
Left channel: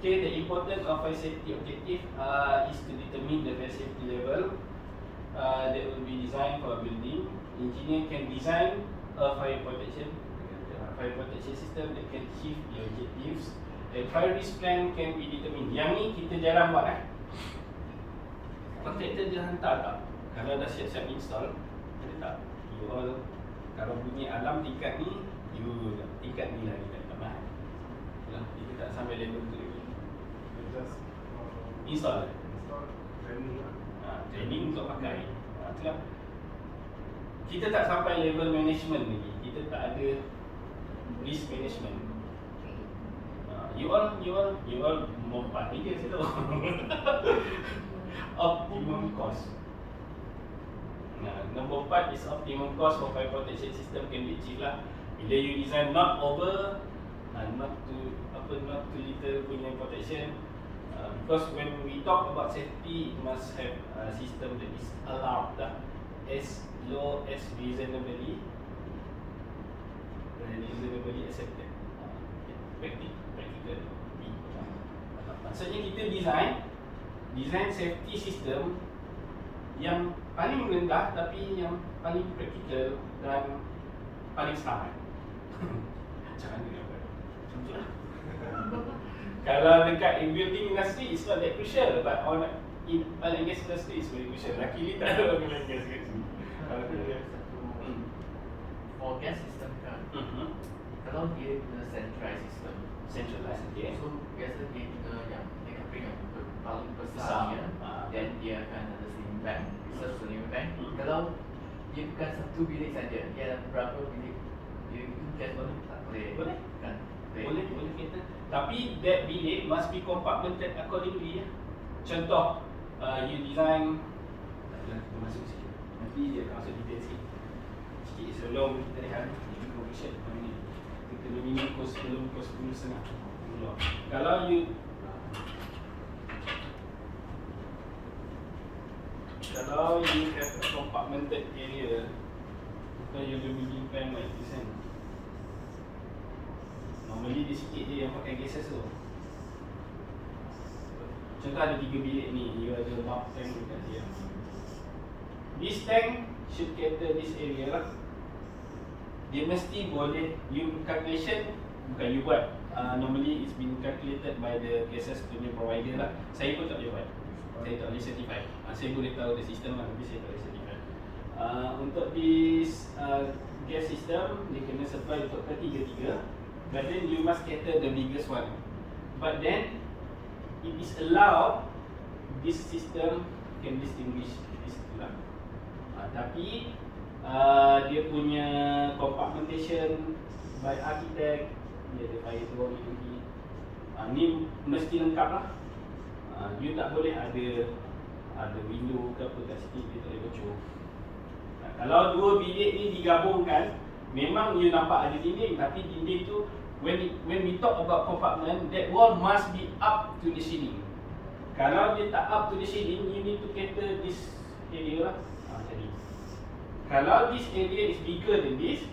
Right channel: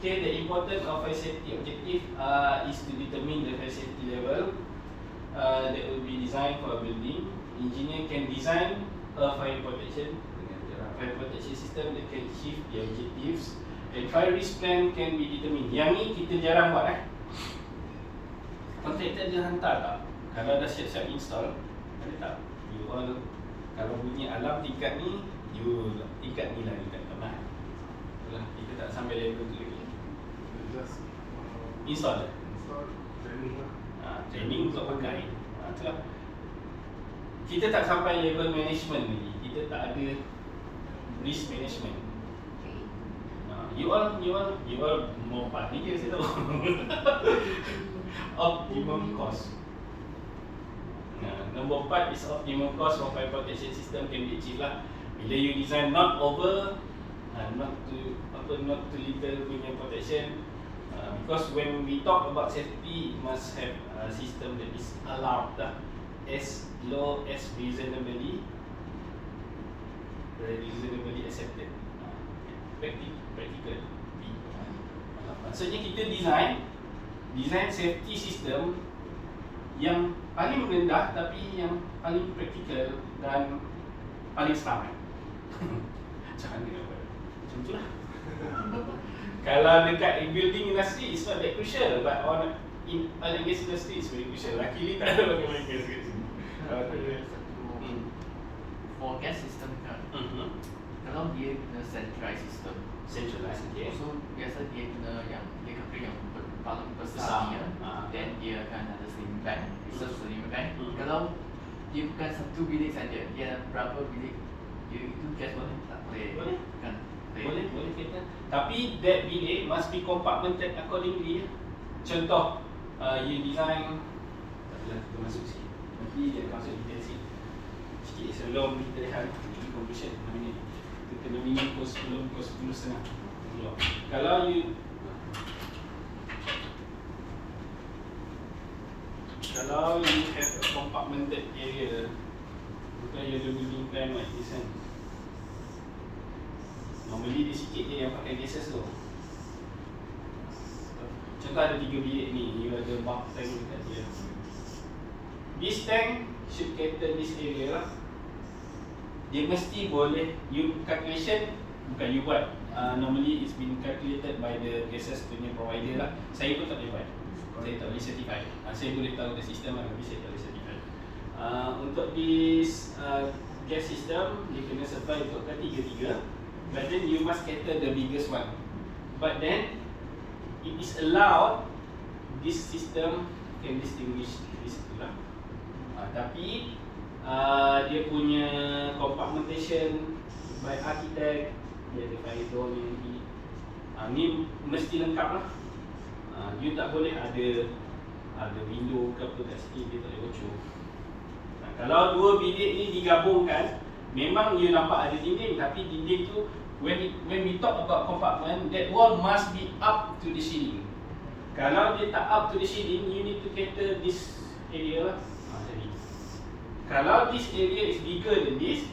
Okay, the importance of fire safety objective is to determine the fire safety level that will be designed for a building. Engineer can design a fire protection system that can achieve the objectives, and fire risk plan can be determined. Yang ni kita jarang buat kontraktor dia hantar tak? Kalau dah siap-siap install, boleh tak? You all, kalau bunyi alam tingkat ni, you tingkat ni lah, tingkat mana? Kita tak sampai level tu lagi. Just Install training lah. Training untuk pakai. Itulah. Kita tak sampai level management lagi. Kita tak ada risk management. You all more part ni je saya tahu. Optimum cost. Number 4 is optimum cost for fire protection system can be achieved lah bila you design not over, not too little punya protection. Because when we talk about safety, it must have a system that is allowed lah, as low as reasonably accepted. Practical. Maksudnya kita design safety system yang paling rendah tapi yang paling praktikal dan paling selamat. Macam mana? Macam tu lah. Kalau dekat building industry, it's not that crucial, but in oil and gas industry, it's very crucial. Luckily tak ada oil and gas kat sini. For gas system kan, kalau dia guna centralized system, okay. so biasa dia guna yang dia akan bring yang paling besarnya, then dia akan ada slimming plan, slimming plan. Kalau dia bukan satu bilik saja, dia ada berapa bilik, dia itu gas boleh tak boleh kan? Boleh kita. Tapi that bilik must be compartmented accordingly ya. Contoh, you design, tak kita masuk sikit. Nanti dia masuk detail sikit sebelum kita lihat conclusion namanya. Kita kena minum kos sebelum kos 10.5. Kalau you have a compartmented area, bukan you ada building plan like this kan. Normally dia sikit je yang pakai gases tu. Contoh ada 3 bilik ni, you ada bulk tank dekat dia. This tank should cater this area lah. Dia mesti boleh, you calculation bukan you buat. Normally it's been calculated by the gases punya provider lah. Saya pun tak boleh buat. Saya tak boleh certify. Saya boleh tahu the system lah, tapi saya tak boleh certify. Untuk this gas system, dia kena supply untuk ketiga-tiga. But then you must cater the biggest one. But then it is allowed, this system can distinguish this lah. Tapi dia punya compartmentation by architect, dia ada fire door ni. Ni mesti lengkap lah. You tak boleh ada window ke apa kat sini, dia tak boleh bocor. Kalau dua bilik ni digabungkan, memang you nampak ada dinding, tapi dinding tu when we talk about compartment, that wall must be up to the ceiling. Kalau dia tak up to the ceiling, you need to cater this area lah. Jadi kalau this area is bigger than this,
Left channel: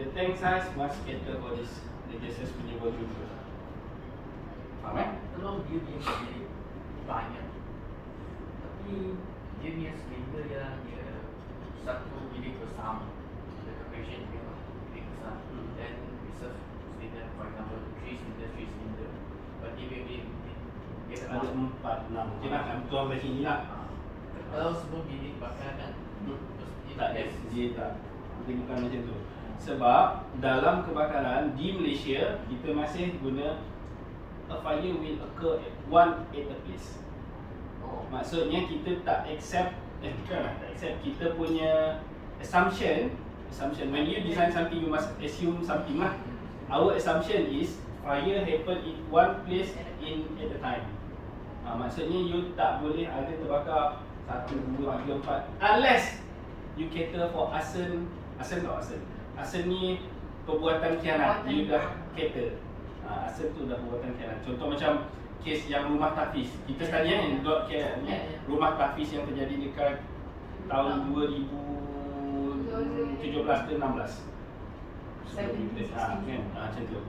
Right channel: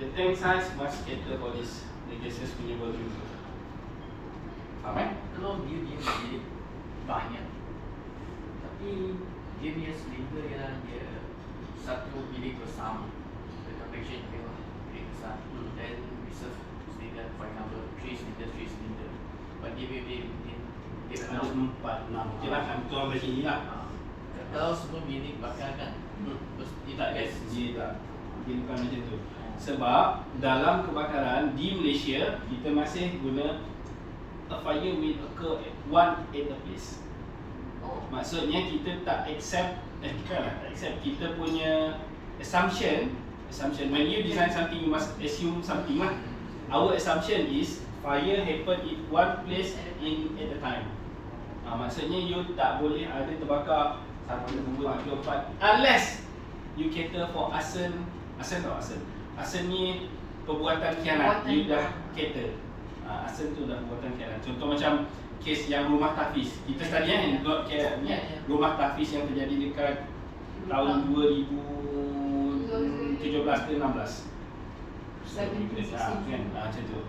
the tank size must cater for this, the gases punya volume tu. Faham? Kalau dia bilik banyak, tapi dia punya silinder dia satu bilik bersama, the calculation dia bilik besar, then reserve silinder, for example 3 cylinder, but dia Ada 4, 6. Okey lah, kami tuang dari sini lah. Kalau semua bilik bakar kan, Tak, dia tak. Dia bukan macam tu. Sebab dalam kebakaran di Malaysia, kita masih guna a fire will occur at a place. Maksudnya kita tak accept, tak accept, kita punya assumption when you design something, you must assume something lah. Our assumption is fire happen in one place at a time. Maksudnya you tak boleh ada terbakar 1, 2, 3, 4 unless you cater for arson ni perbuatan khianat, you dah cater. Arson tu dah perbuatan khianat. Contoh macam kes yang rumah tahfiz. Kita study yang dot khianat ni, rumah tahfiz yang terjadi dekat tahun 2017 ke 16. Macam tu.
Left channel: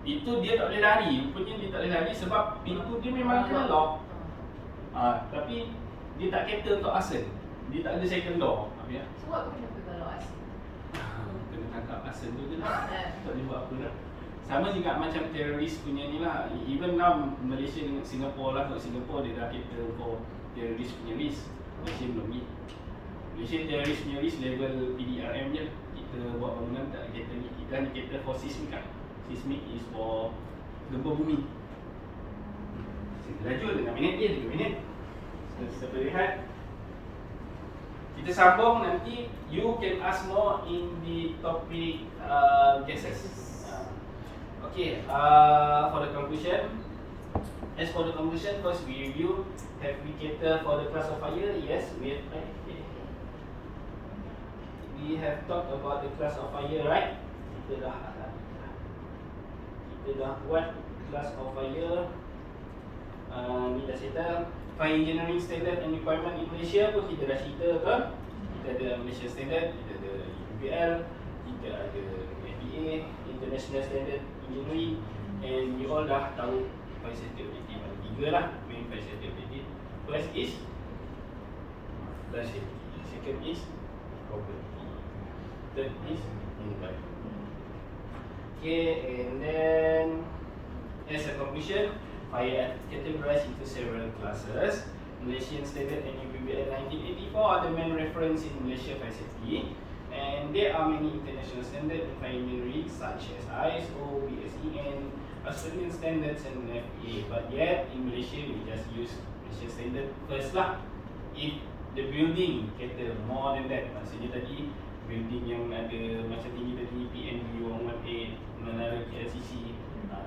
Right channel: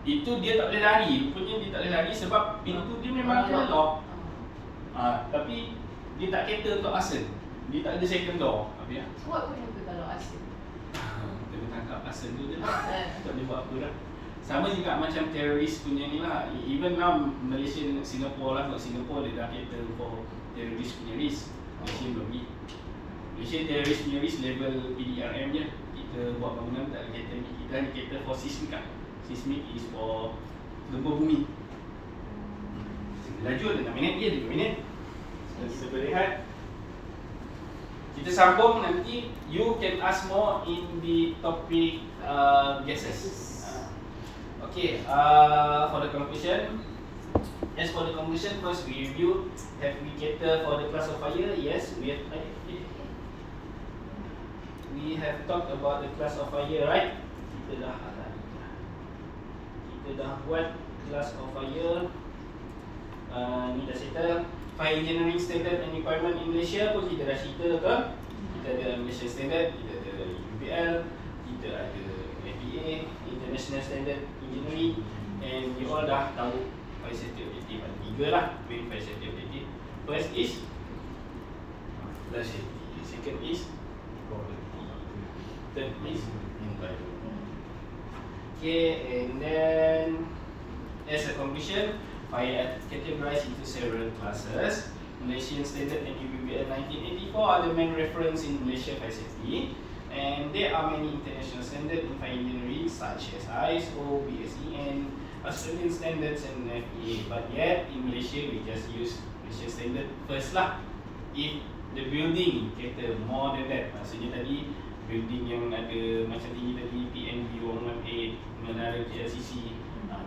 Itu dia tak boleh lari. Rupanya dia tak boleh lari sebab pintu dia memang kena lock. Tapi dia tak cater untuk arson. Dia tak ada second door. So what would happen kalau arson? Kena tangkap arson tu je lah. Tak boleh buat apa lah. Sama juga macam teroris punya ni lah. Even now Malaysia dengan Singapore lah. Singapore dia dah cater for teroris punya risk. Malaysia belum ni. Malaysia teroris punya risk level PDRM je. Kita buat bangunan tak ada cater ni. Kita hanya cater for seismic lah. Seismic is for gempa bumi. Kita laju 5 minit je, 3 minit. Kita boleh lihat. Kita sambung nanti. You can ask more in the topic gases. Okay, for the conclusion, first we review, have we cater for the class of fire? Yes, we have. We have talked about the class of fire, right? Kita dah buat class of fire. Ni dah settle. Fire engineering standard and requirement in Malaysia pun kita dah cerita kan? Kita ada Malaysia standard, kita ada UBL, kita ada FPA, International Standard Engineering, and you all dah tahu fire safety objective. Ada 3 lah main fire safety objective. First is life safety, second is property, third is environment. Okay, and then as a conclusion, fire are categorized into several classes. Malaysian Standard and UBL 1984 are the main reference in Malaysia fire safety, and there are many international standards in fire engineering such as ISO, BSEN, Australian standards and FPA. But yet in Malaysia we just use Malaysian standard first lah. If the building cater more than that, maksudnya tadi building yang ada macam tinggi tadi PNB 118, menara TLCC,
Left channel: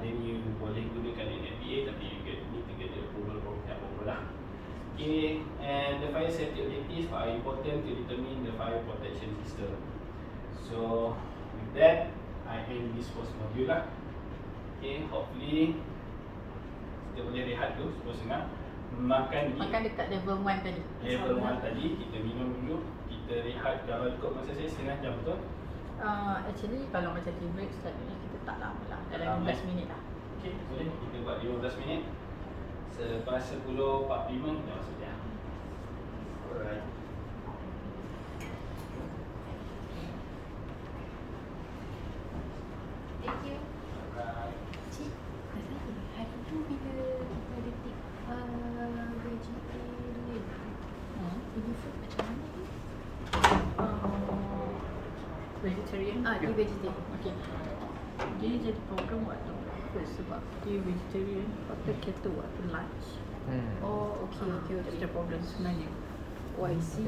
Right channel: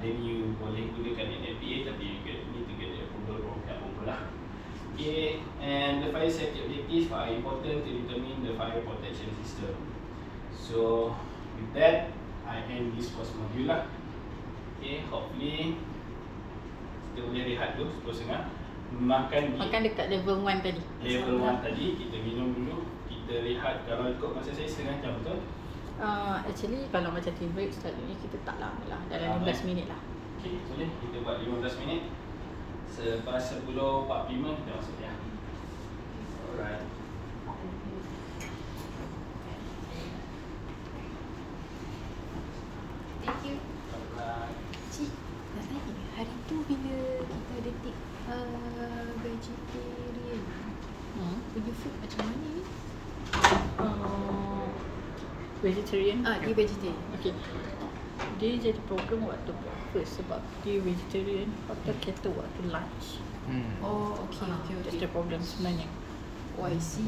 then you boleh gunakan NFPA, tapi you need to get the approval from pihak bomba lah. Okay, and the fire safety objectives are important to determine the fire protection system. So with that, I end this first module lah. Okay, hopefully kita boleh rehat dulu 10:30. Makan dekat level 1 tadi. Level 1 tadi, kita minum dulu. Kita rehat, kalau ikut masa saya setengah jam, betul? Actually kalau macam tea break selalunya kita tak lama lah, dalam 15 minit lah. Okay, boleh kita buat 15 minit. Selepas 10.45 kita masuk ya. Alright. Thank you. Alright. Cik, nak tanya, hari tu bila kita detik vegetarian, punya food macam mana ni? Vegetarian? Dia vegetarian. Okay. Dia jadi problem waktu breakfast sebab dia vegetarian waktu kita waktu lunch. Oh, okay. That's the problem sebenarnya. Oh, I see.